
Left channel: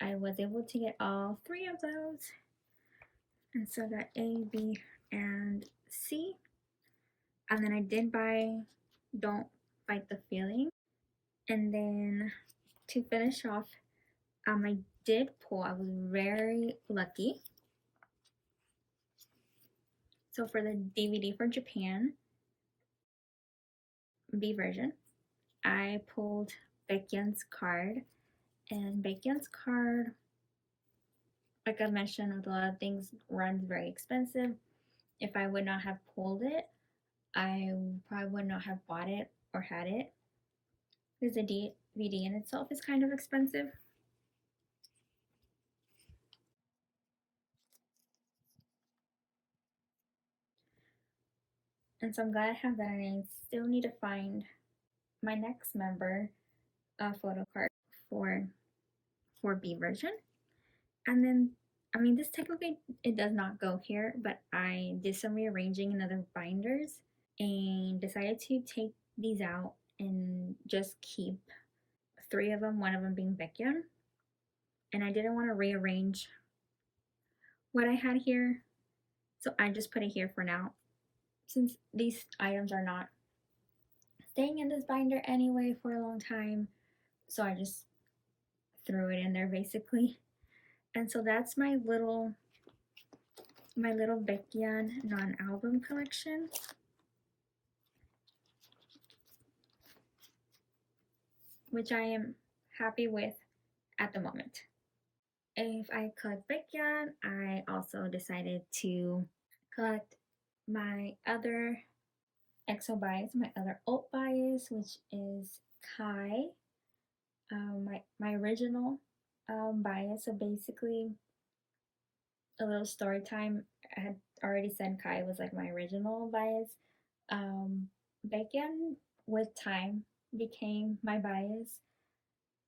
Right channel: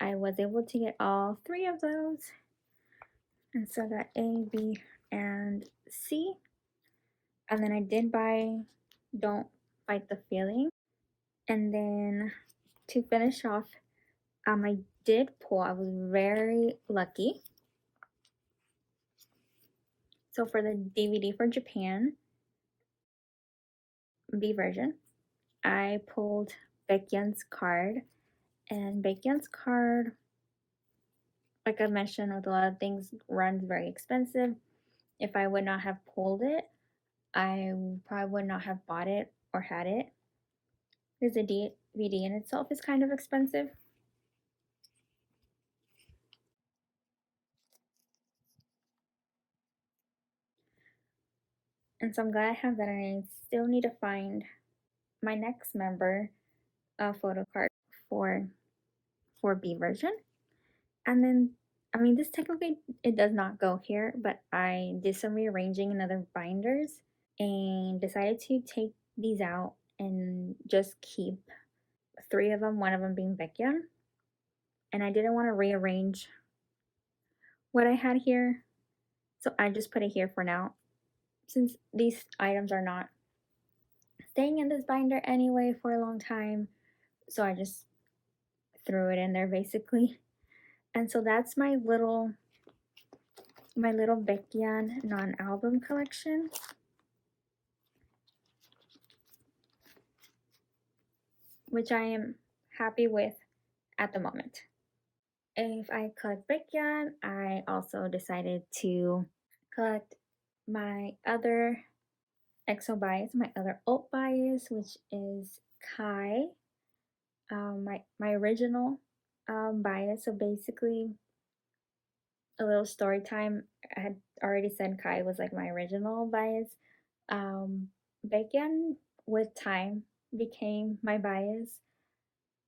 I was able to get all 3 of those. And so I got A, B, and C. And then I did buy Don't Fight the Feeling. And then to finish off, I did pull. I was very lucky. So for the DVD for Japan, B version, I pulled Baekhyun's card. And Baekhyun's card, like I mentioned, with a lot of things, runs very expensive. If I would not have pulled it, I probably would not have bought it or had it. Because the DVD in itself is kind of expensive. And so I'm glad I have that, and I still need to find my next member photo card for B version. And then, I mean, this technically, it does not go here, but I did some rearranging in other binders and decided to take these out and just keep 3 of them, one of them being Baekhyun. And I didn't want to rearrange what I had here, so I just put it here for now, since these items are not staying in this binder anyway for a long time. So I just threw it in there basically. And so that's my little Baekhyun non-album collection. Which I am happy with at the moment. If I collect Baekhyun, I also decided to collect my other EXO bias, my other alt bias, which is Kai, my original bias. So basically, a little story time. I had already said Kai was like my original bias. Baekhyun with time became my bias.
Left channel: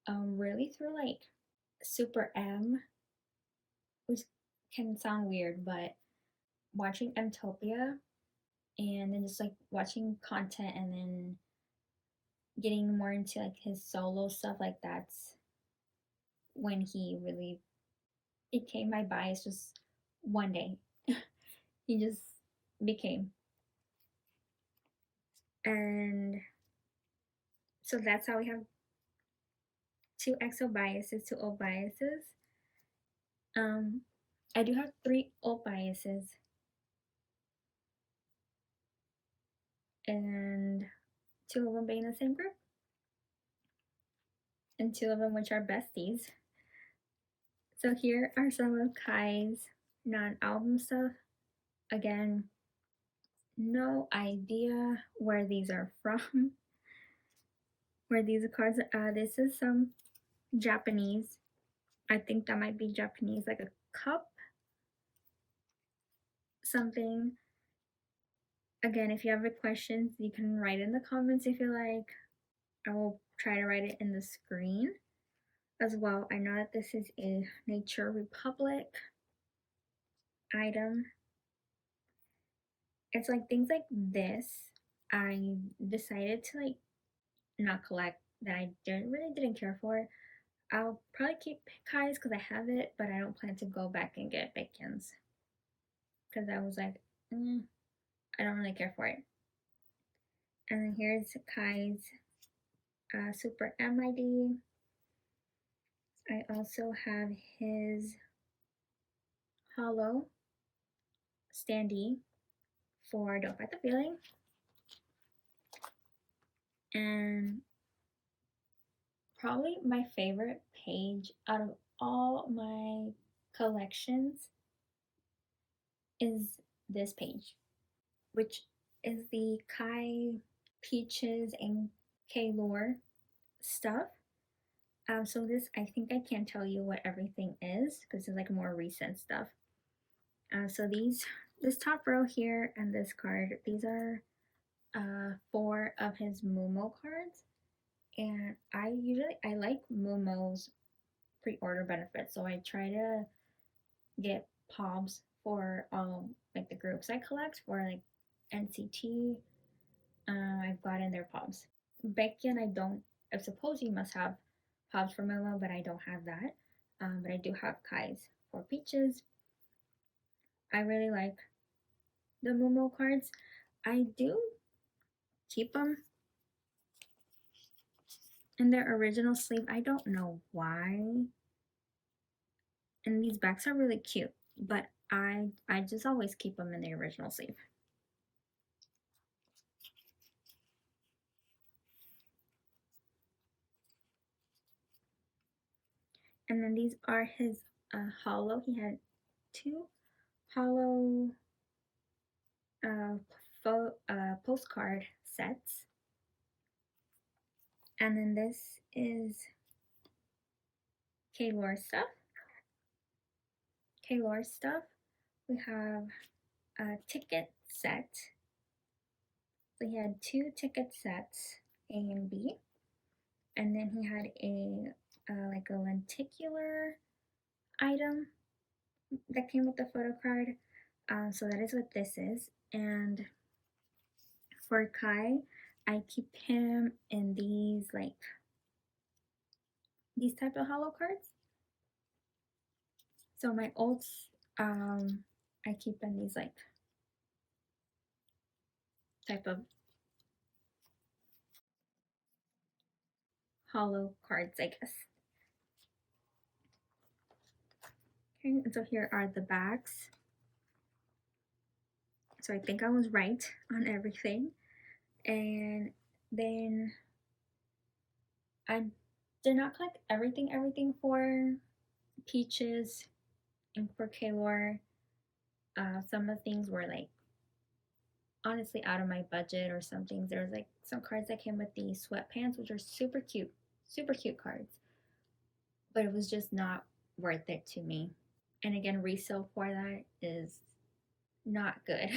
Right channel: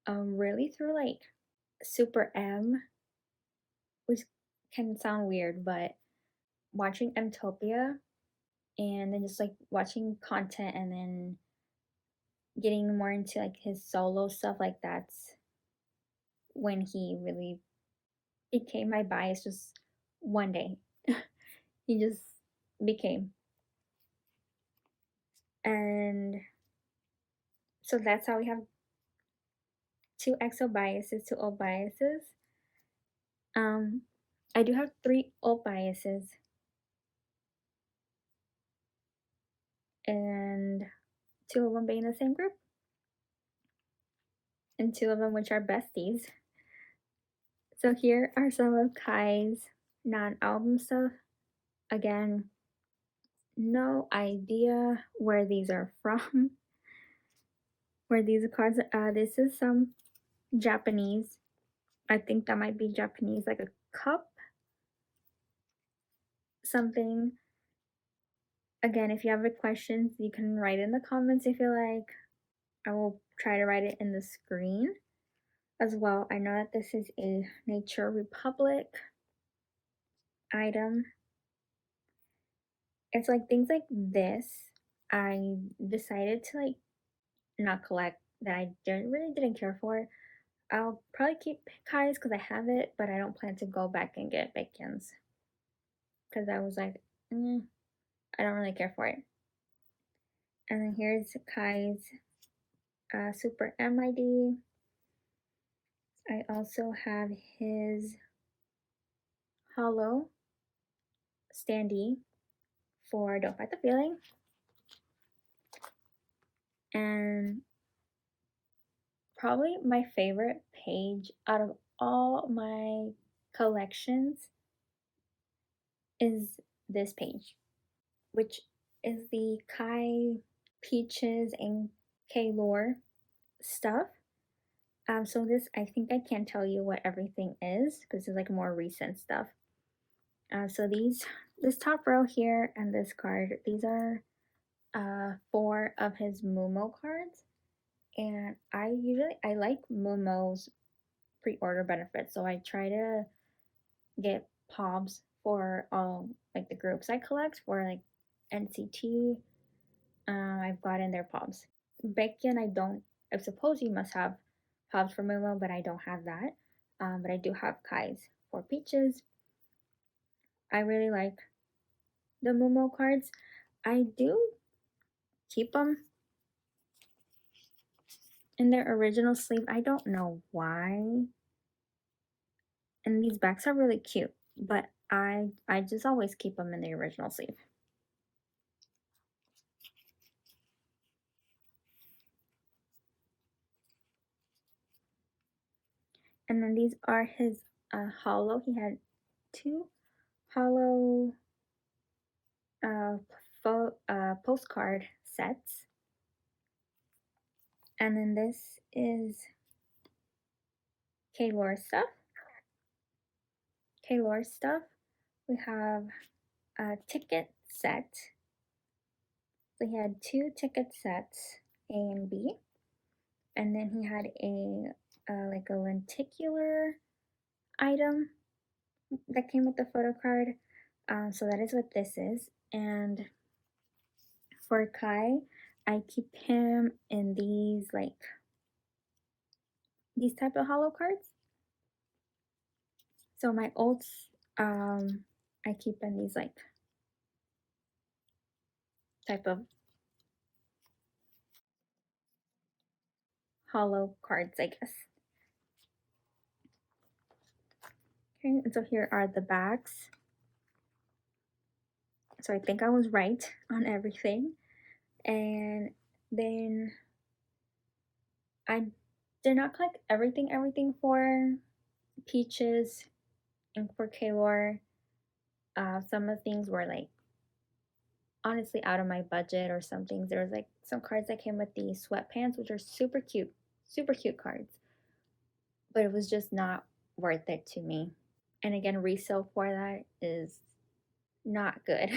Really through like Super M, which can sound weird, but watching Mtopia and then just like watching content and then getting more into like his solo stuff, like that's when he really became my bias. Just one day he just became. And so that's how we have 2 EXO biases, 2 old biases. I do have 3 old biases, and 2 of them being the same group, and 2 of them which are besties. So here are some of Kai's non-album stuff. Again, no idea where these are from, where these are cards. This is some Japanese. I think that might be Japanese, like a cup, something. Again, if you have any questions, you can write in the comments if you like. I will try to write it in the screen as well. I know that this is a Nature Republic item. It's like things like this I decided to like not collect, that I really didn't care for. I'll probably keep Kai's because I have it, but I don't plan to go back and get Baekhyun's because I was like, I don't really care for it. And then here's Kai's Super MID. I also have his Hollow standee for Don't Fight the Feeling. And probably my favorite page out of all my collections is this page, which is the Kai, Peaches, and K-Lore stuff. So this, I think I can't tell you what everything is because it's like more recent stuff. So this top row here and this card, these are 4 of his Mumo cards. And I like Mumo's pre-order benefits, so I try to get POBs for all like the groups I collect. For like NCT, I've gotten their POBs. Baekhyun, I suppose you must have POBs for Mumo, but I don't have that. But I do have Kai's for Peaches. I really like the Mumo cards. I do keep them in their original sleeve. I don't know why. And these backs are really cute, but I just always keep them in the original sleeve. And then these are his hollow. He had 2 hollow postcard sets. And then this is K-Lore stuff. K-Lore stuff. We have a ticket set. So he had 2 ticket sets, A and B. And then he had a like a lenticular item that came with the photo card. So that is what this is. And for Kai, I keep him in these like these type of hollow cards. So my olds, I keep in these like type of hollow cards, I guess. Okay, and so here are the backs. So I think I was right on everything. And then I did not collect everything for Peaches and for Kaylor. Some of the things were like honestly out of my budget, or some things. There was like some cards that came with these sweatpants, which are super cute cards. But it was just not worth it to me. And again, resale for that is not good.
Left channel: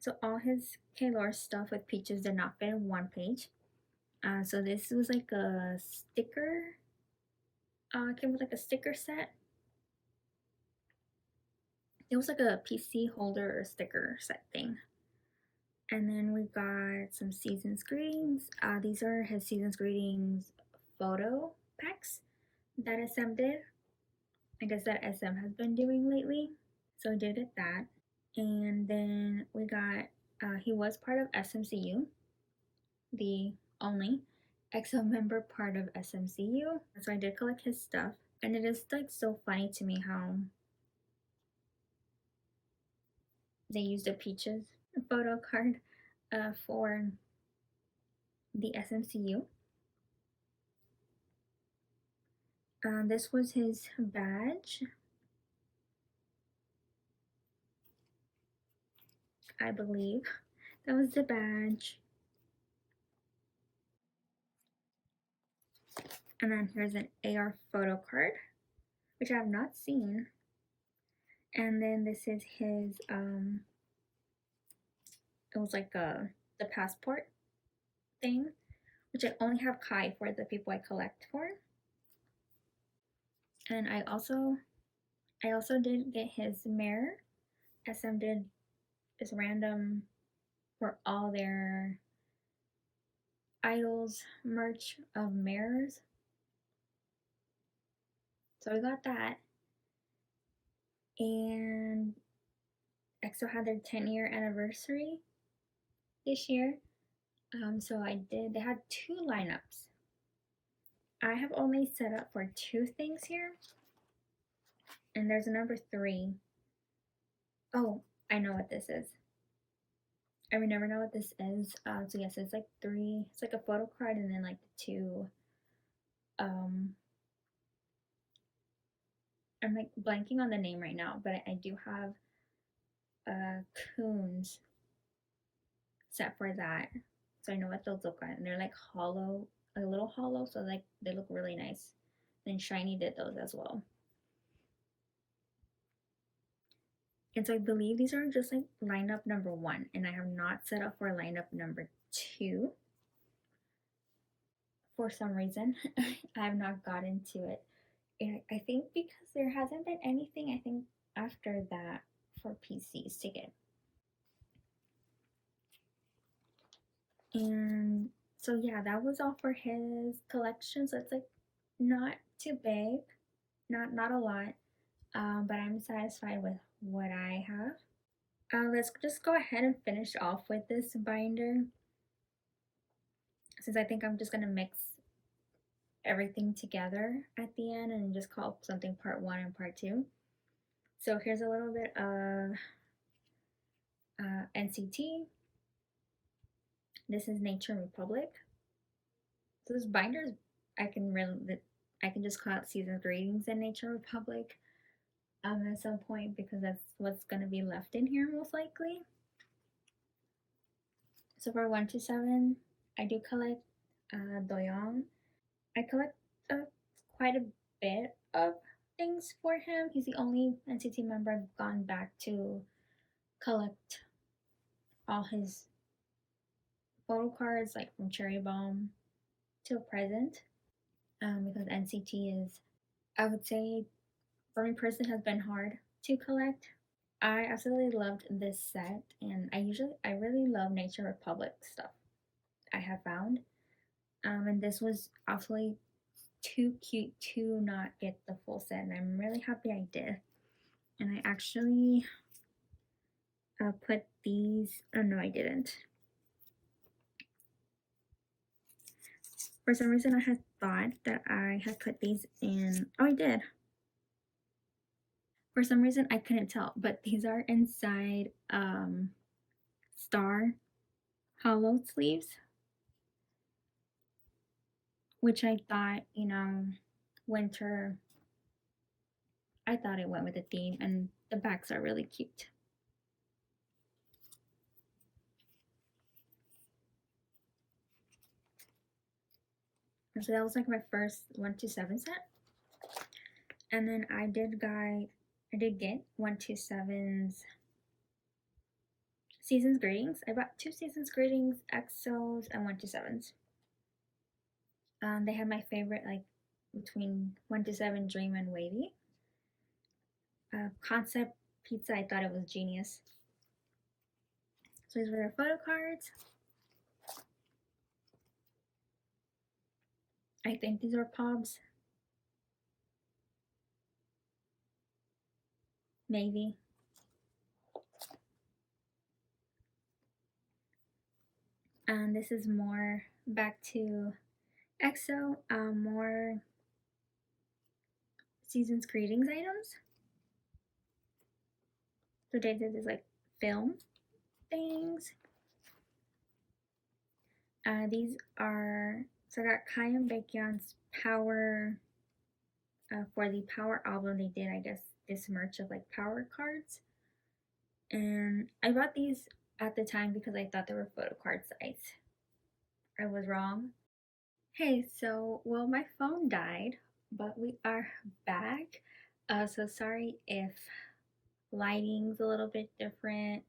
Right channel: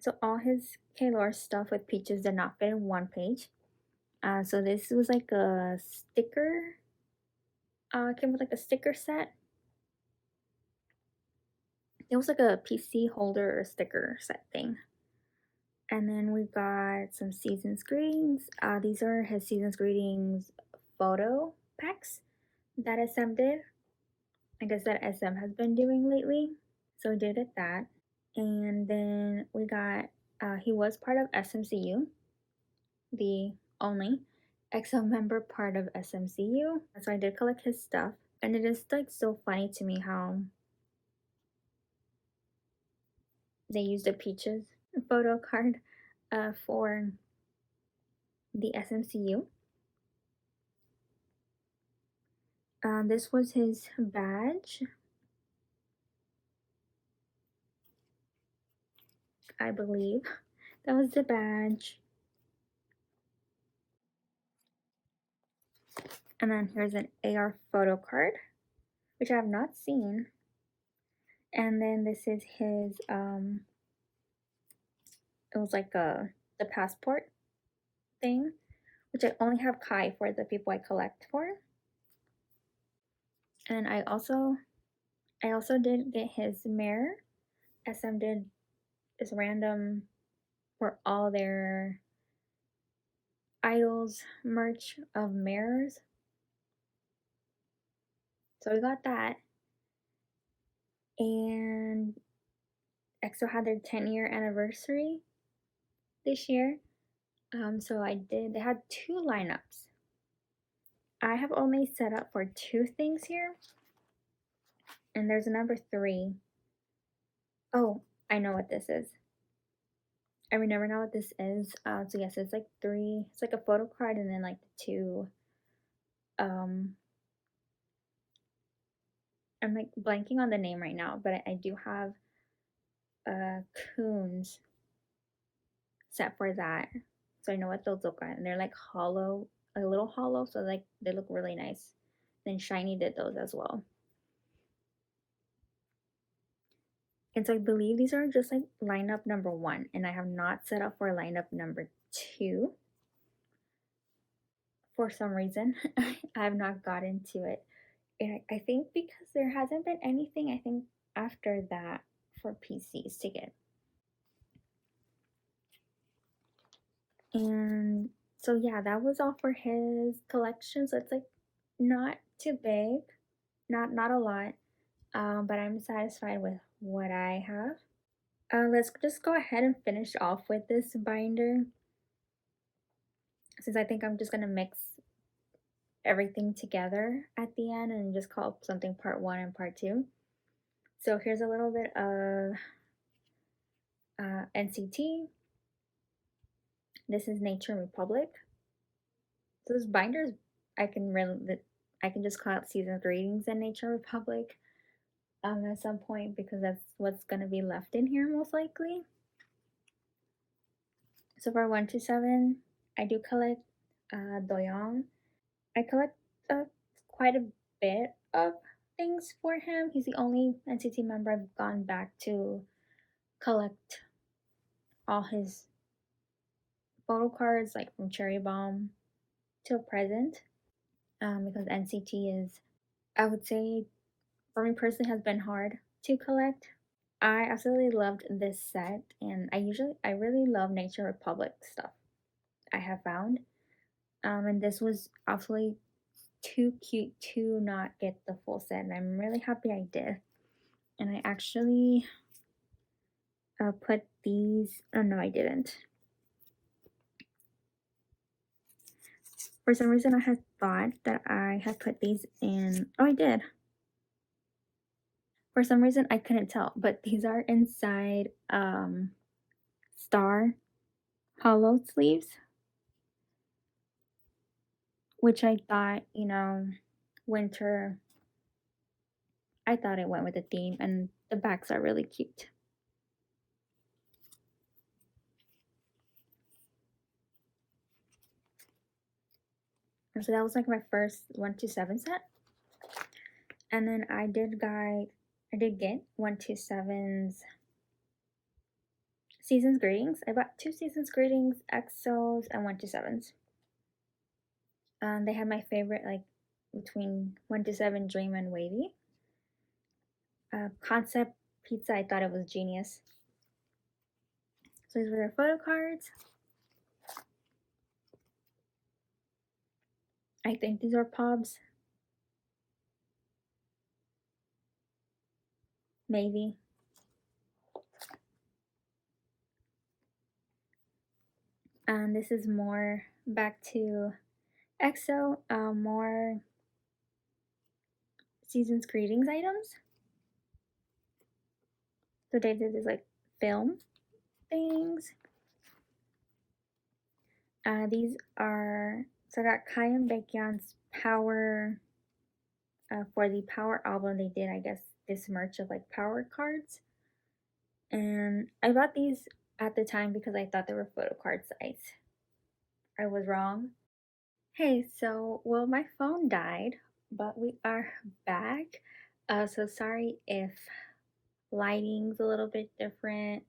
So all his Kaylor stuff with Peaches did not fit in one page. So this was like a sticker. It came with like a sticker set. It was like a PC holder or sticker set thing. And then we got some Season's Greetings. These are his Season's Greetings photo packs that SM did. I guess that SM has been doing lately. So we did that. And then we got, he was part of SMCU, the only EXO member part of SMCU. So I did collect his stuff. And it is like so funny to me how they used the Peaches photo card for the SMCU. This was his badge. I believe that was the badge. And then here's an AR photo card, which I have not seen. And then this is his it was like the passport thing, which I only have Kai for the people I collect for. And I also did get his mirror. SM did this random for all their idols merch of mirrors. So we got that. And EXO had their 10-year anniversary this year. So they had 2 lineups. I have only set up for 2 things here. And there's a number 3. Oh, I know what this is. I would never know what this is. So yes, it's like 3. It's like a photo card and then like 2. I'm like blanking on the name right now, but I do have coons set for that. So I know what those look like. And they're like hollow, a little hollow, so like they look really nice. Then Shiny did those as well. And so I believe these are just like lineup number 1, and I have not set up for lineup number 2. For some reason, I have not gotten to it. And I think because there hasn't been anything, I think, after that for PCs to get. And so yeah, that was all for his collection. So it's like not too big, not a lot, but I'm satisfied with what I have. Let's just go ahead and finish off with this binder, since I think I'm just gonna mix everything together at the end and just call something part 1 and part 2. So here's a little bit of NCT. This is Nature Republic. So this binder, I can just call it Season Greetings and Nature Republic at some point, because that's what's gonna be left in here most likely. So for 1 to 7, I do collect Doyoung. I collect quite a bit of things for him. He's the only NCT member I've gone back to collect all his photo cards, like from Cherry Bomb till present, because NCT is, I would say, for me personally, has been hard to collect. I absolutely loved this set, and I really love Nature Republic stuff I have found. And this was absolutely too cute to not get the full set, and I'm really happy I did. And I actually put these, oh no I didn't. For some reason I had thought that I had put these in, oh I did. For some reason I couldn't tell, but these are inside star hollow sleeves, which I thought, you know, winter, I thought it went with the theme, and the backs are really cute. And so that was like my first 127 set. And then I did get 127's Season's Greetings. I bought 2 Season's Greetings, EXOs, and 127's. They had my favorite, like between 127 Dream and Wavy. Concept Pizza, I thought it was genius. So these were their photo cards. I think these are Pobs. Maybe. This is more back to EXO, more Season's Greetings items. So they did this like film things. These are, so I got Kai and Baekhyun's Power, for the Power album they did, I guess, this merch of like Power cards. And I bought these at the time because I thought they were photo card size. I was wrong. Hey, so, well, my phone died, but we are back. So sorry if lighting's a little bit different.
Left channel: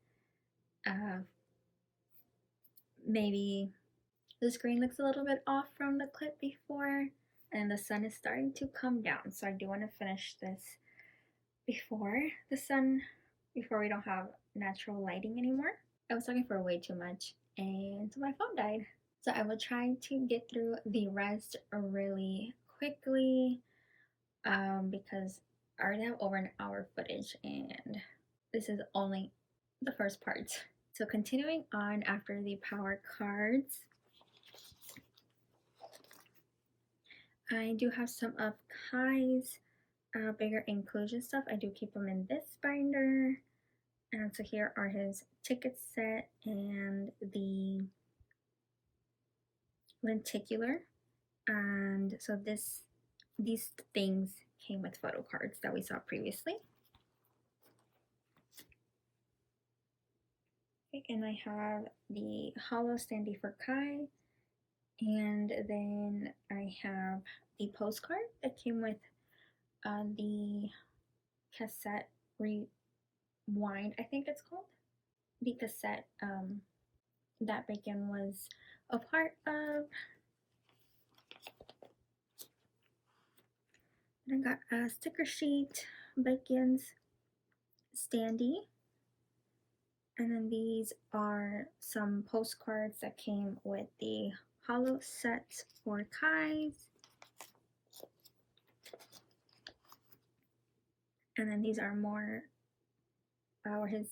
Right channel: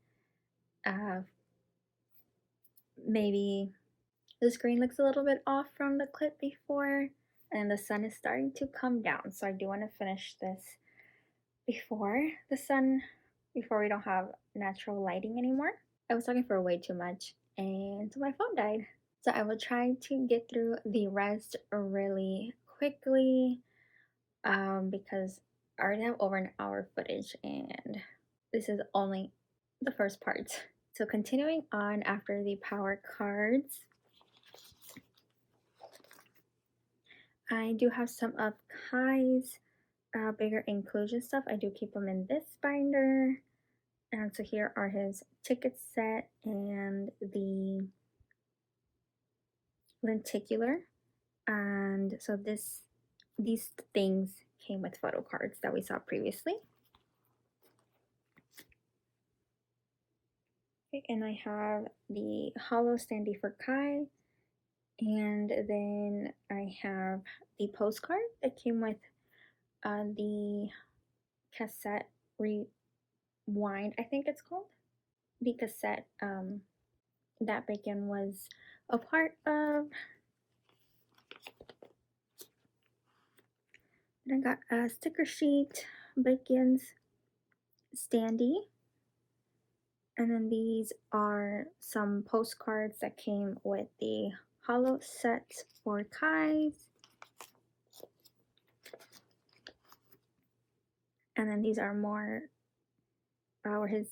Maybe the screen looks a little bit off from the clip before, and the sun is starting to come down. So I do want to finish this before we don't have natural lighting anymore. I was talking for way too much, and so my phone died. So I will try to get through the rest really quickly, because I already have over an hour footage, and this is only the first part. So continuing on after the Power cards, I do have some of Kai's bigger inclusion stuff. I do keep them in this binder. And so here are his ticket set and the lenticular. And so these things came with photo cards that we saw previously. Okay, and I have the hollow standee for Kai. And then I have the postcard that came with the cassette rewind, I think it's called. The cassette that Baekhyun was a part of. And I got a sticker sheet, Baekhyun's standee. And then these are some postcards that came with the hollow sets for Kai's. And then these are more where his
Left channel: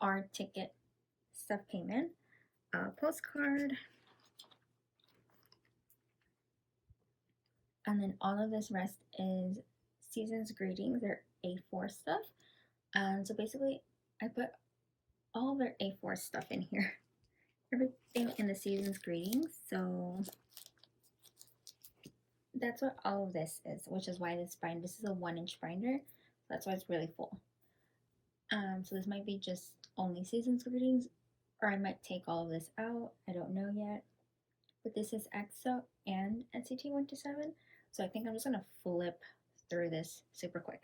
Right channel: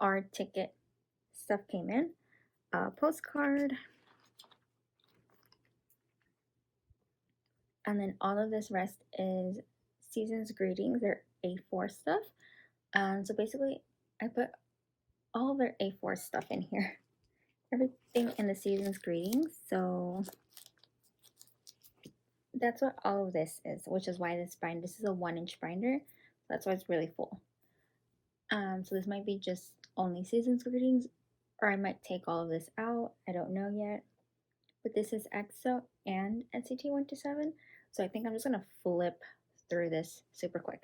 AR ticket stuff came in. Postcard. And then all of this rest is Season's Greetings, their A4 stuff. So basically, I put all of their A4 stuff in here. Everything in the Season's Greetings. So that's what all of this is, which is why this is a 1-inch binder. So that's why it's really full. So this might be just only Season's Greetings, or I might take all of this out. I don't know yet. But this is EXO and NCT 127. So I think I'm just gonna flip through this super quick.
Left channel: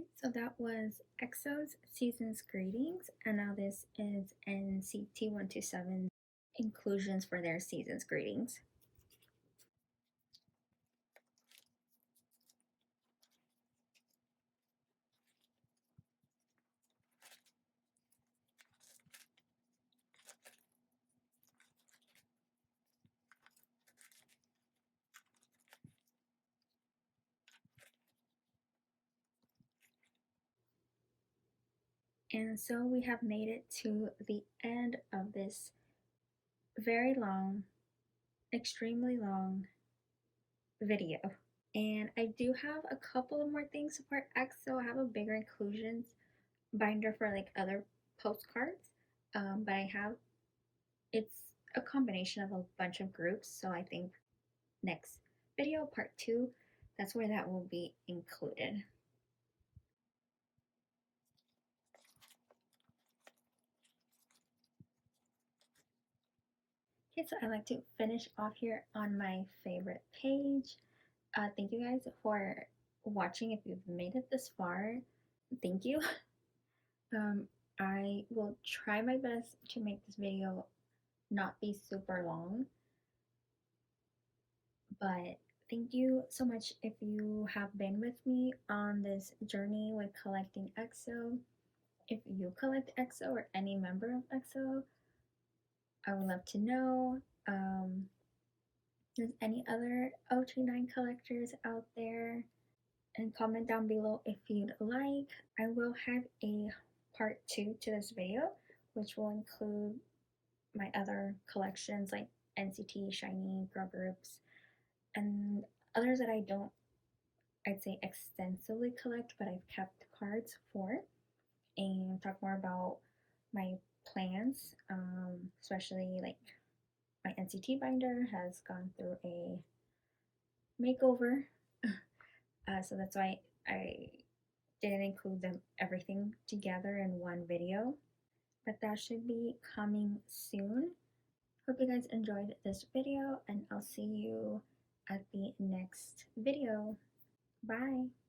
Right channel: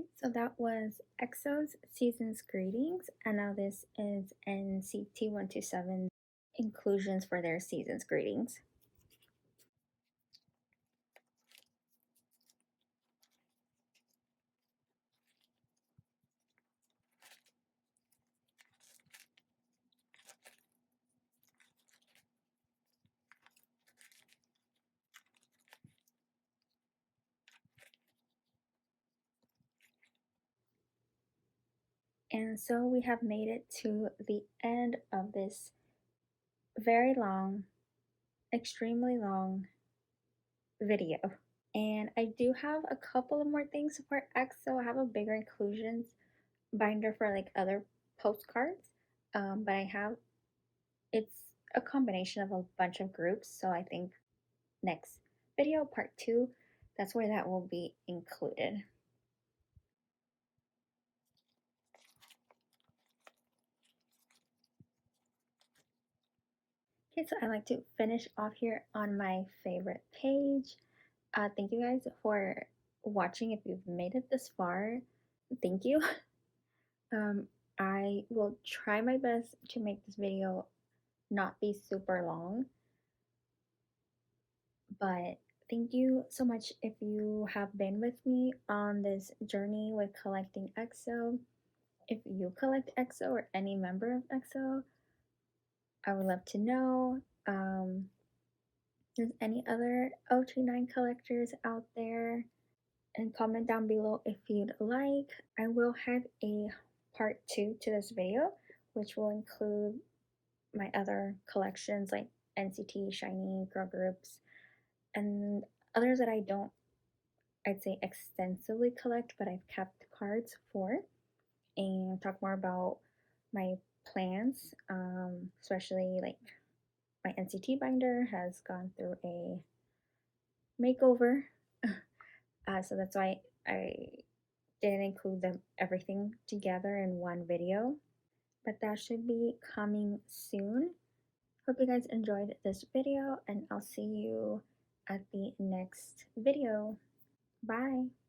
Okay, so that was EXO's Season's Greetings, and now this is NCT 127 inclusions for their Season's Greetings. And so we have made it to the end of this very long, extremely long video. And I do have a couple of more things for EXO. I have a bigger inclusions binder for like other postcards, but I have it's a combination of a bunch of groups. So I think next video, part 2, that's where that will be included. Okay, so I like to finish off here on my favorite page. Thank you guys for watching. If you've made it this far, thank you. I will try my best to make this video not be super long, but thank you so much if you have been with me on this journey with collecting EXO. If you collect EXO or any member of EXO, I would love to know. There's any other OT9 collectors out there, and comment down below if you'd like. I will have a part 2 to this video, which will include my other collections like NCT, SHINee, girl groups, and others that I don't, I'd say, extensively collect, but I've kept cards for, and talk more about my plans, especially like my NCT binder has gone through a makeover. So that's why I didn't include them everything together in one video, but that should be coming soon. Hope you guys enjoyed this video, and I'll see you at the next video. Bye!